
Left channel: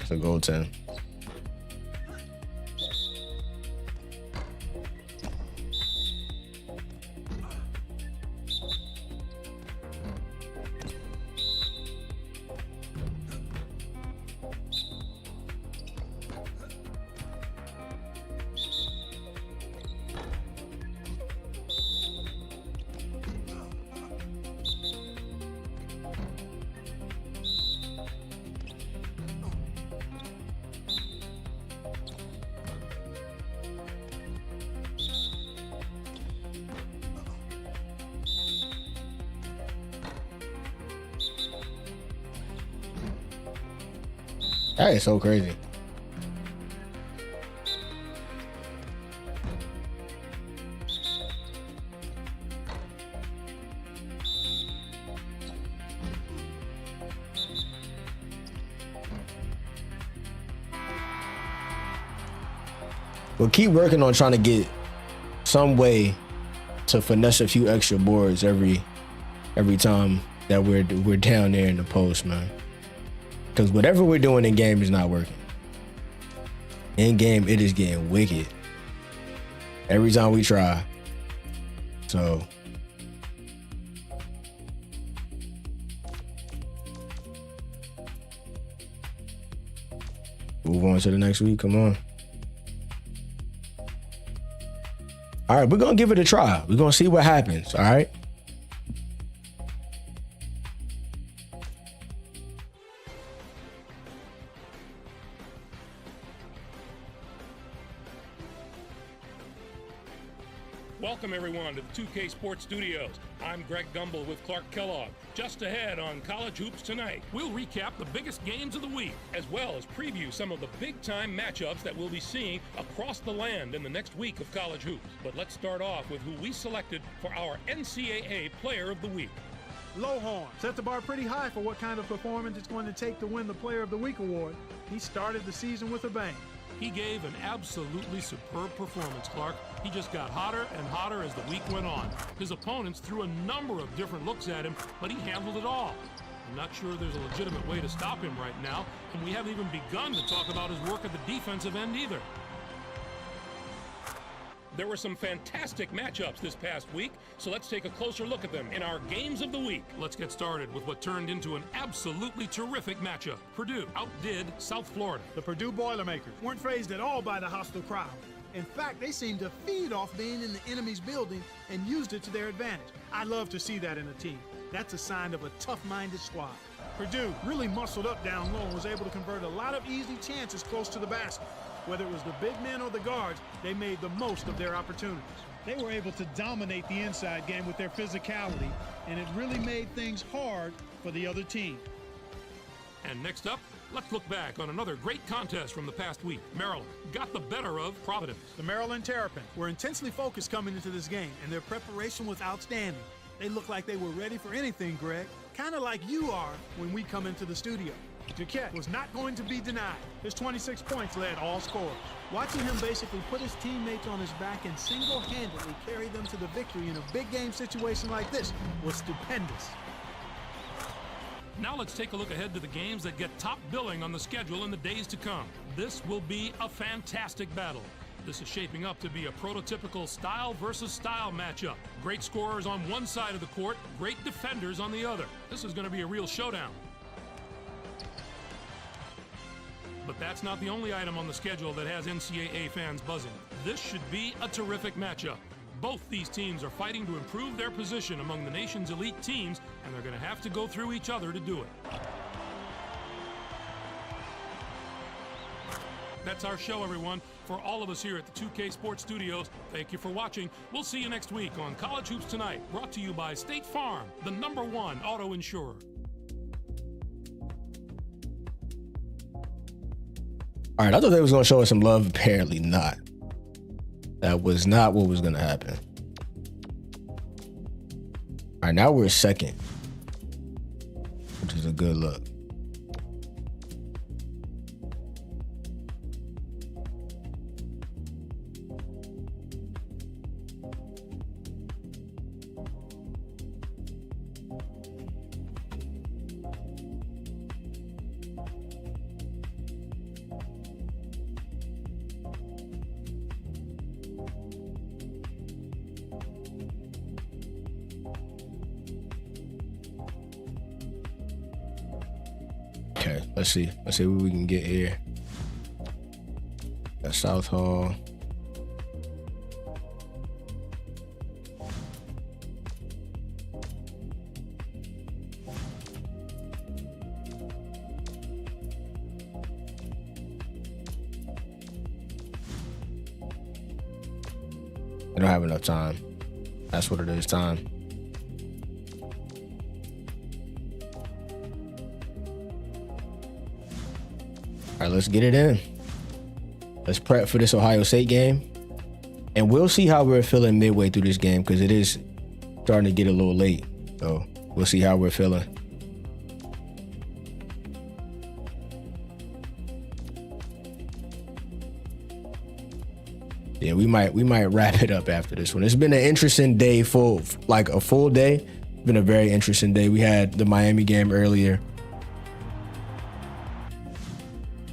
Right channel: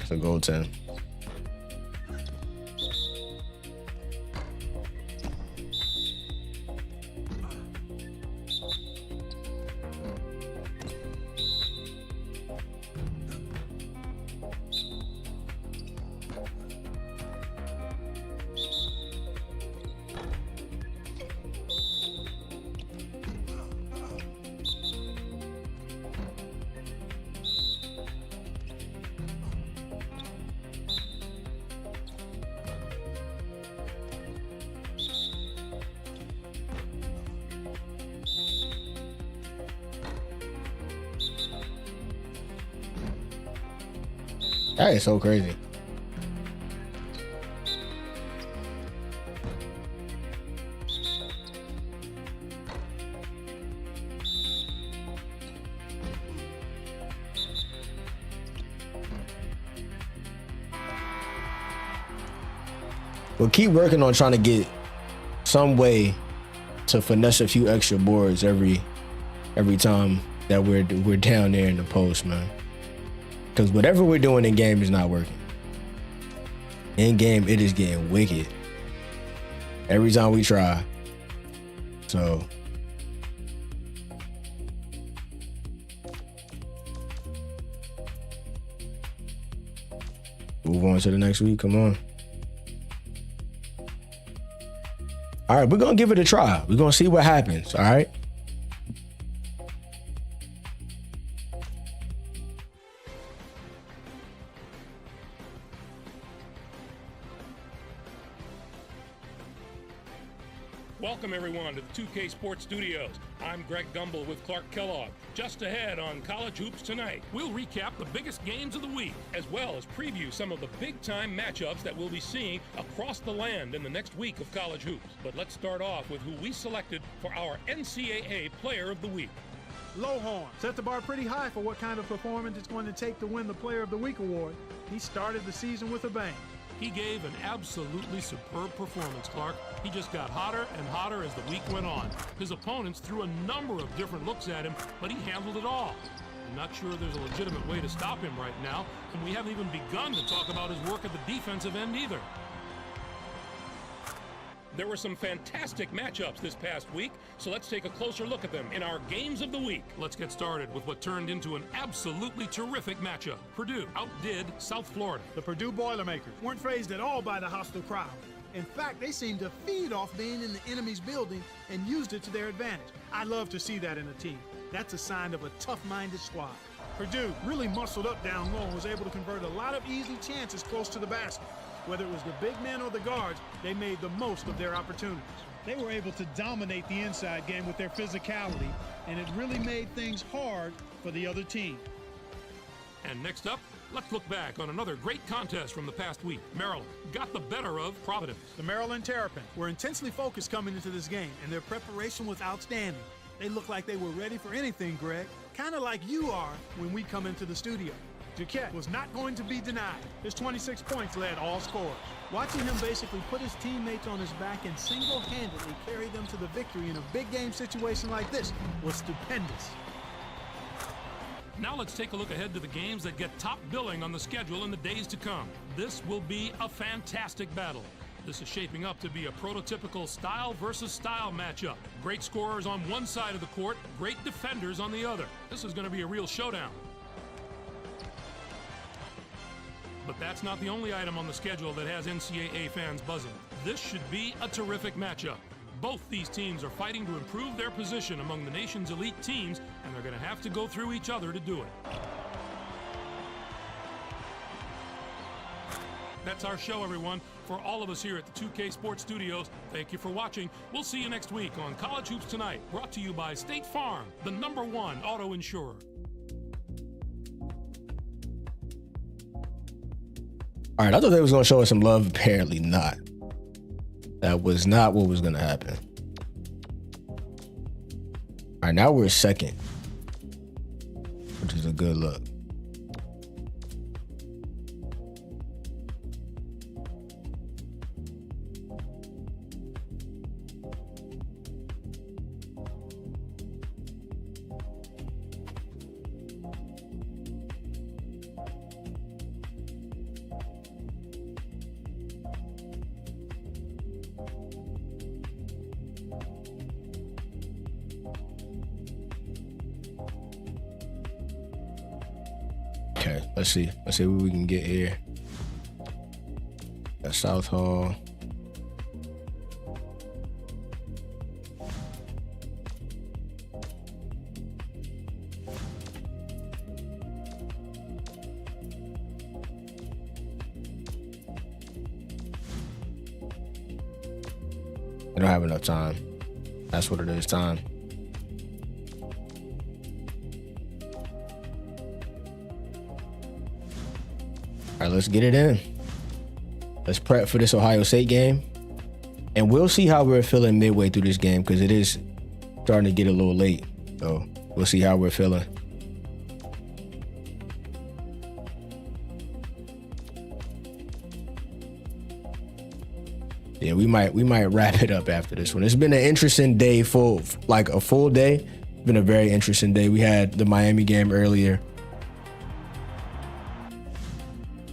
It's a goaltend. That is so crazy. We'll keep working on trying to get some way to finesse a few extra boards every time that we're down there in the post, man. Because whatever we're doing in game is not working. In game, it is getting wicked every time we try. So move on to the next week. Come on. All right, we're going to give it a try. We're going to see what happens, all right? Welcome, everyone, to the 2K Sports Studios. I'm Greg Gumbel with Clark Kellogg. Just ahead on College Hoops tonight, we'll recap the biggest games of the week, as well as preview some of the big-time matchups that we'll be seeing across the land in the next week of College Hoops. But let's start off with who we selected for our NCAA Player of the Week. Lohorn set the bar pretty high for what kind of performance it's going to take to win the Player of the Week award. He started the season with a bang. He gave an absolutely superb performance, Clark. He just got hotter and hotter as the week went on. His opponents threw a number of different looks at him, but he handled it all. I'm not sure there's a legitimate way to stop him right now, and we haven't even begun to talk about his work at the defensive end either. There were some fantastic matchups this past week, so let's take a closer look at them in our Games of the Week. Let's get started with what turned into an absolutely terrific matchup. Purdue outdid South Florida. The Purdue Boilermakers weren't fazed at all by the hostile crowd. In fact, they seemed to feed off being in the enemy's building and used it to their advantage. I love to see that in a team. That's a sign of a tough-minded squad. Purdue really muscled up down low and was able to convert a lot of easy chances close to the basket. Whether it was the big men or the guards, they made the most of their opportunities. They were able to dominate the inside game with their physicality, and it really made things hard for the other team. And next up, let's look back on another great contest from the past week. Maryland got the better of Providence. The Maryland Terrapins were intensely focused coming into this game, and their preparation was outstanding. They looked like they were ready for anything, Greg, kind of like you are when we come into the studio. Jaquette was not going to be denied. His 26 points led all scorers. Watching him basically put his teammates on his back and single-handedly carry them to the victory in a big game situation like this was stupendous. Now let's take a look ahead to the games that get top billing on the schedule in the days to come. This will be a fantastic battle. This is shaping up to be a prototypical style versus style matchup. Great scorers on one side of the court, great defenders on the other. This is going to be a real showdown. But that's not the only item on the schedule that has NCAA fans buzzing. This should be a terrific matchup. Both these teams are fighting to improve their position among the nation's elite teams, and they're going to have to go through each other to do it. That's our show, everyone. For all of us here at the 2K Sports Studios, thank you for watching. We'll see you next week on College Hoops Tonight, brought to you by State Farm, the #1 auto insurer. All right, I thought they was going to show us some love. Apparently not. That was not what was going to happen. All right, now we're second, which is a good look. Okay, let's see what we can get here. Got South Hall. I don't have enough time. That's what it is, time. All right, let's get it in. Let's prep for this Ohio State game. And we'll see how we're feeling midway through this game because it is starting to get a little late. So we'll see how we're feeling. Yeah, we might wrap it up after this one. It's been an interesting day, like a full day. It's been a very interesting day. We had the Miami game earlier.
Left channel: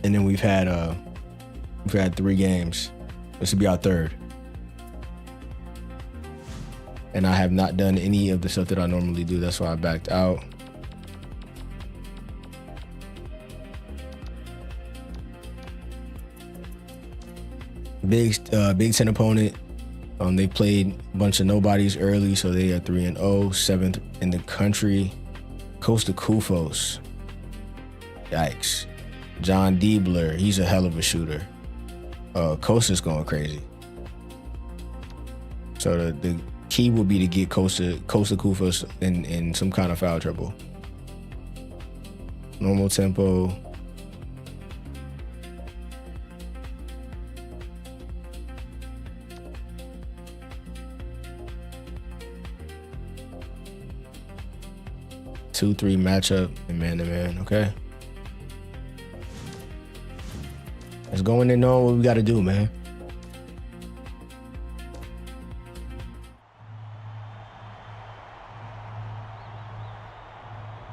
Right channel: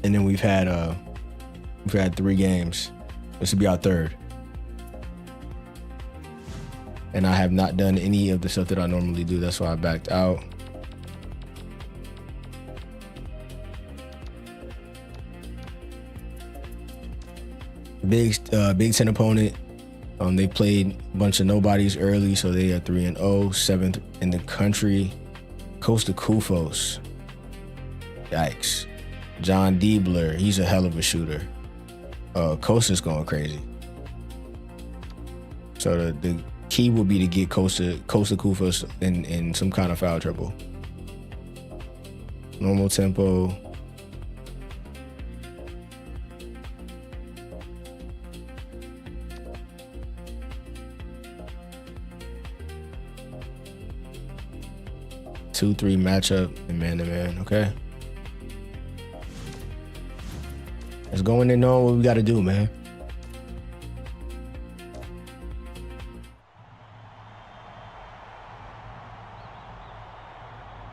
And then we've had 3 games. This will be our third. And I have not done any of the stuff that I normally do. That's why I backed out. Big Ten opponent. They played a bunch of nobodies early, so they are 3-0, 7th in the country. Costa Kufos. Yikes. John Diebler, he's a hell of a shooter. Costa's going crazy. So the key will be to get Costa Kufos in some kind of foul trouble. Normal tempo. Two, 3 matchup and man-to-man, okay? Let's go in and know what we got to do, man.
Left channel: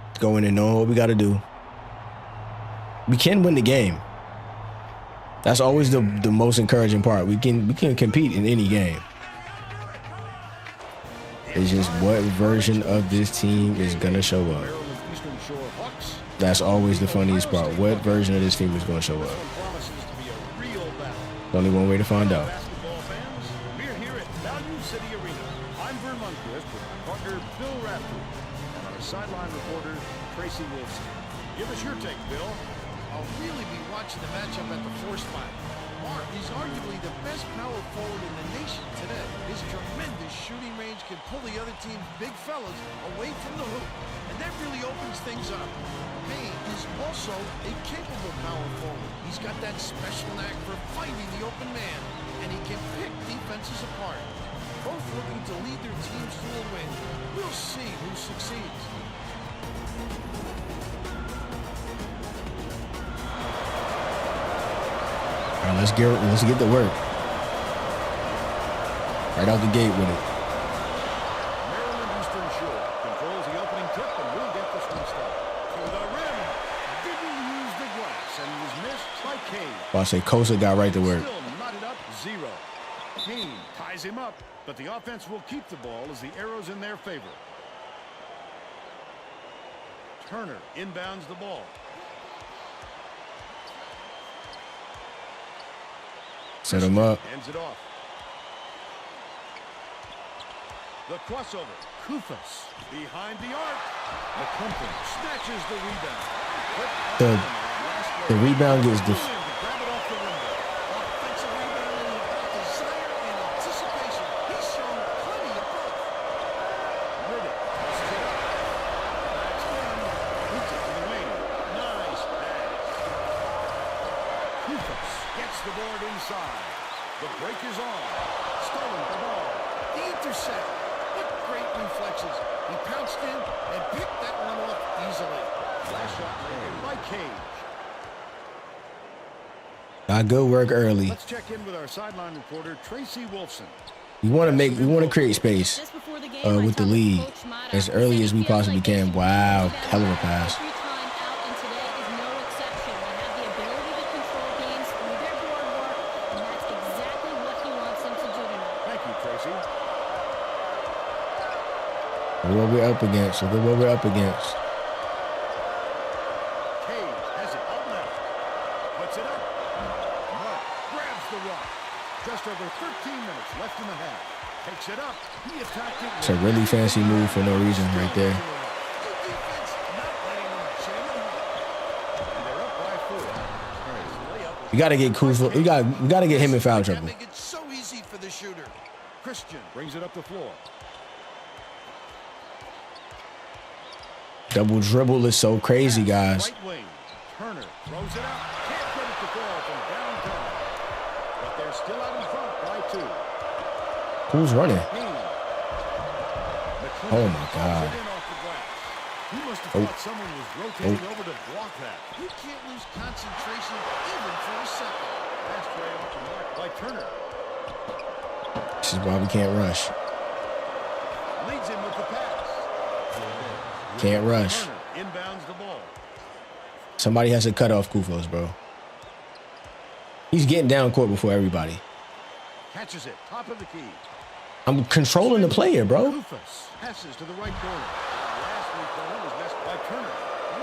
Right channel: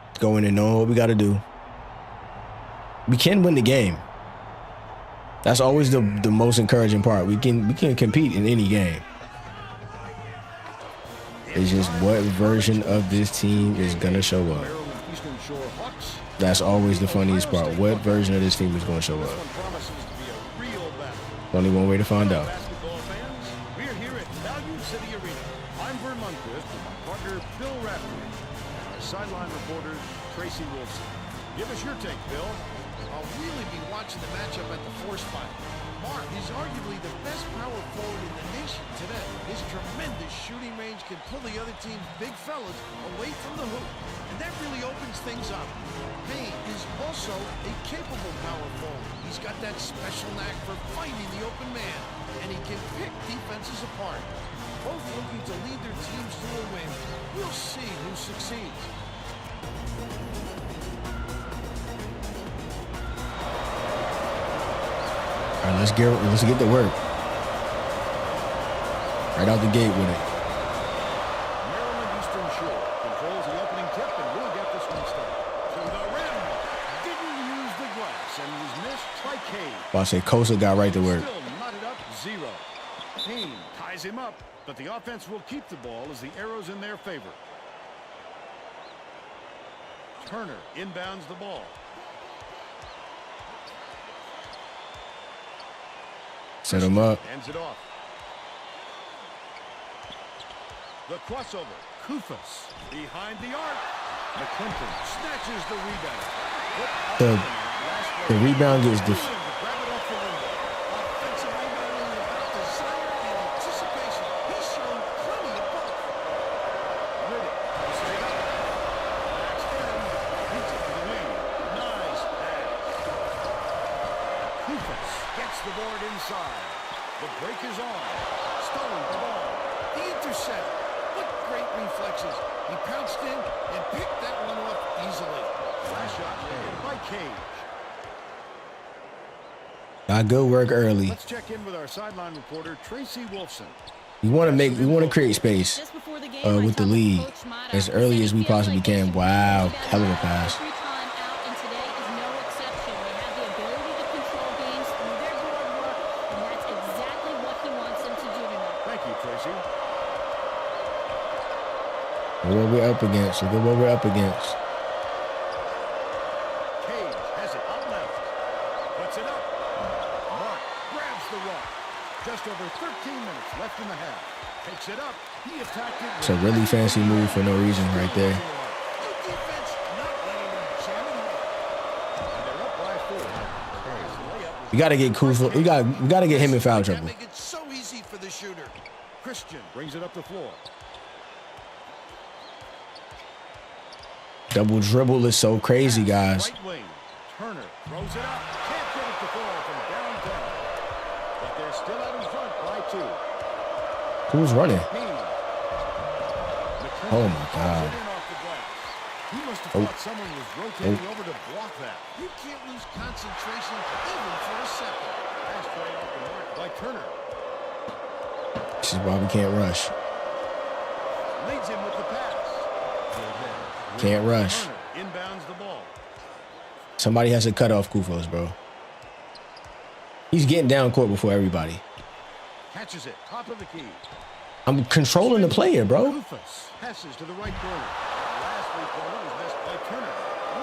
Let's go in and know what we got to do. We can win the game. That's always the most encouraging part. We can compete in any game. It's just what version of this team is going to show up. That's always the funniest part. What version of this team is going to show up? Only one way to find out. Basketball fans, we're here at Value City Arena. I'm Vern Lundquist with my partner Bill Raftery and our sideline reporter Tracy Wolfson. Give us your take, Bill. I'll really be watching the matchup at the 4 spot. Mark is arguably the best power forward in the nation today. His tremendous shooting range can pull the other team's big fellas away from the hoop, and that really opens things up. Payne is also a capable power forward. He's got that special knack for finding the open man, and he can pick defenses apart. Both looking to lead their teams to a win. We'll see who succeeds. All right, let's get to work. Right out the gate with it. Maryland Eastern Shore controls the opening tip and will get this one started. To the rim. Didn't use the glass and was missed by Cade. Well, I say Costa got right to work. Still knotted up 0. Payne ties him up, but the offense will keep the ball as the arrow's in their favor. Turner inbounds the ball. Set him up. Hands it off. The crossover. Kufos behind the arc. McClinton snatches the rebound. Flip up The- and in on that last play. The rebound gets Threw him to grab it off the window. Offensive rebound is about desire and anticipation. He's shown plenty of both. Riddick tosses it up. Backs in. Beats it to the wing. Nice pass. Kufas gets the board inside. The break is on. Stolen the ball. The intercept. What great reflexes. He pounced in and picked that one off easily. Last shot laid in by Cage. Got good work early. Let's check in with our sideline reporter, Tracy Wolfson. We want to create space Just before the game, with the lead as early as we possibly can. Wow, hell of a pass. Every time out, and today is no exception. They have the ability to control games through their board work, and that's exactly what he wants them to do tonight. Thank you, Tracy. Look what we're up against. Look at what we're up against. Cage has it out left. Puts it up. Mark grabs the rock. Just over 13 minutes left in the half. Takes it up. He attacked it. It's a really fancy move for no reason right there. Good defense, not letting them jam it home. And they're up by 4. Last layup was We got to get Kuzma. We got to get him in foul That trouble. make it so easy for the shooter. Christian brings it up the floor. Double dribble is so crazy, guys. Right wing. Turner throws it up. Can't get it to fall from downtown. But they're still out in front by 2. Who's running? Haynes. Oh, my God. It in off the glass. He must have Oh. thought someone was rotating over to block that. You can't lose concentration even for a second. Last tray off the mark by Turner. This is why we can't rush. Leads him with the pass. Can't rush. Turner inbounds the ball. Somebody has to cut off Kufos, bro. He's getting down court before everybody. Catches it. Top of the key. I'm controlling the player, bro. Kufas passes to the right corner. That last three-pointer was missed by Turner.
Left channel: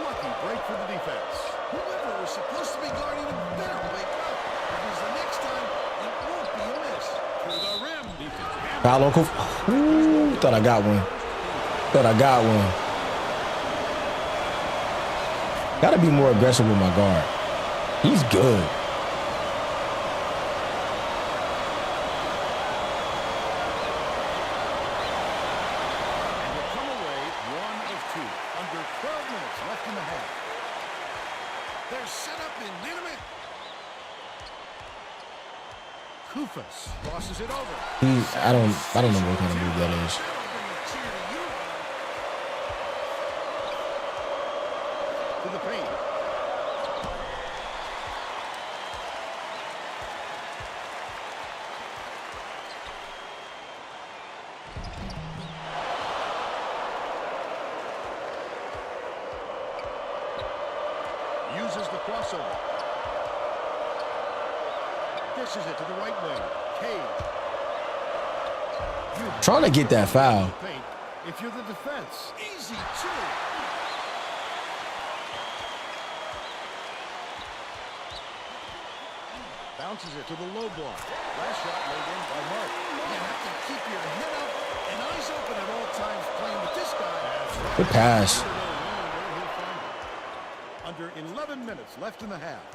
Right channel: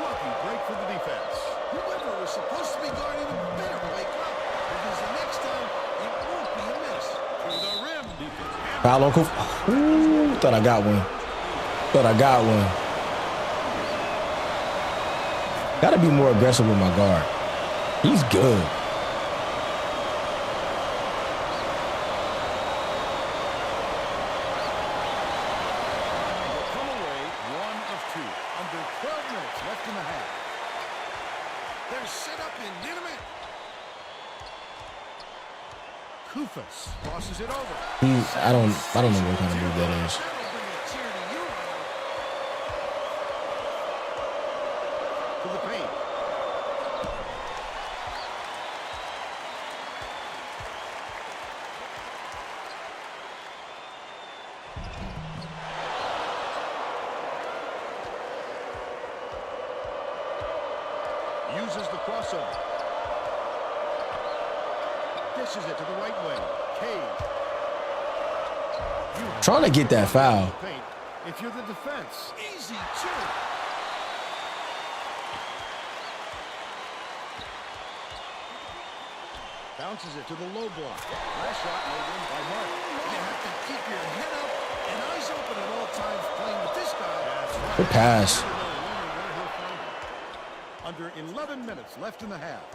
Lucky break for the defense. Whoever was supposed to be guarding him better wake up, because the next time it won't be a miss. To the rim. Foul on Kufos. Ooh, thought I got one. Got to be more aggressive with my guard. He's good. And he'll come away 1 of 2. Under 12 minutes left in the half. They're set up in minute. Kufas crosses it over. I don't know what kind of move that is. That'll bring a tear to your eye. To the paint. Uses the crossover. Dishes it to the right wing. Cage. Trying to get that foul. Paint if you're the defense. Easy, too. Bounces it to the low block. Last shot laid in by Mark. You have to keep your head up and eyes open at all times playing with this guy. That's right. Good pass. Never know when or where he'll find it. Under 11 minutes left in the half.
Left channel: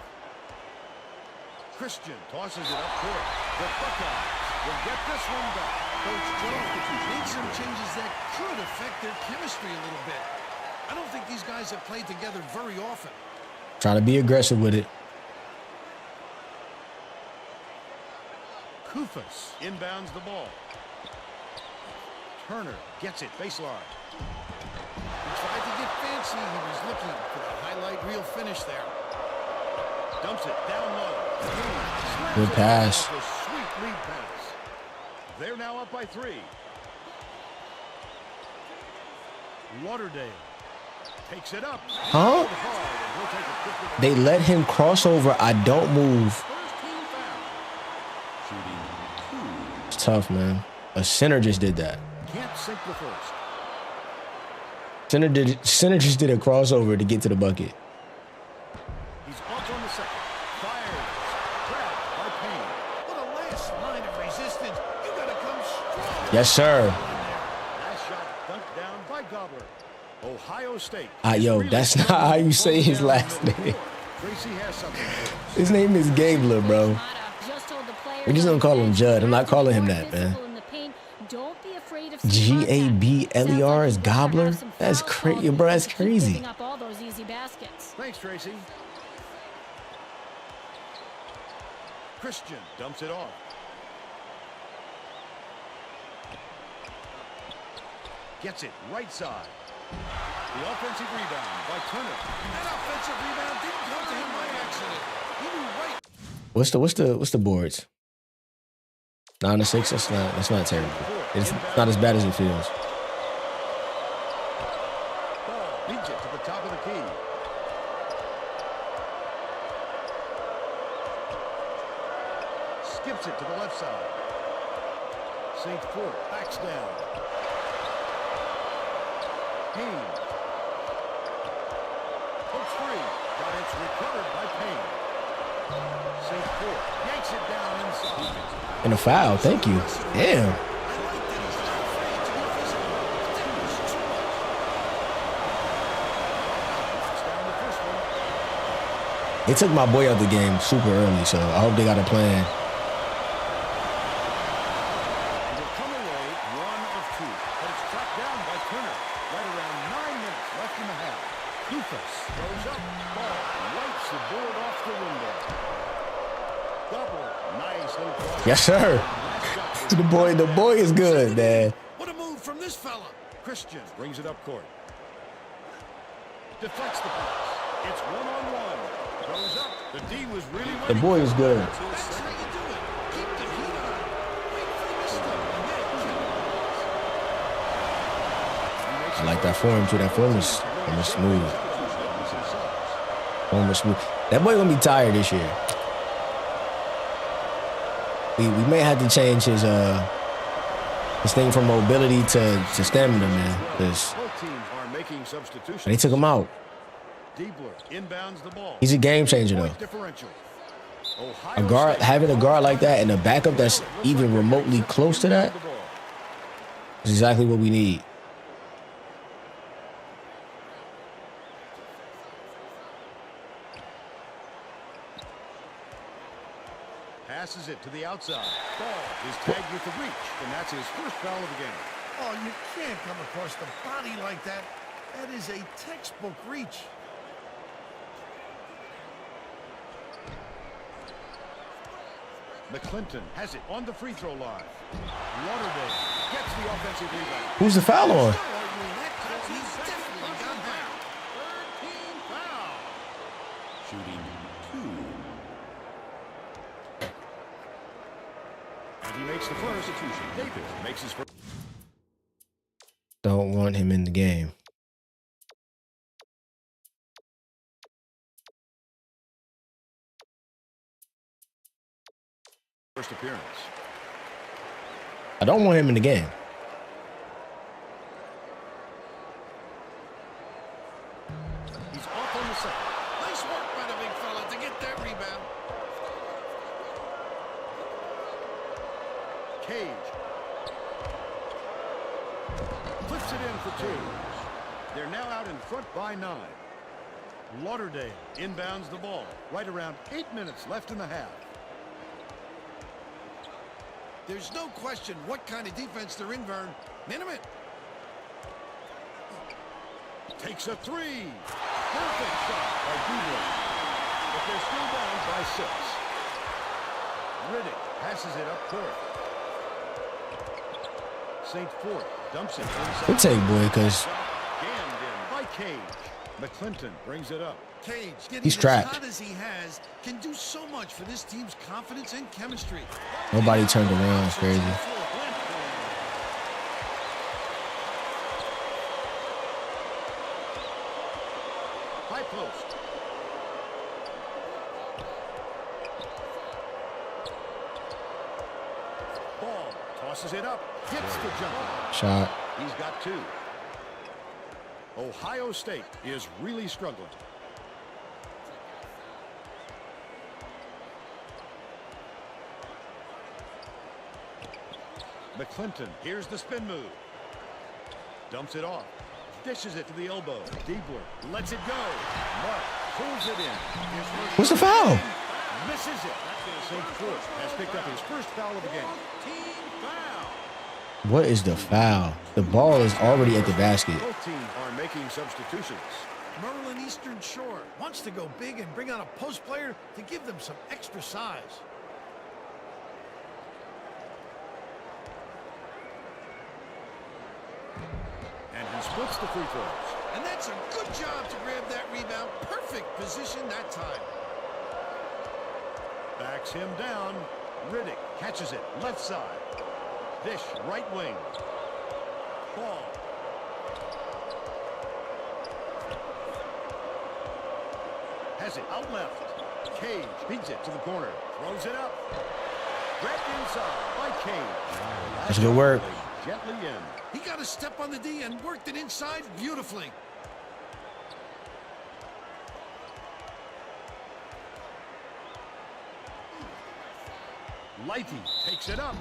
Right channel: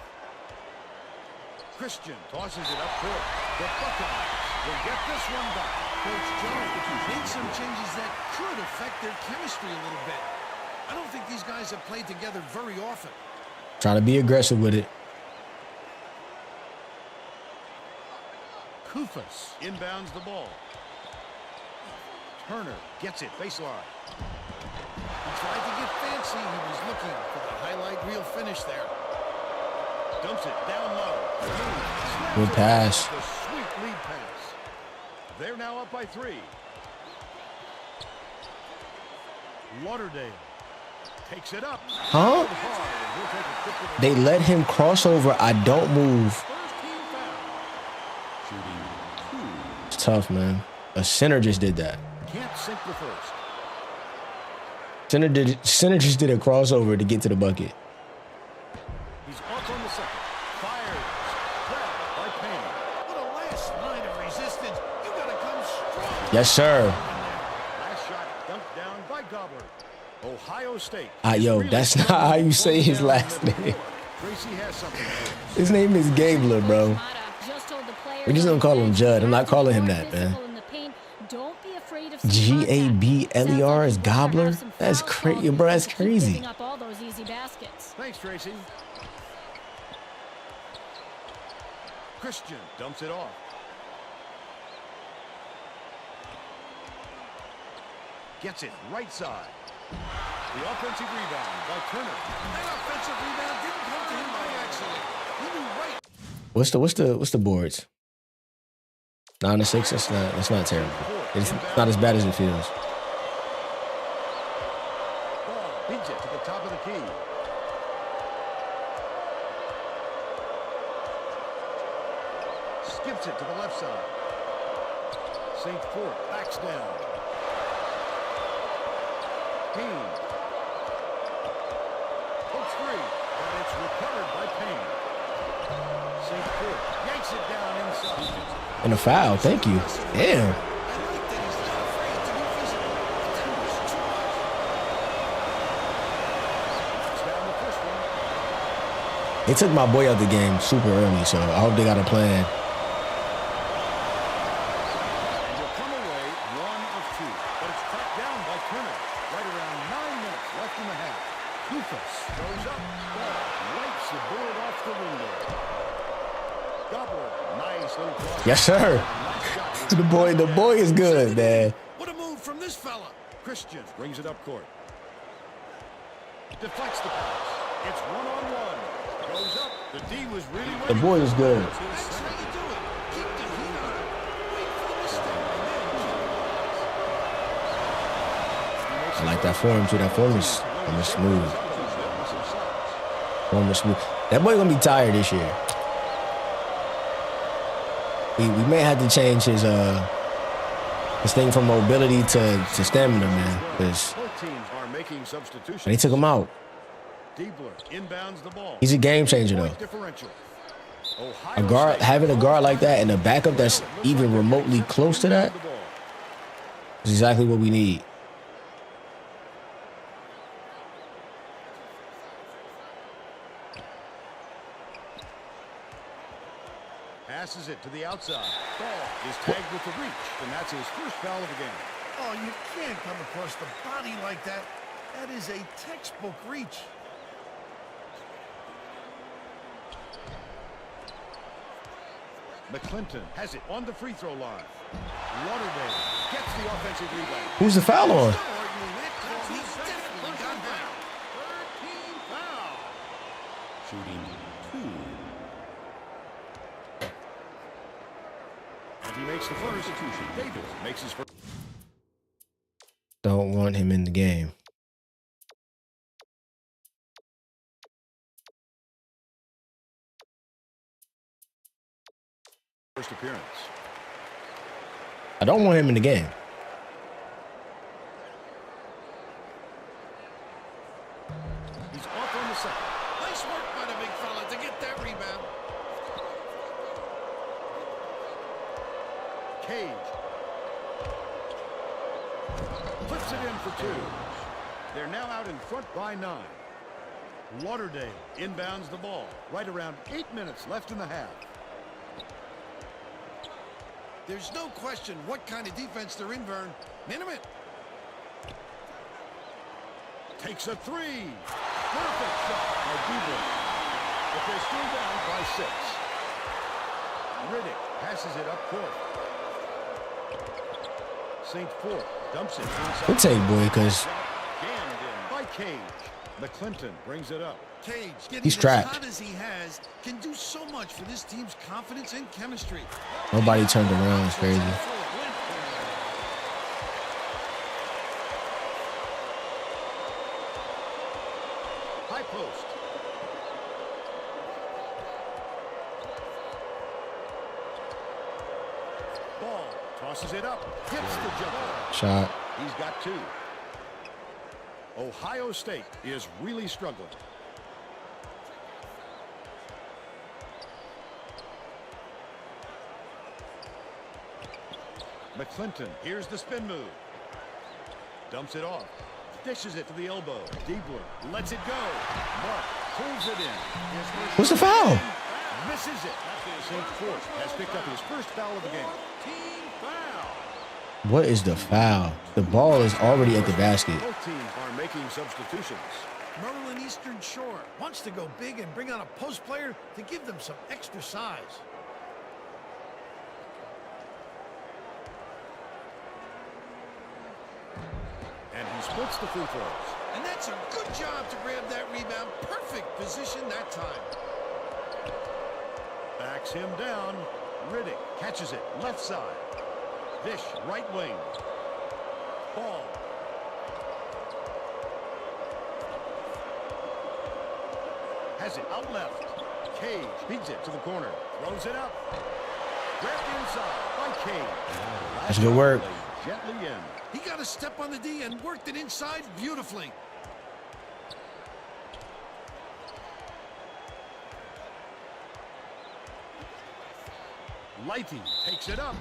Christian tosses it up court. The Buckeyes will get this one back. Coach Jones made some changes that could affect their chemistry a little bit. I don't think these guys have played together very often. Trying to be aggressive with it. Kufas inbounds the ball. Turner gets it baseline. He tried to get fancy. He was looking for the highlight reel finish there. Dumps it down low. Haynes slams Good it pass. off a sweet lead pass. They're now up by 3. Lauderdale takes it up. Huh? Hard, and he'll take a trip to the They line. let him cross over. I don't move. First team foul. It's tough, man. A center just did that. Can't sink the first. Center just did a crossover to get to the bucket. He's off on the second. Fires. Grabbed by Payne. What a last line of resistance. You got to come strong. Yes, sir. Last shot dunked down by Gobbler. Ohio State. Yo, that's not how you say his last name. Tracy has something for us. His name is Gabler, bro. We're just gonna call him Judd. I'm not calling him that, man. Gabler is Gobbler? That's crazy, bro. That's crazy. Thanks, Tracy. Christian dumps it off. Gets it right side. The offensive rebound by Turner. That offensive rebound didn't come to him by accident. He knew right. What's the boards? 9-6. That's not terrible. It's not as bad as it feels. Ball beats it to the top of the key. Skips it to the left side. St. Fort backs down. Hens. Pokes free, but it's recovered by Payne. St. Fort yanks it down inside. And a foul, thank you. Damn. I like that he's not afraid to be physical, but that was too much. Knocks down the first one. They took my boy out the game super early, so I hope they got a plan. And he'll come away 1 of 2, but it's tracked down by Turner. Right around 9 minutes left in the half. Kufas goes up, ball wipes the board off the window. Gobbler, nice little cross. Yes, sir. The boy is good, man. What a move from this fella. Christian brings it up court. Deflects the pass. It's 1-on-1. Goes up. The D was really waiting. The boy is good. That's how you do it. Keep the heat on. Wait for the misstep and then capitalize. I like that form too. That form is smooth. Form is smooth. That boy gonna be tired this year. We may have to change his thing from mobility to stamina, man. Because they took him out. He's a game changer though. Having a guard like that and a backup that's even remotely close to that is exactly what we need. Passes it to the outside. Ball is tagged with the reach, and that's his first foul of the game. Oh, you can't come across the body like that. That is a textbook reach. McClinton has it on the free throw line. Lauderdale gets the offensive rebound. Who's the foul on? Still arguing that call. He definitely got hacked. Shooting 2. And he makes the first. Davis makes his first. Don't want him in the game. First appearance. I don't want him in the game. He's off on the second. Nice work by the big fella to get that rebound. Cage. Flips it in for 2. They're now out in front by 9. Lauderdale inbounds the ball. Right around 8 minutes left in the half. There's no question what kind of defense they're in, Vern. Minimum. Takes a 3. Perfect shot by Dubler. But they're still down by 6. Riddick passes it up court. St. Fort dumps it inside. Good take, boy, because Jammed in by Cage. McClinton brings it up. Cage, getting he's as trapped. hot as he has, can do so much for this team's confidence and chemistry. Nobody turned around. It's crazy. High post. Ball tosses it up. Hits the jumper. Shot. He's got 2. Ohio State is really struggling. McClinton, here's the spin move. Dumps it off. dishes it to the elbow. Diebler lets it go. Mark pulls it in. His first What's the shot of foul? game, misses it. St. Fort has picked up his first foul of the game. What is the foul? The ball is already at the basket. Both teams are making substitutions. Maryland Eastern Shore wants to go big and bring on a post player to give them some extra size. And he splits the free throws. And that's a good job to grab that rebound. Perfect position that time. Backs him down. Riddick catches it left side. Dish right wing. Ball. Has it out left. Cage feeds it to the corner. Throws it up. Grabbed inside by Cage. That's good work. Gently in. He got a step on the D and worked it inside beautifully. Lighty takes it up.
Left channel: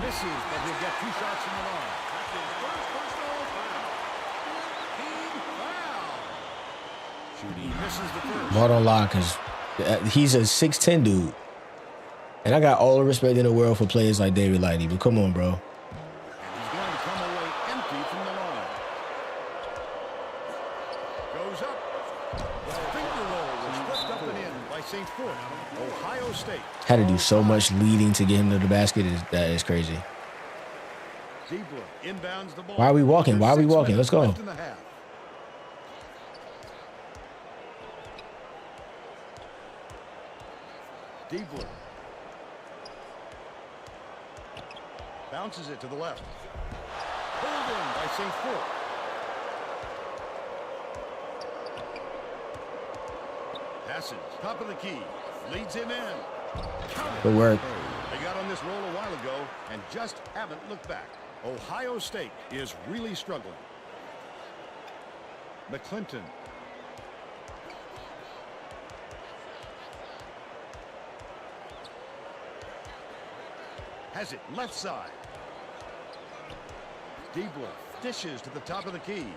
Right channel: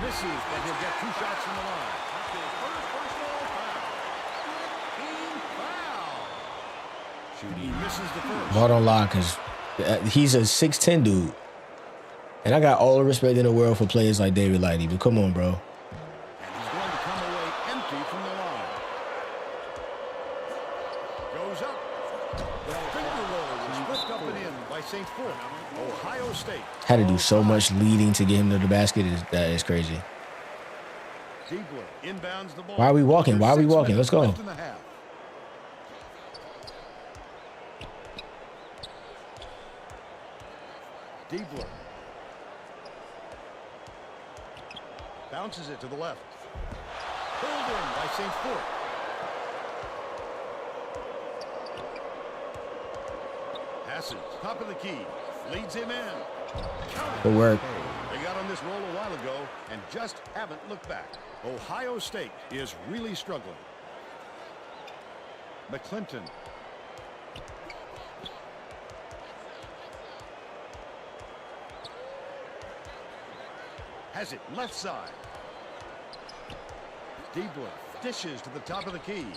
Misses, but he'll get 2 shots from the line. He misses the first. Ball don't lie because he's a 6'10 dude. And I got all the respect in the world for players like David Lighty, but come on, bro. And he's going to come away empty from the line. Goes up. The finger roll was flipped up and in by St. Fort. Ohio State. Had to do so much leading to get him to the basket. That is crazy. Diebler inbounds the ball. Why are we walking? Why are we walking? Let's go. Left in the half. Diebler bounces it to the left. Pulled in by St. Fort. Passes, top of the key, leads him in. Count it. Good work. They got on this roll a while ago and just haven't looked back. Ohio State is really struggling. McClinton. Has it left side. Diebler dishes to the top of the key.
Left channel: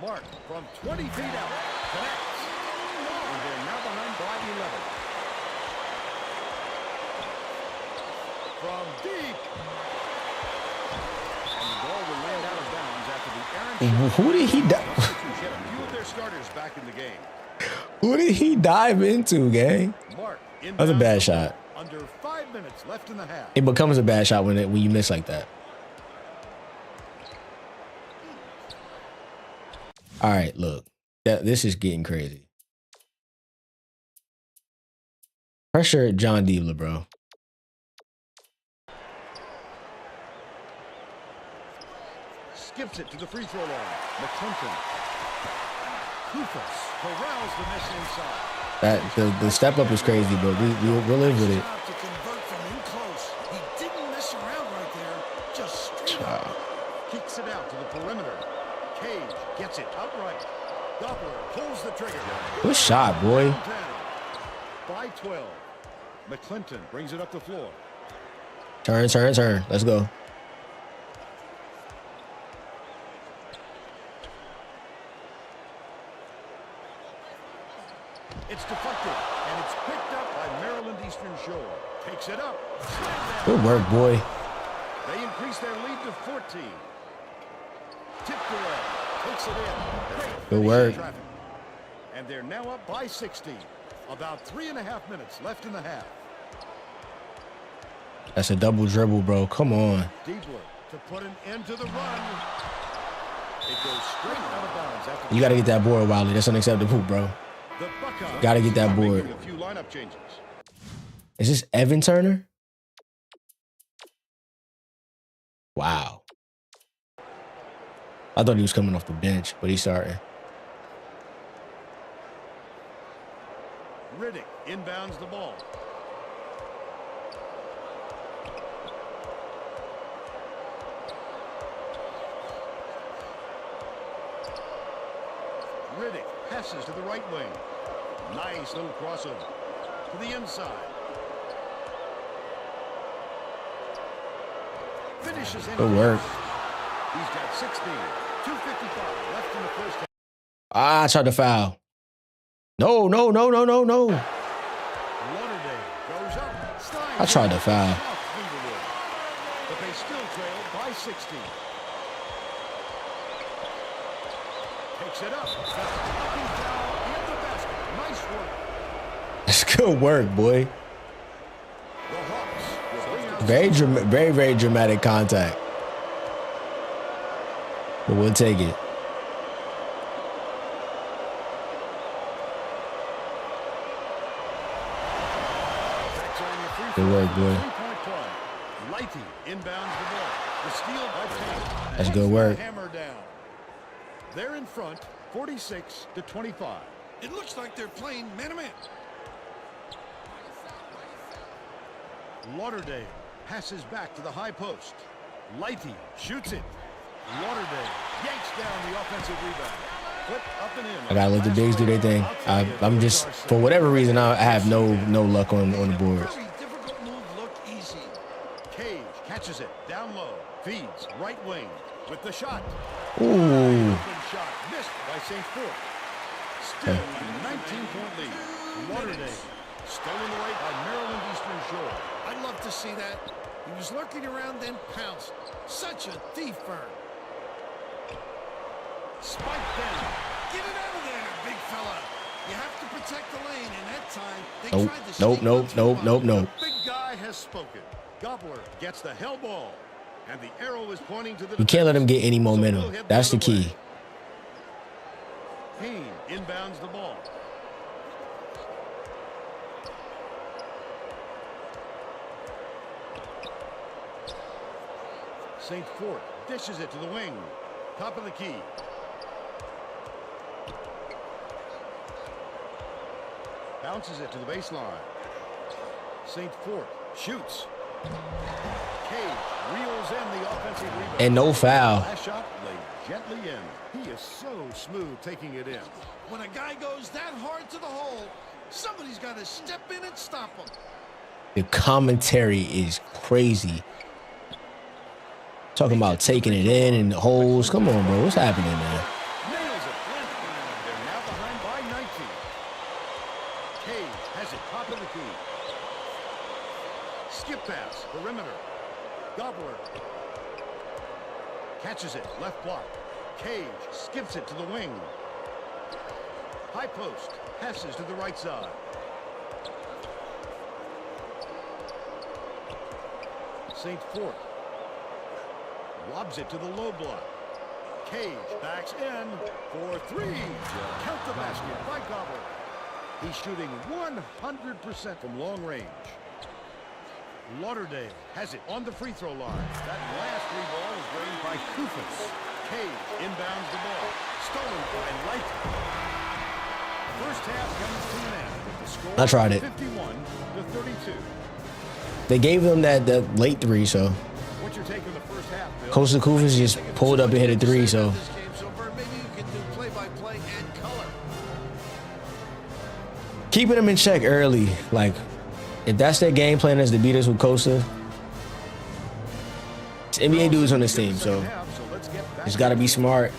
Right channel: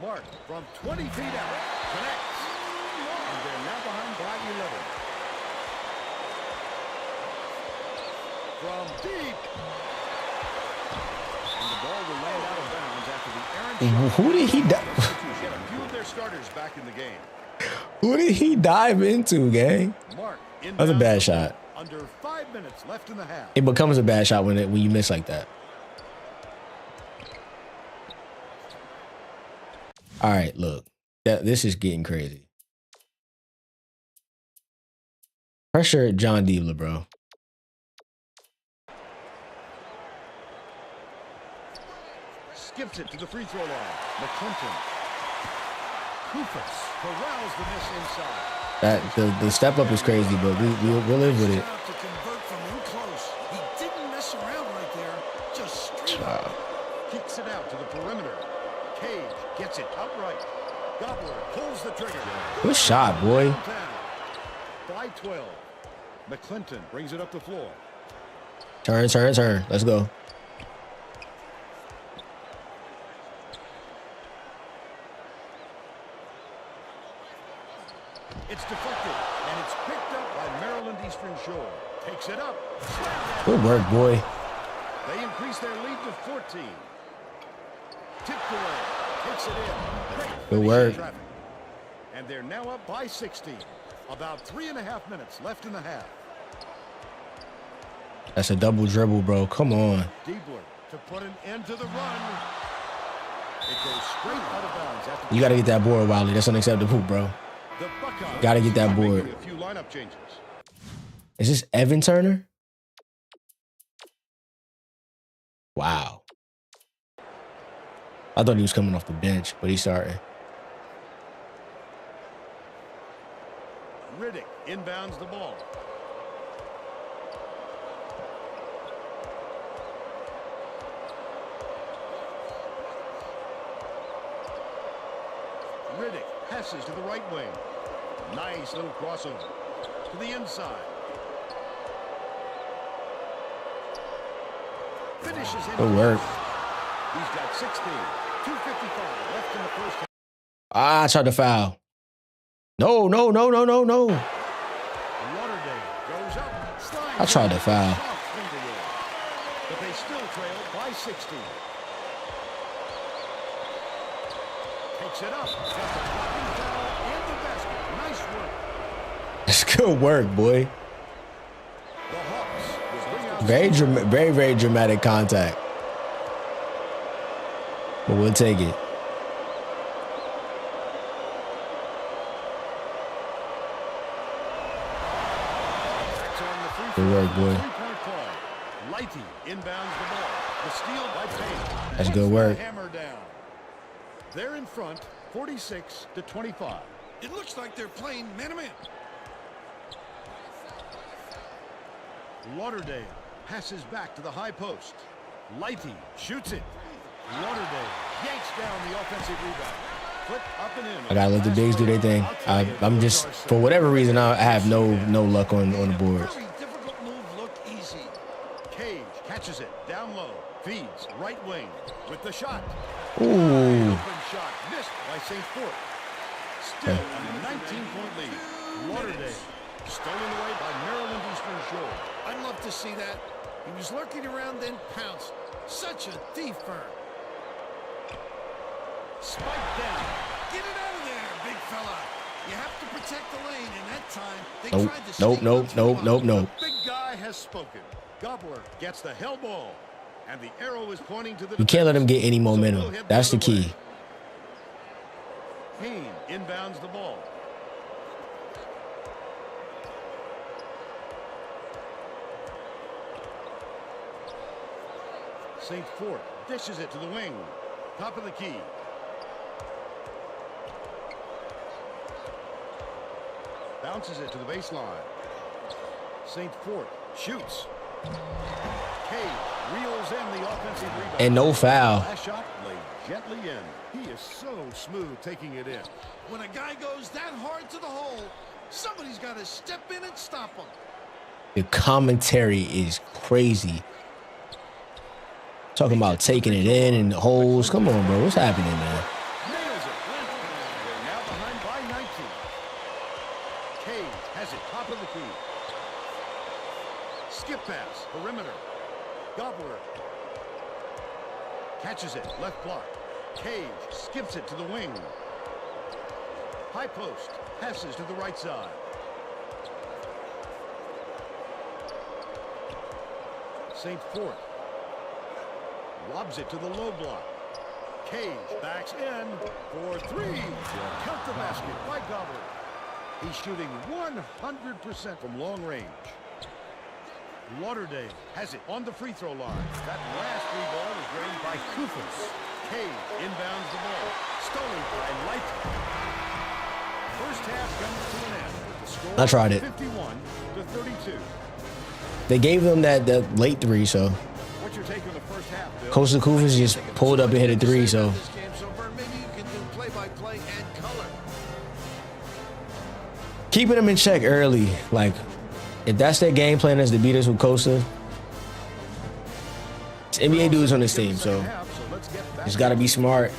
Mark from 20 feet out connects. And they're now behind by 11. From deep. And the ball will land out of bounds after the errant shot. Who did he Get a few of their starters back in the game. Who did he dive into, gang? Mark That was a bad shot. Under 5 minutes left in the half. It becomes a bad shot when you miss like that. All right, look. This is getting crazy. Pressure John Diebler, bro. Skips it to the free throw line. McClinton. Kufas corrals the miss inside. The step up is crazy, but we'll live with it. To convert from in close. He didn't mess around right there. Just straight up. Kicks it out to the perimeter. Cage gets it outright. Gobbler pulls the trigger. Good shot, boy. Downtown. By 12. McClinton brings it up the floor. Turn. Let's go. It's deflected, and it's picked up by Maryland Eastern Shore. Takes it up. Slam down. Good work, boy. They increase their lead to 14. Tipped away. Takes it in. Great. Good work. Traffic. And they're now up by 16. About 3.5 minutes left in the half. That's a double dribble, bro. Come on. Diebler to put an end to the run. It goes straight out of bounds after. You got to get that board, Wiley. That's unacceptable, bro. The Buckeyes Got to get that are board. making a few lineup changes. Is this Evan Turner? Wow. I thought he was coming off the bench, but he's starting. Riddick inbounds the ball. Riddick passes to the right wing. Nice little crossover to the inside. Finishes in. Good work. He's got 16. 2:55 left in the first half. I tried to foul. No. Lauderdale goes up. I tried to foul. Soft finger roll. But they still trailed by 16. Takes it up. Got the blocking foul and the basket. Nice work. That's good work, boy. The Hawks will bring out Very dramatic contact. But we'll take it. on the free Good throw work, for the boy. three-point play. Lighty inbounds the ball. The steal by Payne. That's Puts good the work. Hammer down. They're in front, 46-25. It looks like they're playing man-to-man. Lauderdale passes back to the high post. Lighty shoots it. Lauderdale yanks down the offensive rebound. Flip up and in. I gotta let the bigs do their thing. I'm just, for whatever reason, I have no luck on the boards. Very difficult move look easy. Cage catches it down low. Feeds right wing with the shot. Ooh. Wide open shot missed by St. Fort. Still a 19-point lead. Lauderdale stolen away by Maryland Eastern Shore. I'd love to see that. He was lurking around, then pounced. Such a thief firm. Spike down. Get it out of there, big fella. You have to protect the lane, and that time they Nope, tried to sneak nope. The big guy has spoken. Gobbler gets the hell ball. And the arrow is pointing to the You can't let him get any So momentum. we'll head That's the other way. key. Payne inbounds the ball. St. Fort dishes it to the wing. Top of the key. Bounces it to the baseline. St. Fort shoots. Cage reels in the offensive rebound. And no foul. Last shot laid gently in. He is so smooth taking it in. When a guy goes that hard to the hole, somebody's got to step in and stop him. The commentary is crazy. Talking about taking it in and the holes. Come on, bro. What's happening, man? Nails it. They're now behind by 19. Cage has it top of the key. Skip pass, perimeter. Gobbler catches it, left block. Cage skips it to the wing. High post, passes to the right side. St. Fort lobs it to the low block. Cage backs in for three. Count the basket by Gobbler. He's shooting 100% from long range. Lauderdale has it on the free throw line. That last free ball was drained by Kufas. Cage inbounds the ball. Stolen by Lighty. First half comes to an end with the score I tried it. 51-32. They gave them that late three, so What's your take on the first half, Bill? Coach Kufas just pulled up and hit a three, so This game so far, maybe you can do play-by-play and color. keeping them in check early. Like, if that's their game plan is to beat us with Costa, it's NBA dudes on this team, so let's get back it's got to be smart.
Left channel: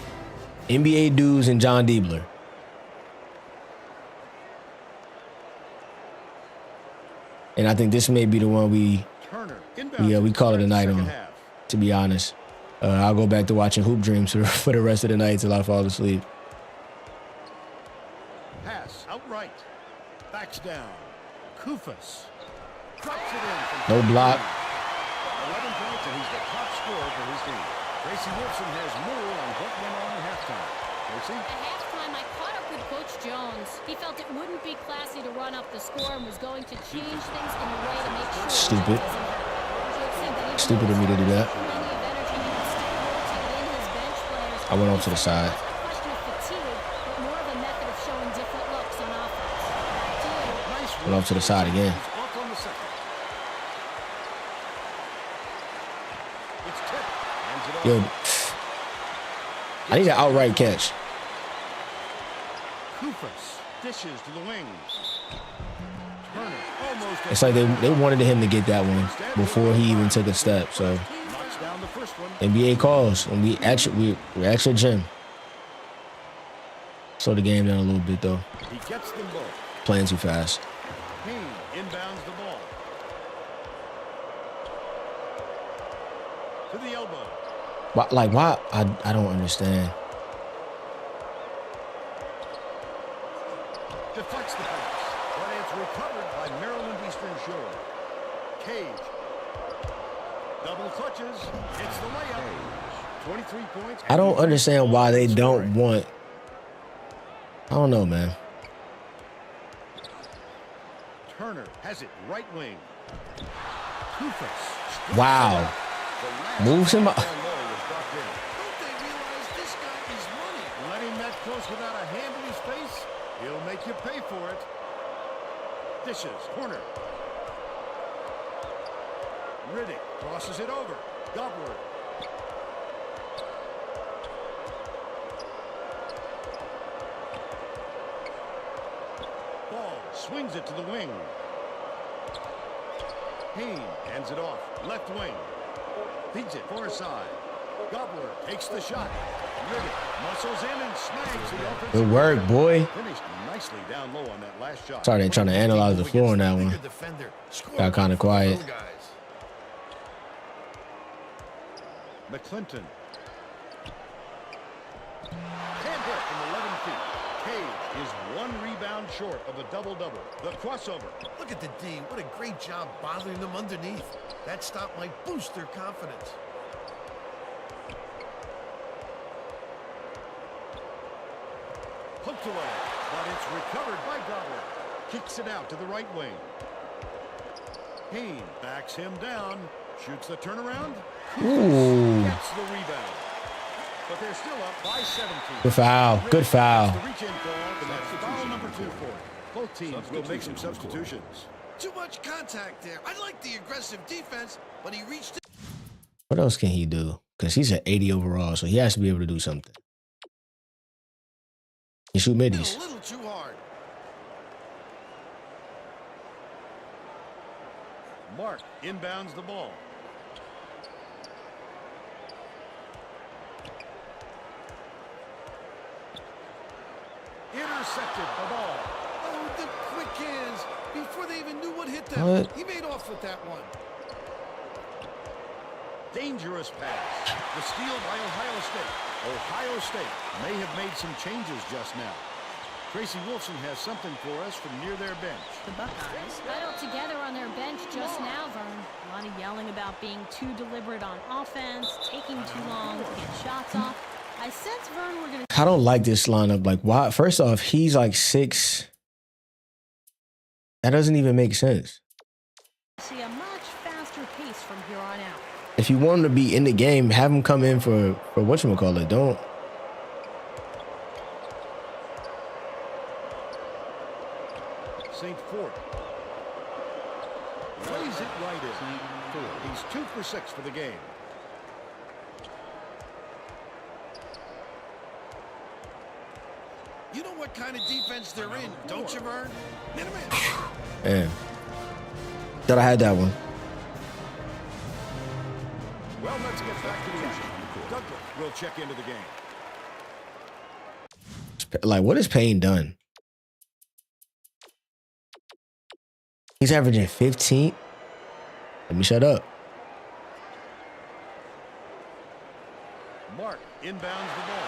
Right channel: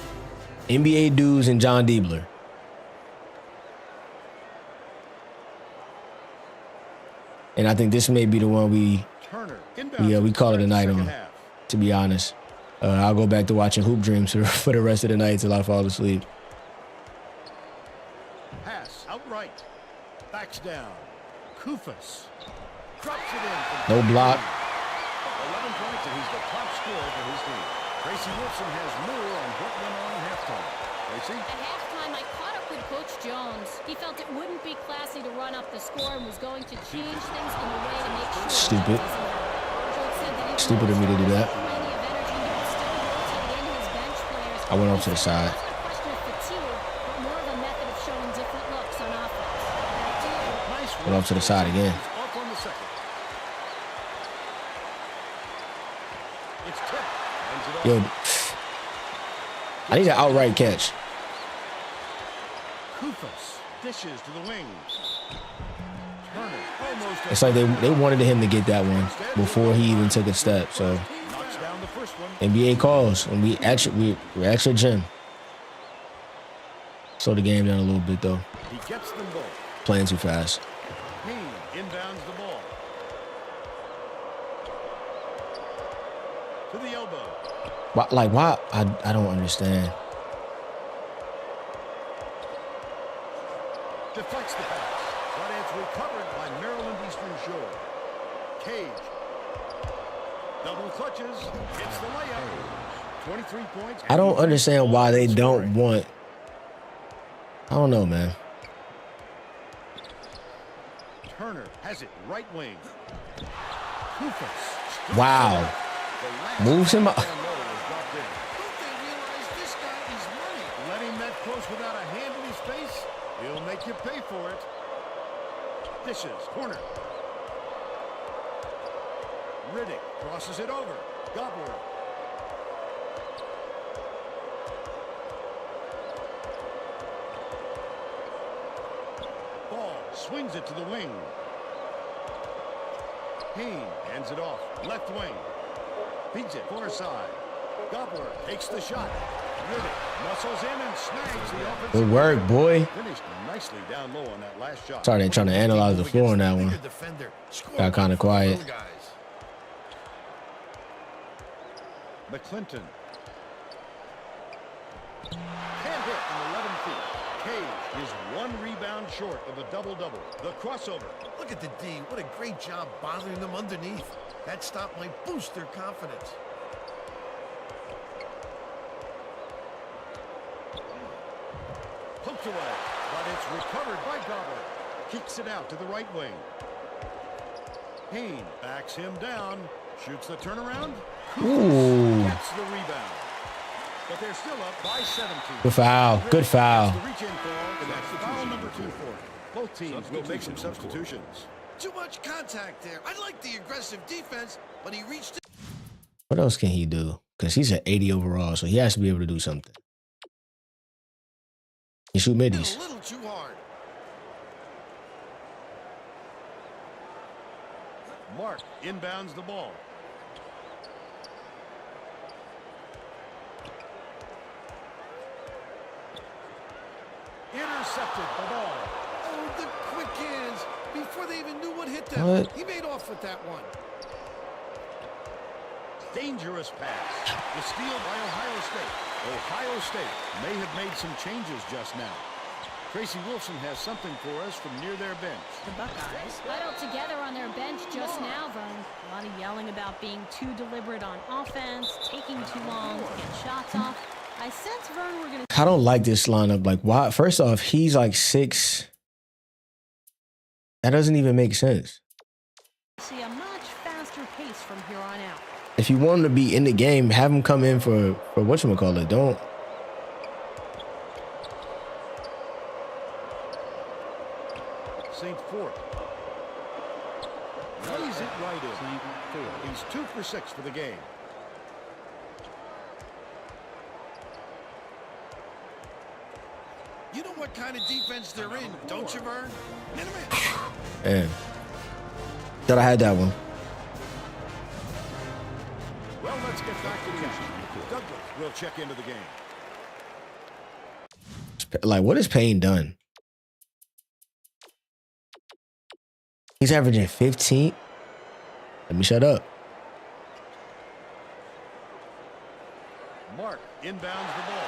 NBA dudes and John Diebler. And I think this may be the one we call it a night on, to be honest. I'll go back to watching Hoop Dreams for the rest of the night till I fall asleep. Pass outright. Backs down. Kufas drops it in from No block. 11 points, and he's the top scorer for his team. Tracy Wolfson has more on what went on in halftime. Tracy? At halftime, I caught up with Coach Jones. He felt it wouldn't be classy to run up the score and was going to change things in a way to make sure Stupid. that doesn't happen. Coach said that even Stupid though of me to do the that. starters had plenty of energy, he would still rotate in his bench players. I went off He to the said side. It wasn't a question of fatigue, but more of a method of showing different looks on offense. Back to you. Nice Went off to the side again. He's off on the second. It's tipped. Hands it off. Yo, I need an outright catch. Kufas dishes to the wings. Turner almost. It's like they wanted him to get that one before he even took a step, so Knocks Knocks down the first one. NBA calls, and we're at your gym. Slow the game down a little bit, though. He gets them both. Playing too fast. Hens inbounds the ball. To the elbow. Why? I don't understand. Deflects the pass, but it's recovered by Maryland Eastern Shore. Cage. Double clutches. Hits the layup. 23 points. I don't understand why they don't want. I don't know, man. Turner has it right wing. Kufas. Wow. Moves him up. Down low was dropped in. Don't they realize this guy is money? Let him that close without a hand in his face. He'll make you pay for it. Dishes. Corner. Riddick crosses it over. Gobbler. Ball swings it to the wing. Hens hands it off. Left wing. Feeds it far side. Gobbler takes the shot. Riddick muscles in and snags the offensive. Good work, boy. Finished nicely down low on that last shot. Sorry, they're trying to analyze the floor on that one. Got kind of quiet. McClinton. Can't hit from 11 feet. Cage is one rebound short of a double-double. The crossover. Look at the D. What a great job bothering them underneath. That stop might boost their confidence. Poked away, but it's recovered by Gobbler. Kicks it out to the right wing. Hens backs him down. Shoots the turnaround. Ooh. Gets the rebound. But they're still up by 17. Good foul. Good foul. The reach-in call, and that's foul number 2 for him. Both teams will make some substitutions. Too much contact there. I like the aggressive defense, but he reached it. What else can he do? Because he's at 80 overall, so he has to be able to do something. He shoot middies. A little too hard. Mark inbounds the ball. Intercepted the ball. Oh, the quick hands. Before they even knew what hit them. What? He made off with that one. Dangerous pass. The steal by Ohio State. Ohio State may have made some changes just now. Tracy Wolfson has something for us from near their bench. The Buckeyes. Huddled together on their bench just now, Vern. A lot of yelling about being too deliberate on offense, taking too long to get shots off. I sense, Vern, we're going to... I don't like this lineup. Like, why? First off, he's like 6. That doesn't even make sense. see a much faster pace from here on out. If you want him to be in the game, have him come in for whatchamacallit. Don't. St. Fort lays it right in. He's 2 for 6 for the game. You know what kind of defense they're in, don't you, Vern? Man. Thought I had that one. Well, let's get back to the action. Douglas will check into the game. Like, what has Payne done? He's averaging 15. Let me shut up. Mark inbounds the ball.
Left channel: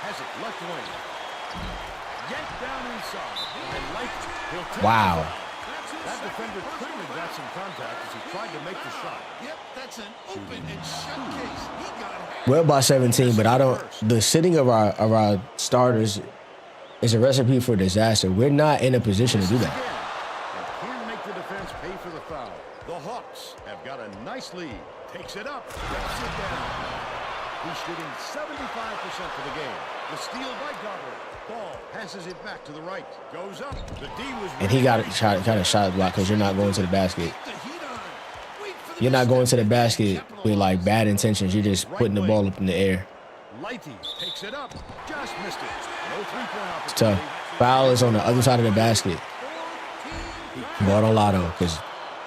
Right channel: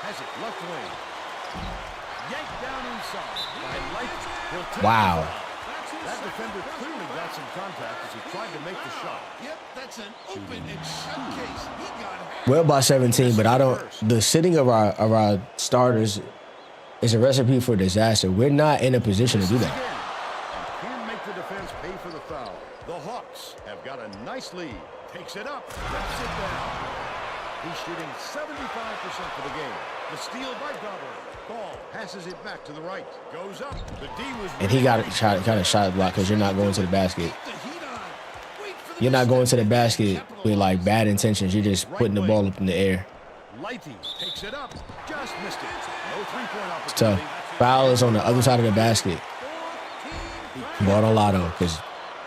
Has it left wing. Yanked down inside by Lighty. He'll take Wow. the foul. That defender clearly got some contact as he tried to make the shot. Yep, that's an open and shut case. He got half. Well by 17, but I don't. The sitting of our starters is a recipe for disaster. We're not in a position to do that. Again, and can make the defense pay for the foul. The Hawks have got a nice lead. Takes it up, rips it down. He's shooting 75% for the game. The steal by Gobbler. Ball passes it back to the right. Goes up. The D was. And he got kind of shot block because you're not going to the basket. Keep the heat on. Wait for the You're not going to the mistake. basket with like bad intentions. You're just putting the ball up in the air. Lighty takes it up. Just missed it. No three-point It's tough. opportunity. Foul is on the other side of the basket. Ball on Lotto because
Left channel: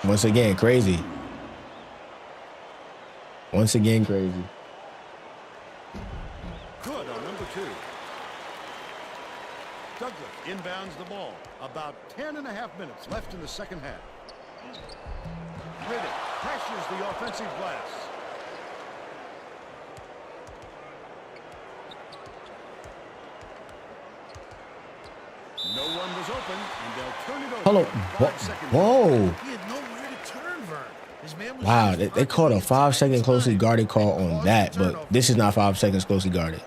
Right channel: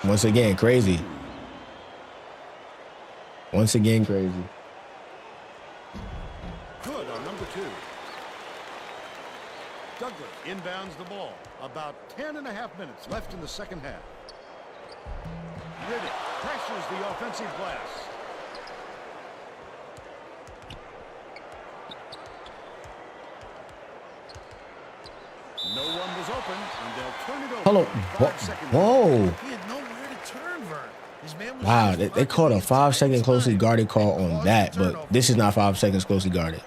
once again, crazy. Once again, crazy. Good on number 2. Douglas inbounds the ball. About 10.5 minutes left in the second half. Riddick crashes the offensive glass. No one was open, and they'll turn it over. Hold on. 5 seconds. Whoa. He had nowhere to turn, Vern. His man was Wow, just they called a marking 5 the second entire closely time. guarded call They on caused that, the but turnover. this is not 5 seconds closely guarded.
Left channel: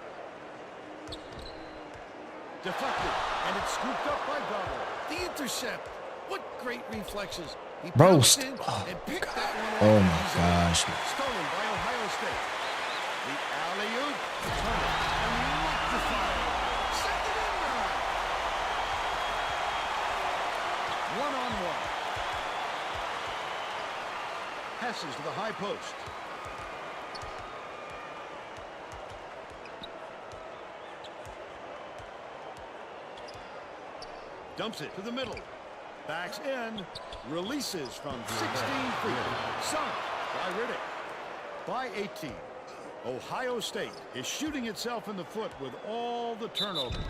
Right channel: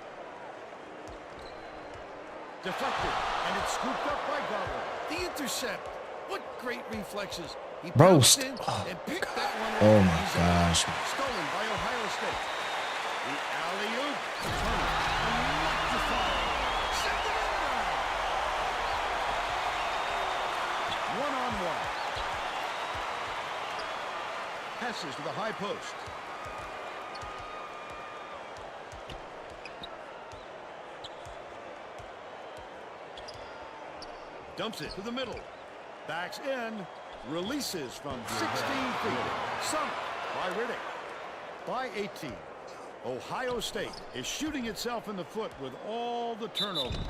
Deflected, and it's scooped up by Gobbler. The intercept. What great reflexes. He Bro, bounced in and picked that one off Oh my easily. gosh. Stolen by Ohio State. The alley-oop. Turner. Electrifying. Send it in, Vern. 1-on-1. Passes to the high post. Dumps it to the middle. Backs in. Releases from 16 feet. Sunk by Riddick. By 18. Ohio State is shooting itself in the foot with all the turnovers.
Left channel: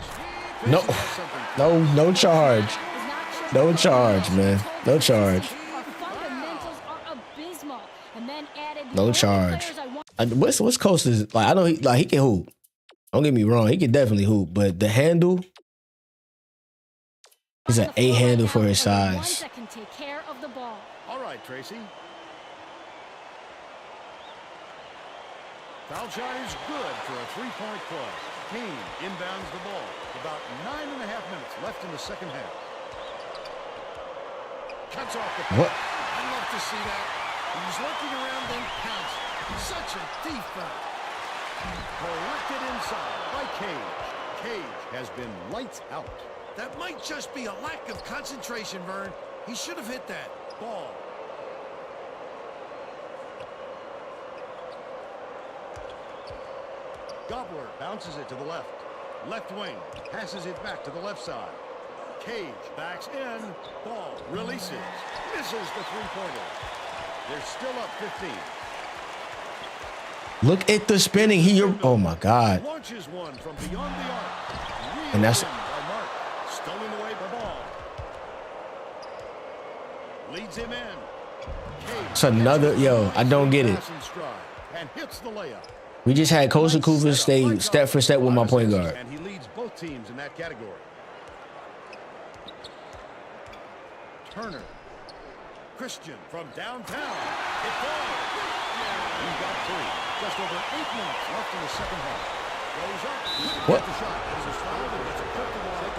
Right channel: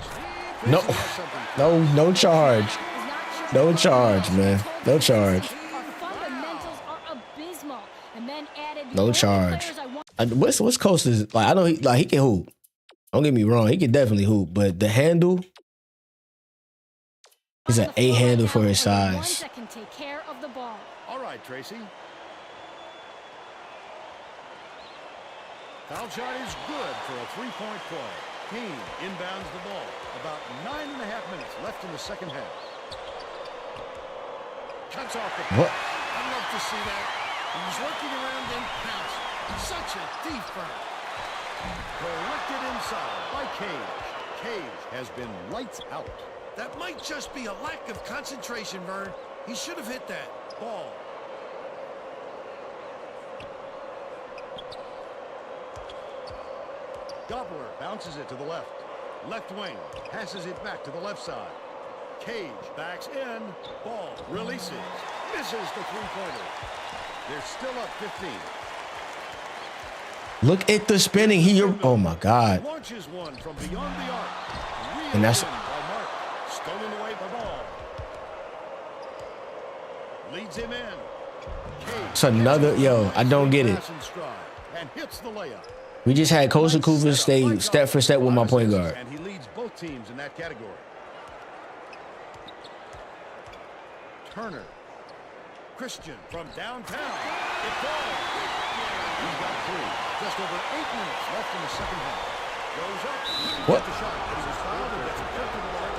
No, Tracy has something. no charge. Is not sure No what charge, combination man. told No the charge. assistants Our fundamentals are abysmal, and then added the No only charge. players I want. What's Costa's like? I know he can hoop. Don't get me wrong, he can definitely hoop, but the handle, he's on an the floor 8 handle right for now his the ones size. that can take care of the ball. All right, Tracy. Foul shot is good for a 3-point play. Kane inbounds the ball. About 9.5 minutes left in the second half. Cuts off the pass. What? I'd love to see that. He was lurking around then pounced. Such a thief, Vern. Collected inside by Cage. Cage has been lights out. That might just be a lack of concentration, Vern. He should have hit that. Ball. Gobbler bounces it to the left. Left wing. Passes it back to the left side. Cage backs in. Ball releases. Misses the three-pointer. They're still up 15. Look at the spinning. Oh my God. Launches one from beyond the arc. Reeled And that's- in by Mark. Stolen away by Ball. Leads him in. Cage It's another- catches yo, the I don't get it. pass in stride and hits the layup. We just had Costa Nice Cooper setup by stay Gobbler. step for step with my point Assists, guard. And he leads both teams in that category. Turner. Christian from downtown. It falls. He's got 3. Just over 8 minutes left in the second half. Goes up. Couldn't What? get the shot, but he was fouled and gets a trip to the line.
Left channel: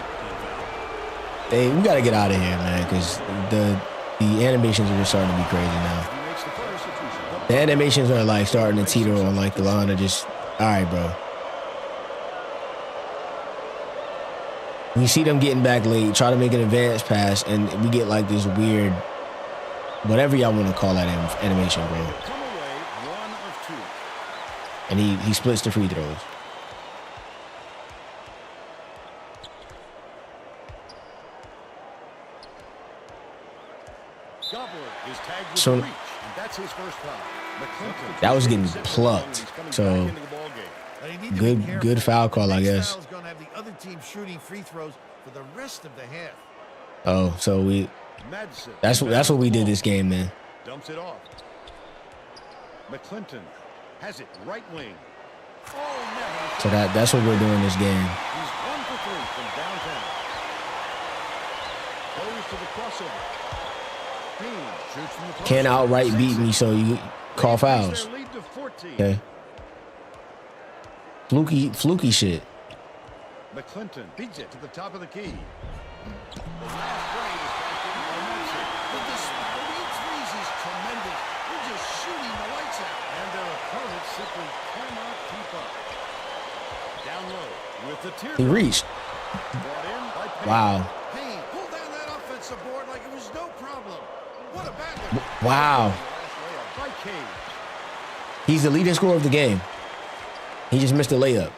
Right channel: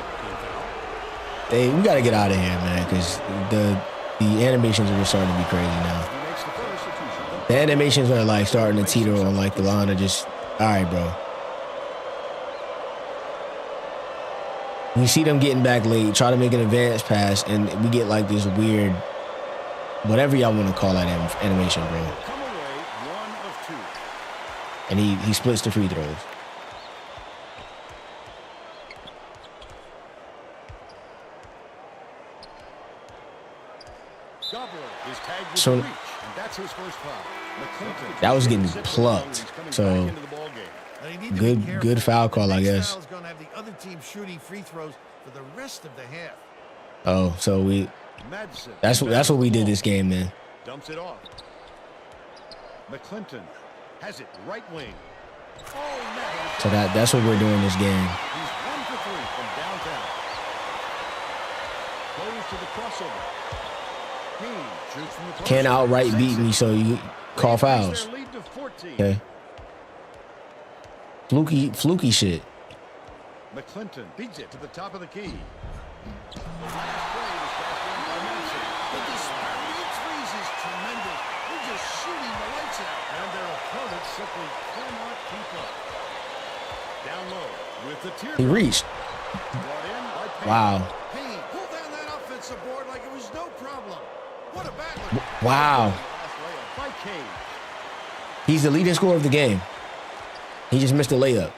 Hey, we got to get out of here, man, because the animations are just starting to be crazy now. He makes the first. The animations are like starting to teeter on like the line of just, all right, bro. We see them getting back late, try to make an advance pass, and we get like this weird, whatever y'all want to call that animation, bro. He'll come away 1 of 2. And he splits the free throws. Gobbler is tagged with So- the reach, and that's his first foul. McClinton. That was getting sits along, and plucked. he's coming So, back into the ball game. But they need to be Good careful. foul call, The I next guess. foul is going to have the other team shooting free throws for the rest of the half. Oh, so Madsen. that's what we did this game, man. Dumps it off. McClinton has it right wing. Oh, no. So that's what we're doing this game. He's 1 for 3 from downtown. Goes to the crossover. Haynes shoots from the post. Can't outright Sinks beat it. me, so you call They increase fouls. their lead to 14. Okay. Fluky shit. McClinton beats it to the top of the key. The last play was cashed in by Madsen. The disparity in threes is tremendous. We're just shooting the lights out. And their opponents simply cannot keep up. Down low with the teardrop. He reached. Brought in by Payne. Wow. Payne pulled down that offensive board like it was no problem. What a battler. Wow. The last layup by Cage. He's the leading scorer of the game. He just missed a layup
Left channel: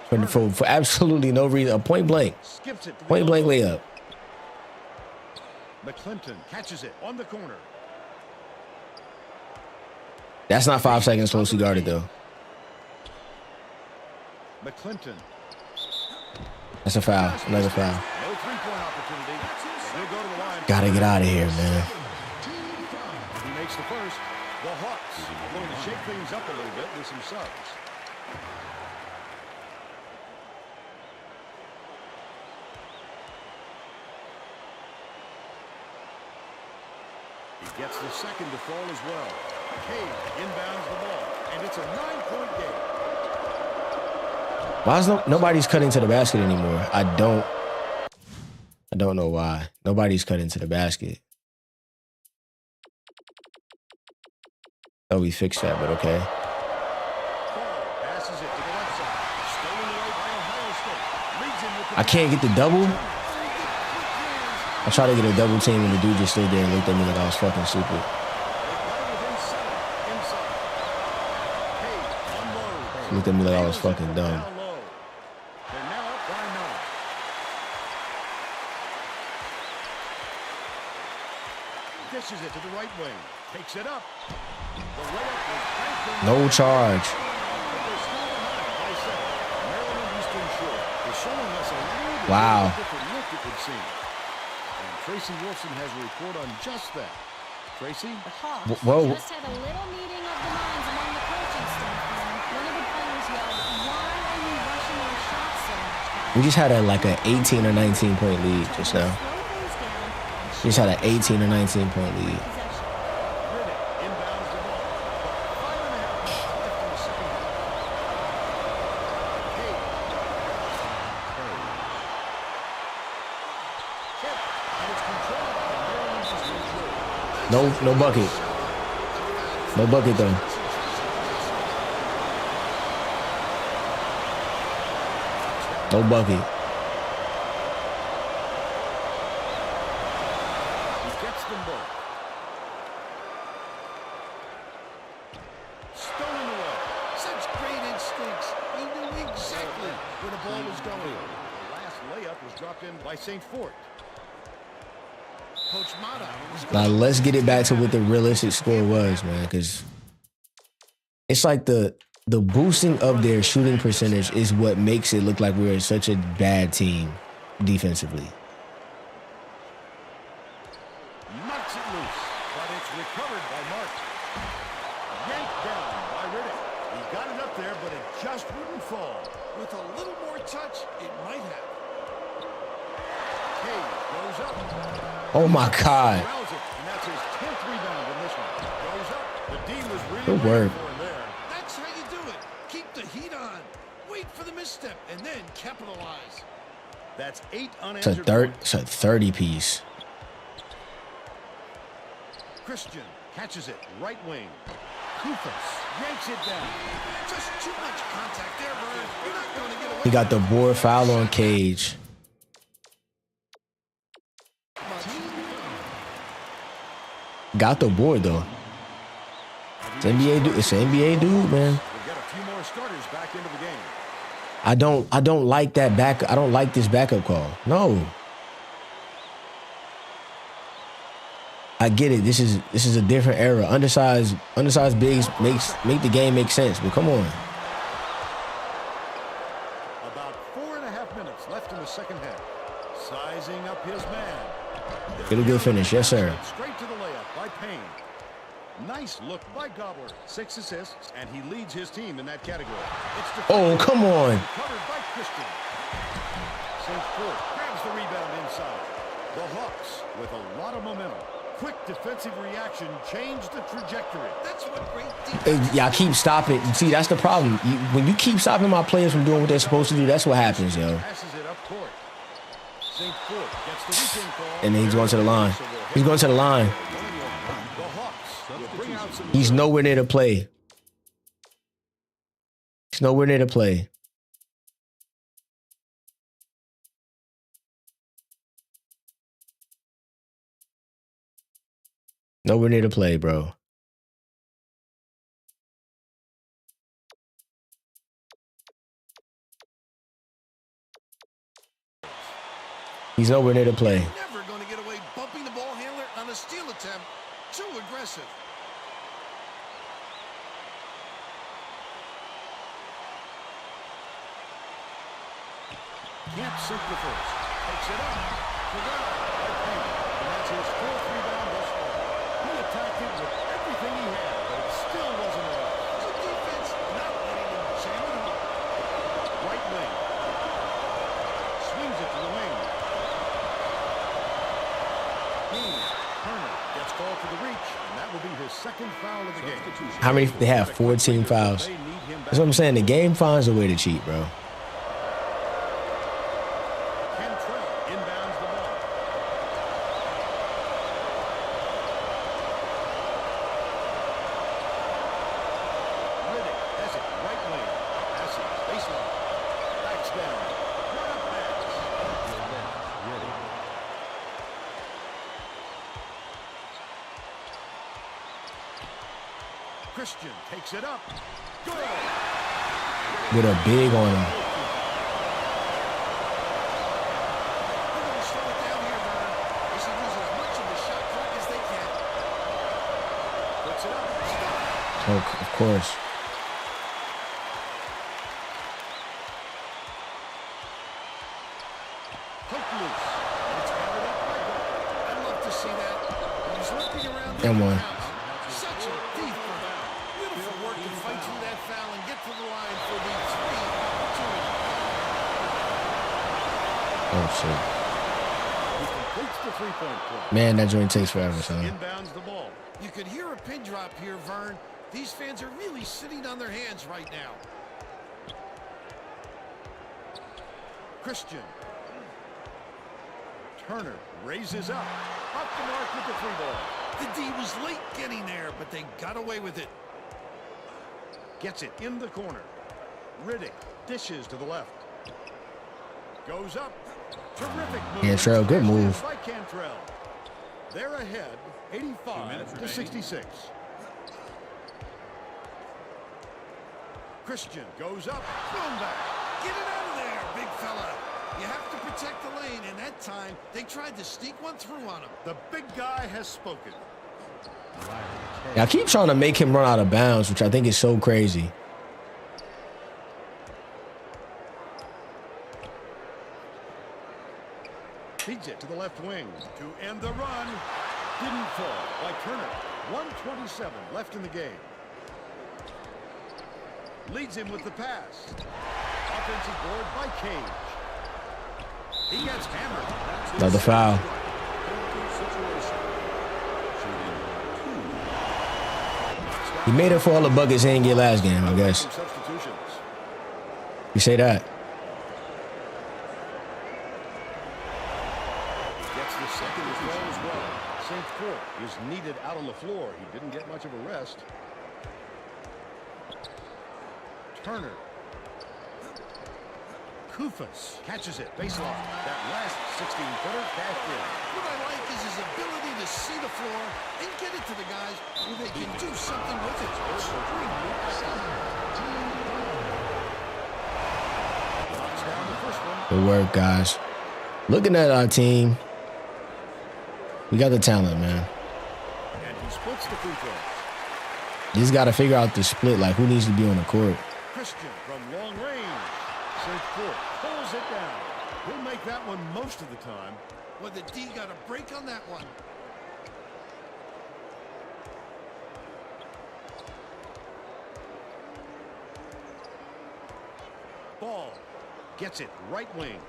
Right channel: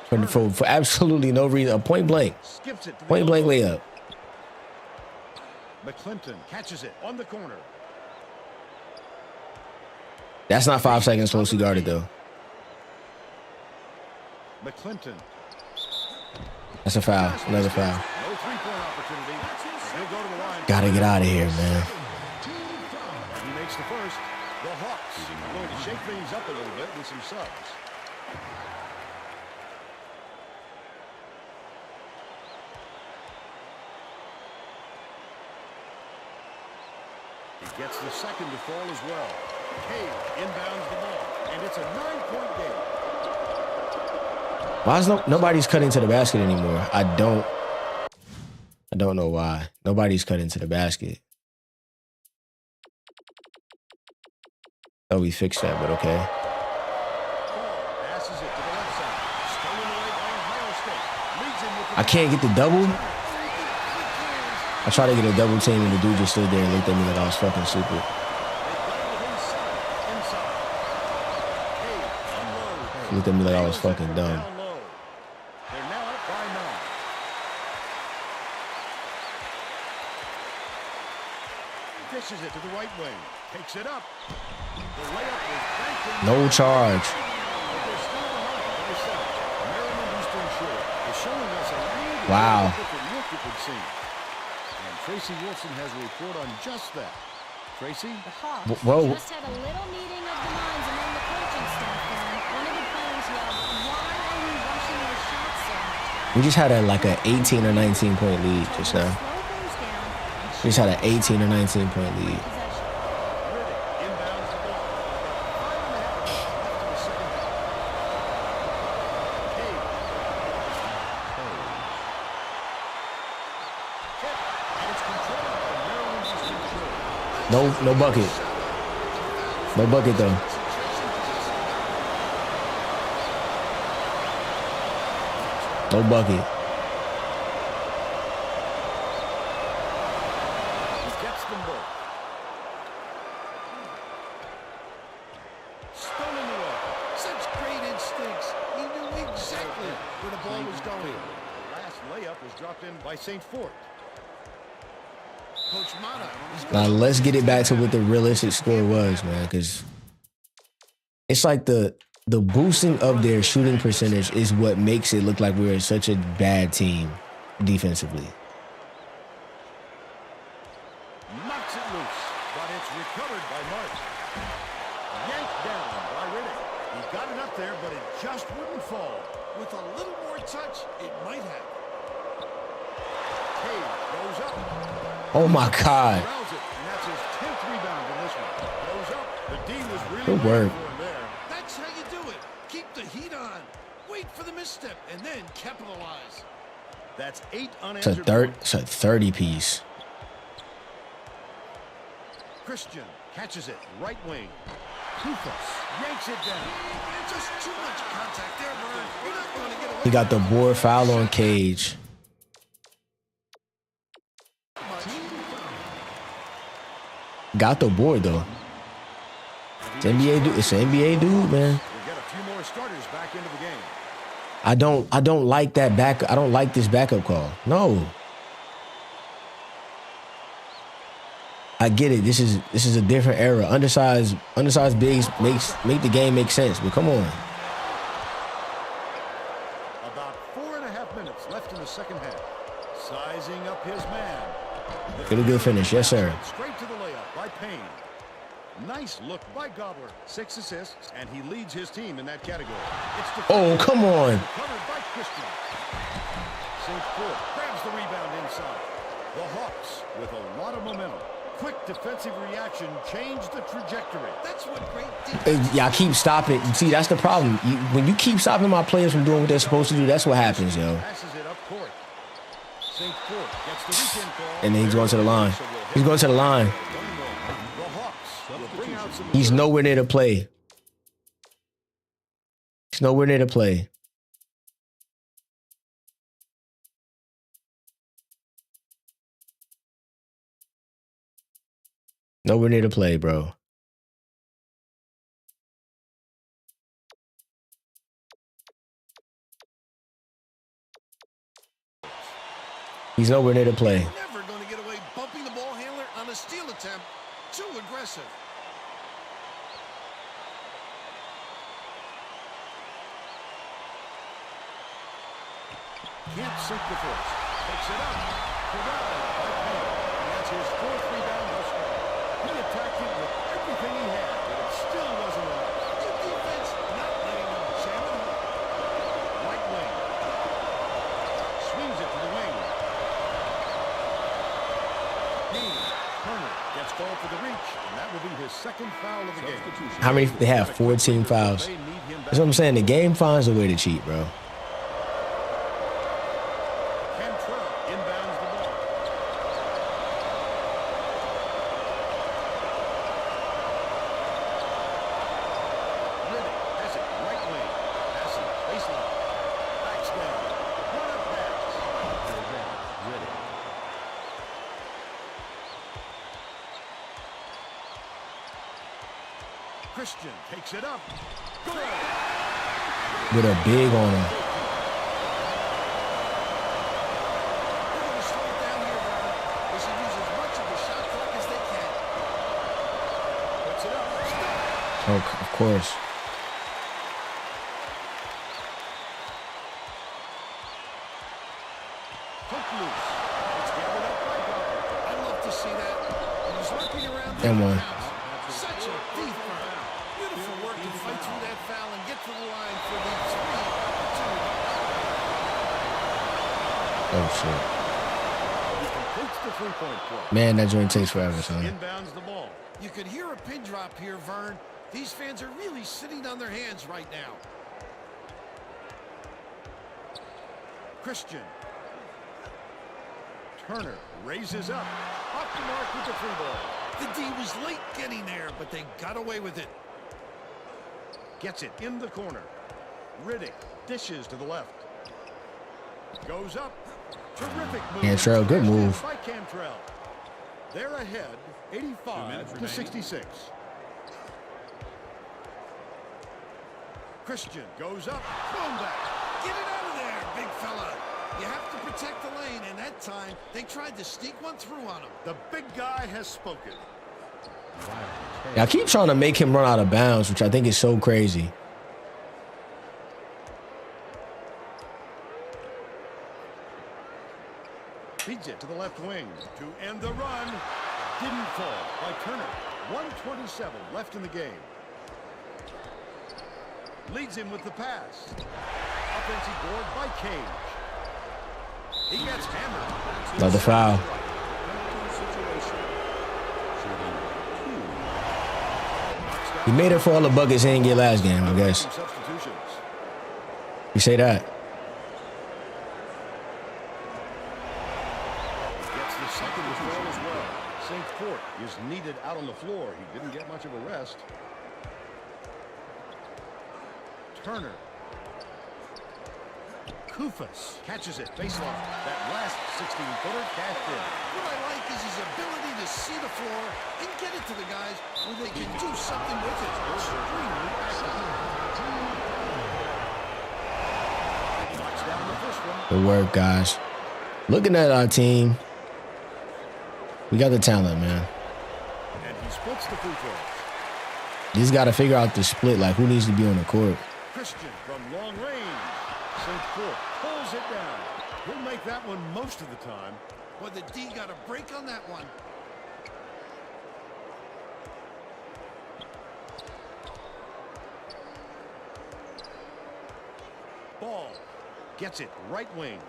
for absolutely no reason. A point blank. Skips it to the Point blank elbow. layup. McClinton catches it on the corner. That's not 5 seconds closely guarded, though. McClinton. That's a foul. Another foul. No three-point opportunity, but he'll go to the line. Gotta get out of here, man. And he makes the first. The Hawks are going to shake things up a little bit with some subs. He gets the second to fall as well. Cage inbounds the ball, and it's a 9-point game. Why is nobody's cutting to the basket anymore? I don't know why. Nobody's cutting to the basket. Oh, we fixed that, but okay. Ball passes it to the left side. Stolen away by Ohio State. Leads in with the I can't get the double. Oh, the quick hands. I tried to get a double team, and the dude just stood there and looked at me like I was fucking stupid. They got it within 7 inside. Cage unloads. He looked at me like I was fucking dumb. Down low. They're now up by 9. Dishes it to the right wing. Takes it up. The layup was banked in. No charge. But they're still behind by 7. Maryland Eastern Shore is showing us a little bit Wow. of a different look, it would seem. And Tracy Wolfson has a report on just that. Tracy? The Hawks Whoa. Just had a little meeting of the minds among the coaching staff. One of the players yelled, "Why are we rushing our shots so much, guys?" We just had like an 18 or 19 point lead just now. Slow things down and We just had an shoot 18 or shots 19 point every lead. possession. Riddick inbounds the ball. About 5.5 minutes left in the second half. Cage. Tip. And it's controlled by Maryland Eastern Shore. No bucket. No bucket though. No bucket. He gets them both. Stolen away. Such great instincts. He knew exactly where the ball was going. The last layup was dropped in by St. Fort. Coach Mata is Now let's get it back to what the realistic score was, man, because it's like the boosting of their shooting percentage is what makes it look like we're such a bad team defensively. Knocks it loose, but it's recovered by Martin. Yanked down by Riddick. He got it up there, but it just wouldn't fall. with a little more touch, it might have. Cage goes up. Oh my God. Corrals it, and that's his 10th rebound in this one. Goes up. The D was really Good waiting work. for him there. That's how you do it. Keep the heat on. Wait for the misstep and then capitalize. That's 8 It's a unanswered it's points. a 30 piece. Christian catches it, right wing. Kufos yanks it down. Just too much contact there, Vern. You're not going to get away. He got the with board that foul on shot. Cage. Much. Got the board though. It's NBA dude. It's an NBA dude, man. We'll get a few more starters back into the game. I don't like that back. I don't like this backup call. No. I get it. This is a different era. Undersized bigs make the game make sense. But come on. About 4.5 minutes left in the second half. Sizing up his man. Get a good finish. Yes, sir. Straight to the layup by Payne. Nice look by Gobbler. 6 assists, and he leads his team in that category. It's Oh, come on. Covered by Christian. St. Fort grabs the rebound inside. The Hawks with a lot of momentum. Quick defensive reaction changed the trajectory. That's what great defense. Y'all keep stopping. See, that's the problem. When you keep stopping my players from doing what they're supposed to do, that's what happens, yo. Passes it up court. St. Fort gets the weekend call. And then he's going to the line. He's going to the line. 1-1. The Hawks will bring out some. He's nowhere near to play. He's nowhere near to play. Nowhere near to play, bro. He's nowhere near to play. Never going to get away bumping the ball handler on a steal attempt. Too aggressive. Can't sink the first. Takes it up. Corralled by Payne. And that's his 4th rebound thus far. He attacked it with everything he had, but it still wasn't enough. Good defense, not letting him jam it home. Right wing. Swings it to the wing. Turner gets called for the reach, and that will be his 2nd foul of the game. How many? They have 14 fouls. That's what I'm saying. The game finds a way to cheat, bro. Cantrell inbounds the ball. Riddick has it right wing. Passes baseline. Backs down. What a pass. Christian takes it up. Good. With a big on him. They're going to slow it down here, Vern. They should use as much of the shot clock as they can. Puts it up. Stop. Oh, of course. Poked loose. And it's gathered up by Gobbler. I'd love to see that. He was lurking around And one. Such a thief, Vern. Beautiful work to fight through that foul and get to the line for the 3 opportunity. Oh, shit. He completes the 3-point play. Man, that joint takes forever, son. Inbounds the ball. You could hear a pin drop here, Vern. These fans are really sitting on their hands right now. Christian. Turner raises up. Off the mark with the 3-ball. The D was late getting there, but they got away with it. Gets it in the corner. Riddick dishes to the left. Goes up. Terrific move. Cantrell, good move. By Cantrell. They're ahead, 85-66. Christian goes up. Thrown back. Get it out of there, big fella. You have to protect the lane, and that time they tried to sneak one through on him. The big guy has spoken. I keep trying to make him run out of bounds, which I think is so crazy. Feeds it to the left wing to end the run. Didn't fall by Turner. 1:27 left in the game. Leads him with the pass. Offensive board by Cage. He gets hammered. Another foul. He made it for all the buckets he didn't get last game, I guess. Substitutions. You say that? He gets the second withdrawal as well. St. Fort is needed out on the floor. He didn't get much of a rest. Turner. Kufas catches it. Baseline. That last 16-footer cashed in. What I like is his ability to see the floor and get it to the guys where they can do something with it. Extremely accurate. Knocks down the first one. Good work, guys. Looking at our team, we got the talent, man. And he splits the free throws. You just got to figure out the split, like who needs to be on the court. Christian from long range. St. Fort pulls it down. He'll make that one most of the time. Well, the D got a break on that one. Ball. Gets it right wing.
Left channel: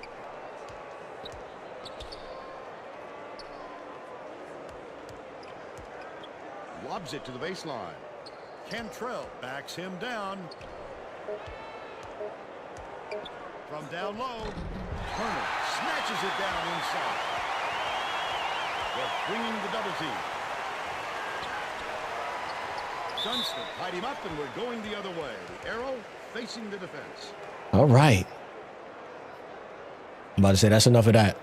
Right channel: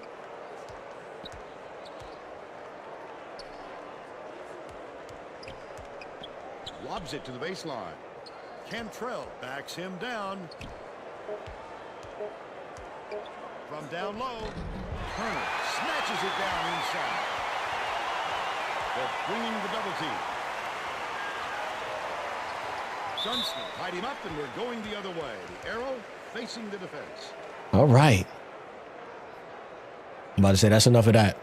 Lobs it to the baseline. Cantrell backs him down. From down low, Turner snatches it down inside. They're bringing the double team. Dunstan tied him up, and we're going the other way. The arrow facing the defense. All right. I'm about to say that's enough of that.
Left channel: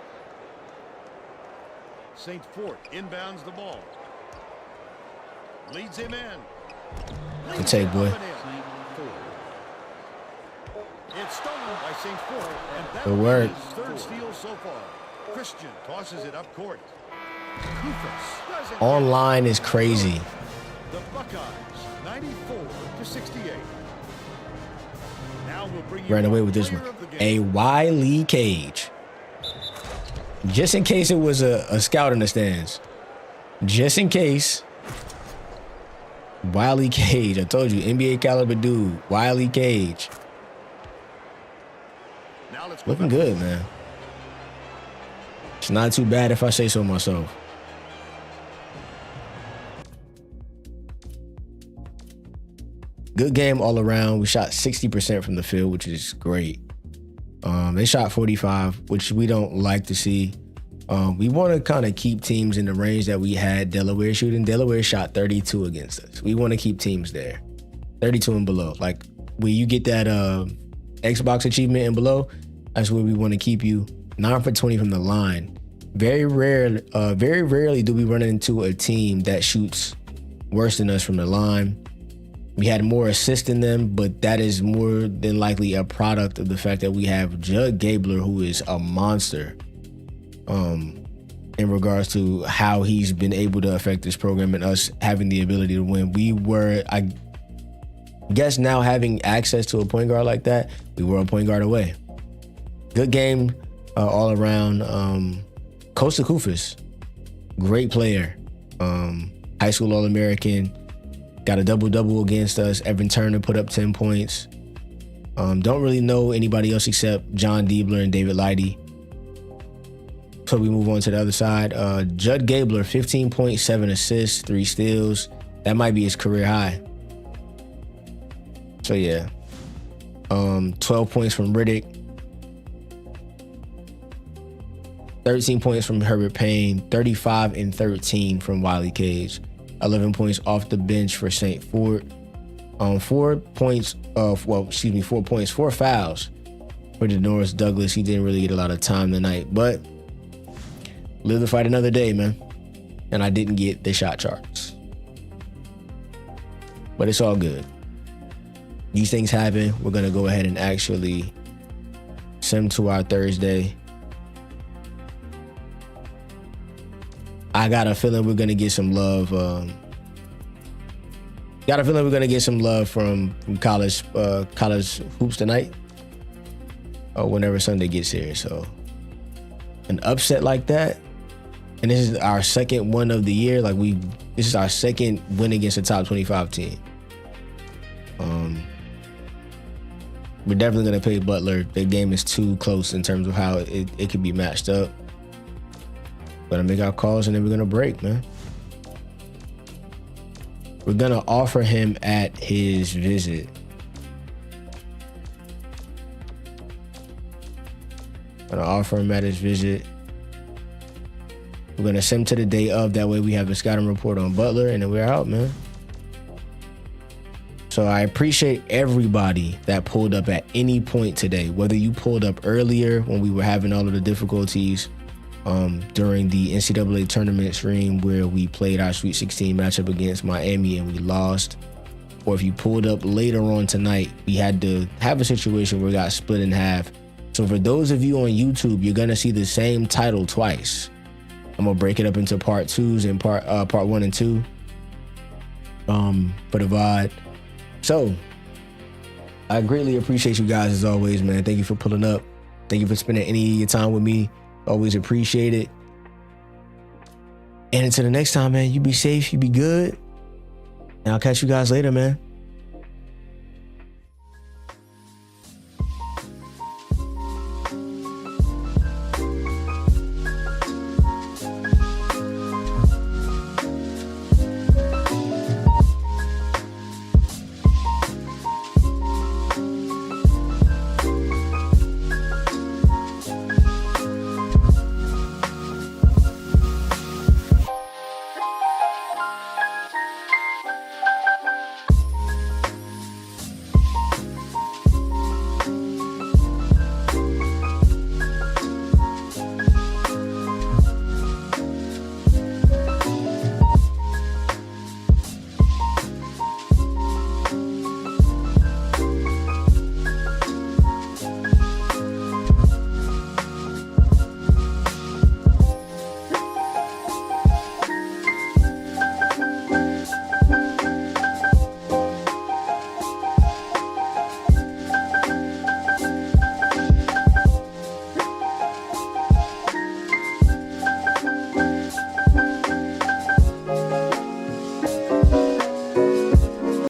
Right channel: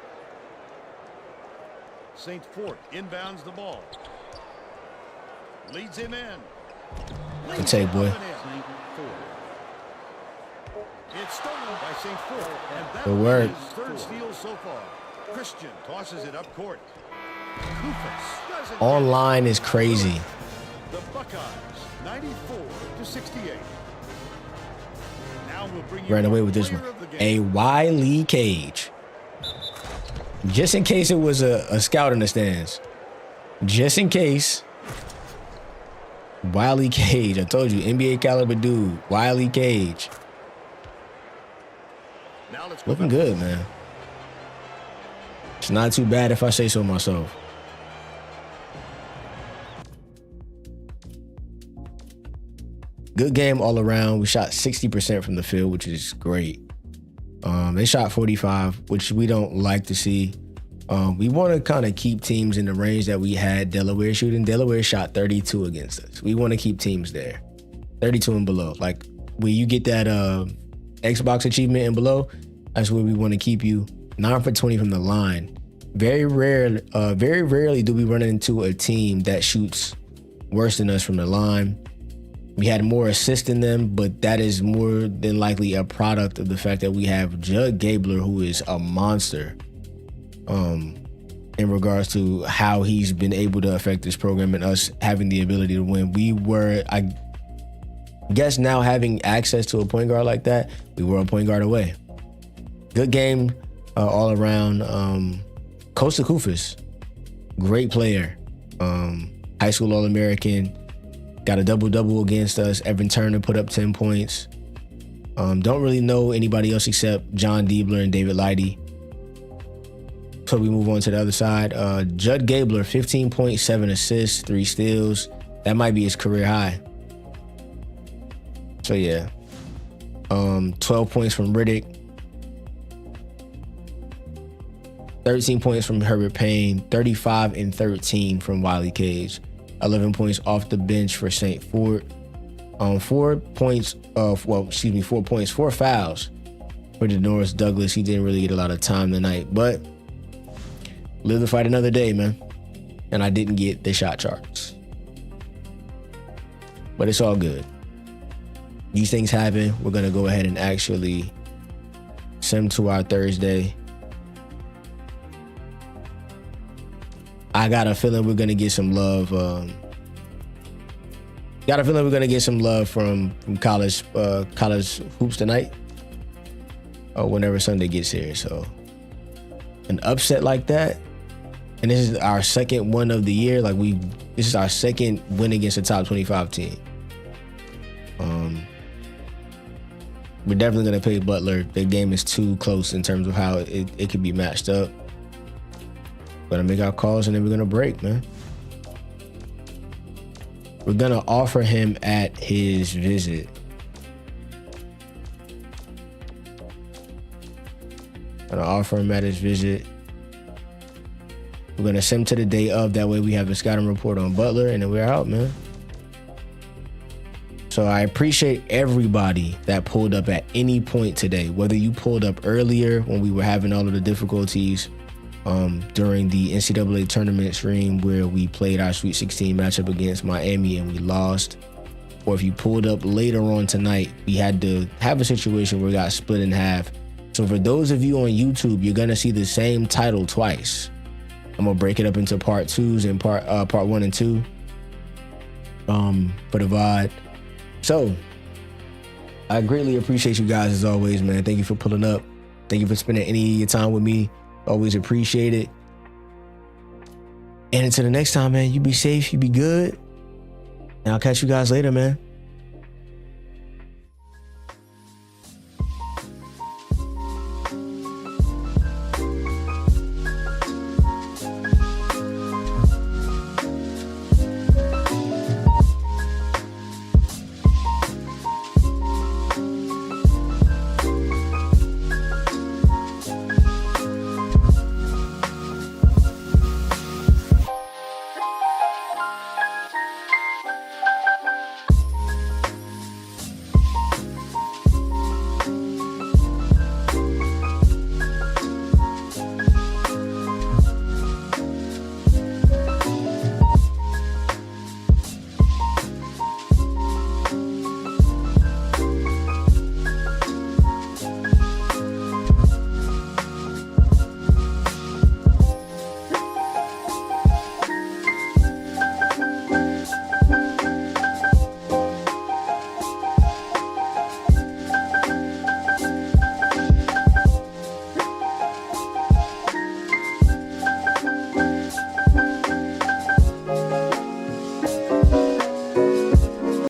St. Fort inbounds the ball. Leads him in. Good take, boy. It's stolen by St. Fort, and that Good work. is his third steal so far. Christian tosses it up court. Kufas doesn't. Online is crazy. The Buckeyes, 94-68. Now we'll bring you Ran away our with this player one. of the game. A Wiley Cage. Just in case it was a scout in the stands. Just in case. Wiley Cage. I told you, NBA caliber dude. Wiley Cage. Now let's go Looking back. good, man. It's not too bad if I say so myself. Good game all around. We shot 60% from the field, which is great. They shot 45, which we don't like to see. We want to kind of keep teams in the range that we had Delaware shooting. Delaware shot 32 against us. We want to keep teams there, 32 and below. Like when you get that Xbox achievement and below, that's where we want to keep you. 9 for 20 from the line. Very rarely do we run into a team that shoots worse than us from the line. We had more assists than them, but that is more than likely a product of the fact that we have Judd Gabler, who is a monster in regards to how he's been able to affect this program and us having the ability to win. We were, I guess now having access to a point guard like that, we were a point guard away. Good game all around. Kosta Koufis, great player. High school All-American. Got a double-double against us. Evan Turner put up 10 points. Don't really know anybody else except John Diebler and David Leidy. So we move on to the other side. Judd Gabler, 15.7 assists, 3 steals. That might be his career high. So yeah. 12 points from Riddick. 13 points from Herbert Payne. 35 and 13 from Wiley Cage. 11 points off the bench for St. Fort. 4 points, 4 fouls for Denoris Douglas. He didn't really get a lot of time tonight, but live to fight another day, man. And I didn't get the shot charts. But it's all good. These things happen. We're going to go ahead and actually sim to our Thursday. I got a feeling we're gonna get some love. Got a feeling we're gonna get some love from college hoops tonight, or whenever Sunday gets here. So, an upset like that, and this is our second one of the year. This is our second win against a top 25 team. We're definitely gonna play Butler. The game is too close in terms of how it could be matched up. Gonna make our calls and then we're gonna break, man. We're gonna offer him at his visit. Gonna offer him at his visit. We're gonna send him to the day of. That way we have a scouting report on Butler and then we're out, man. So I appreciate everybody that pulled up at any point today. Whether you pulled up earlier when we were having all of the difficulties, during the NCAA tournament stream where we played our Sweet 16 matchup against Miami and we lost, or if you pulled up later on tonight, we had to have a situation where we got split in half. So for those of you on YouTube, you're gonna see the same title twice. I'm gonna break it up into part 2s and part 1 and 2 for the VOD. So I greatly appreciate you guys as always, man. Thank you for pulling up. Thank you for spending any of your time with me. Always appreciate it. And until the next time, man, you be safe, you be good. And I'll catch you guys later, man.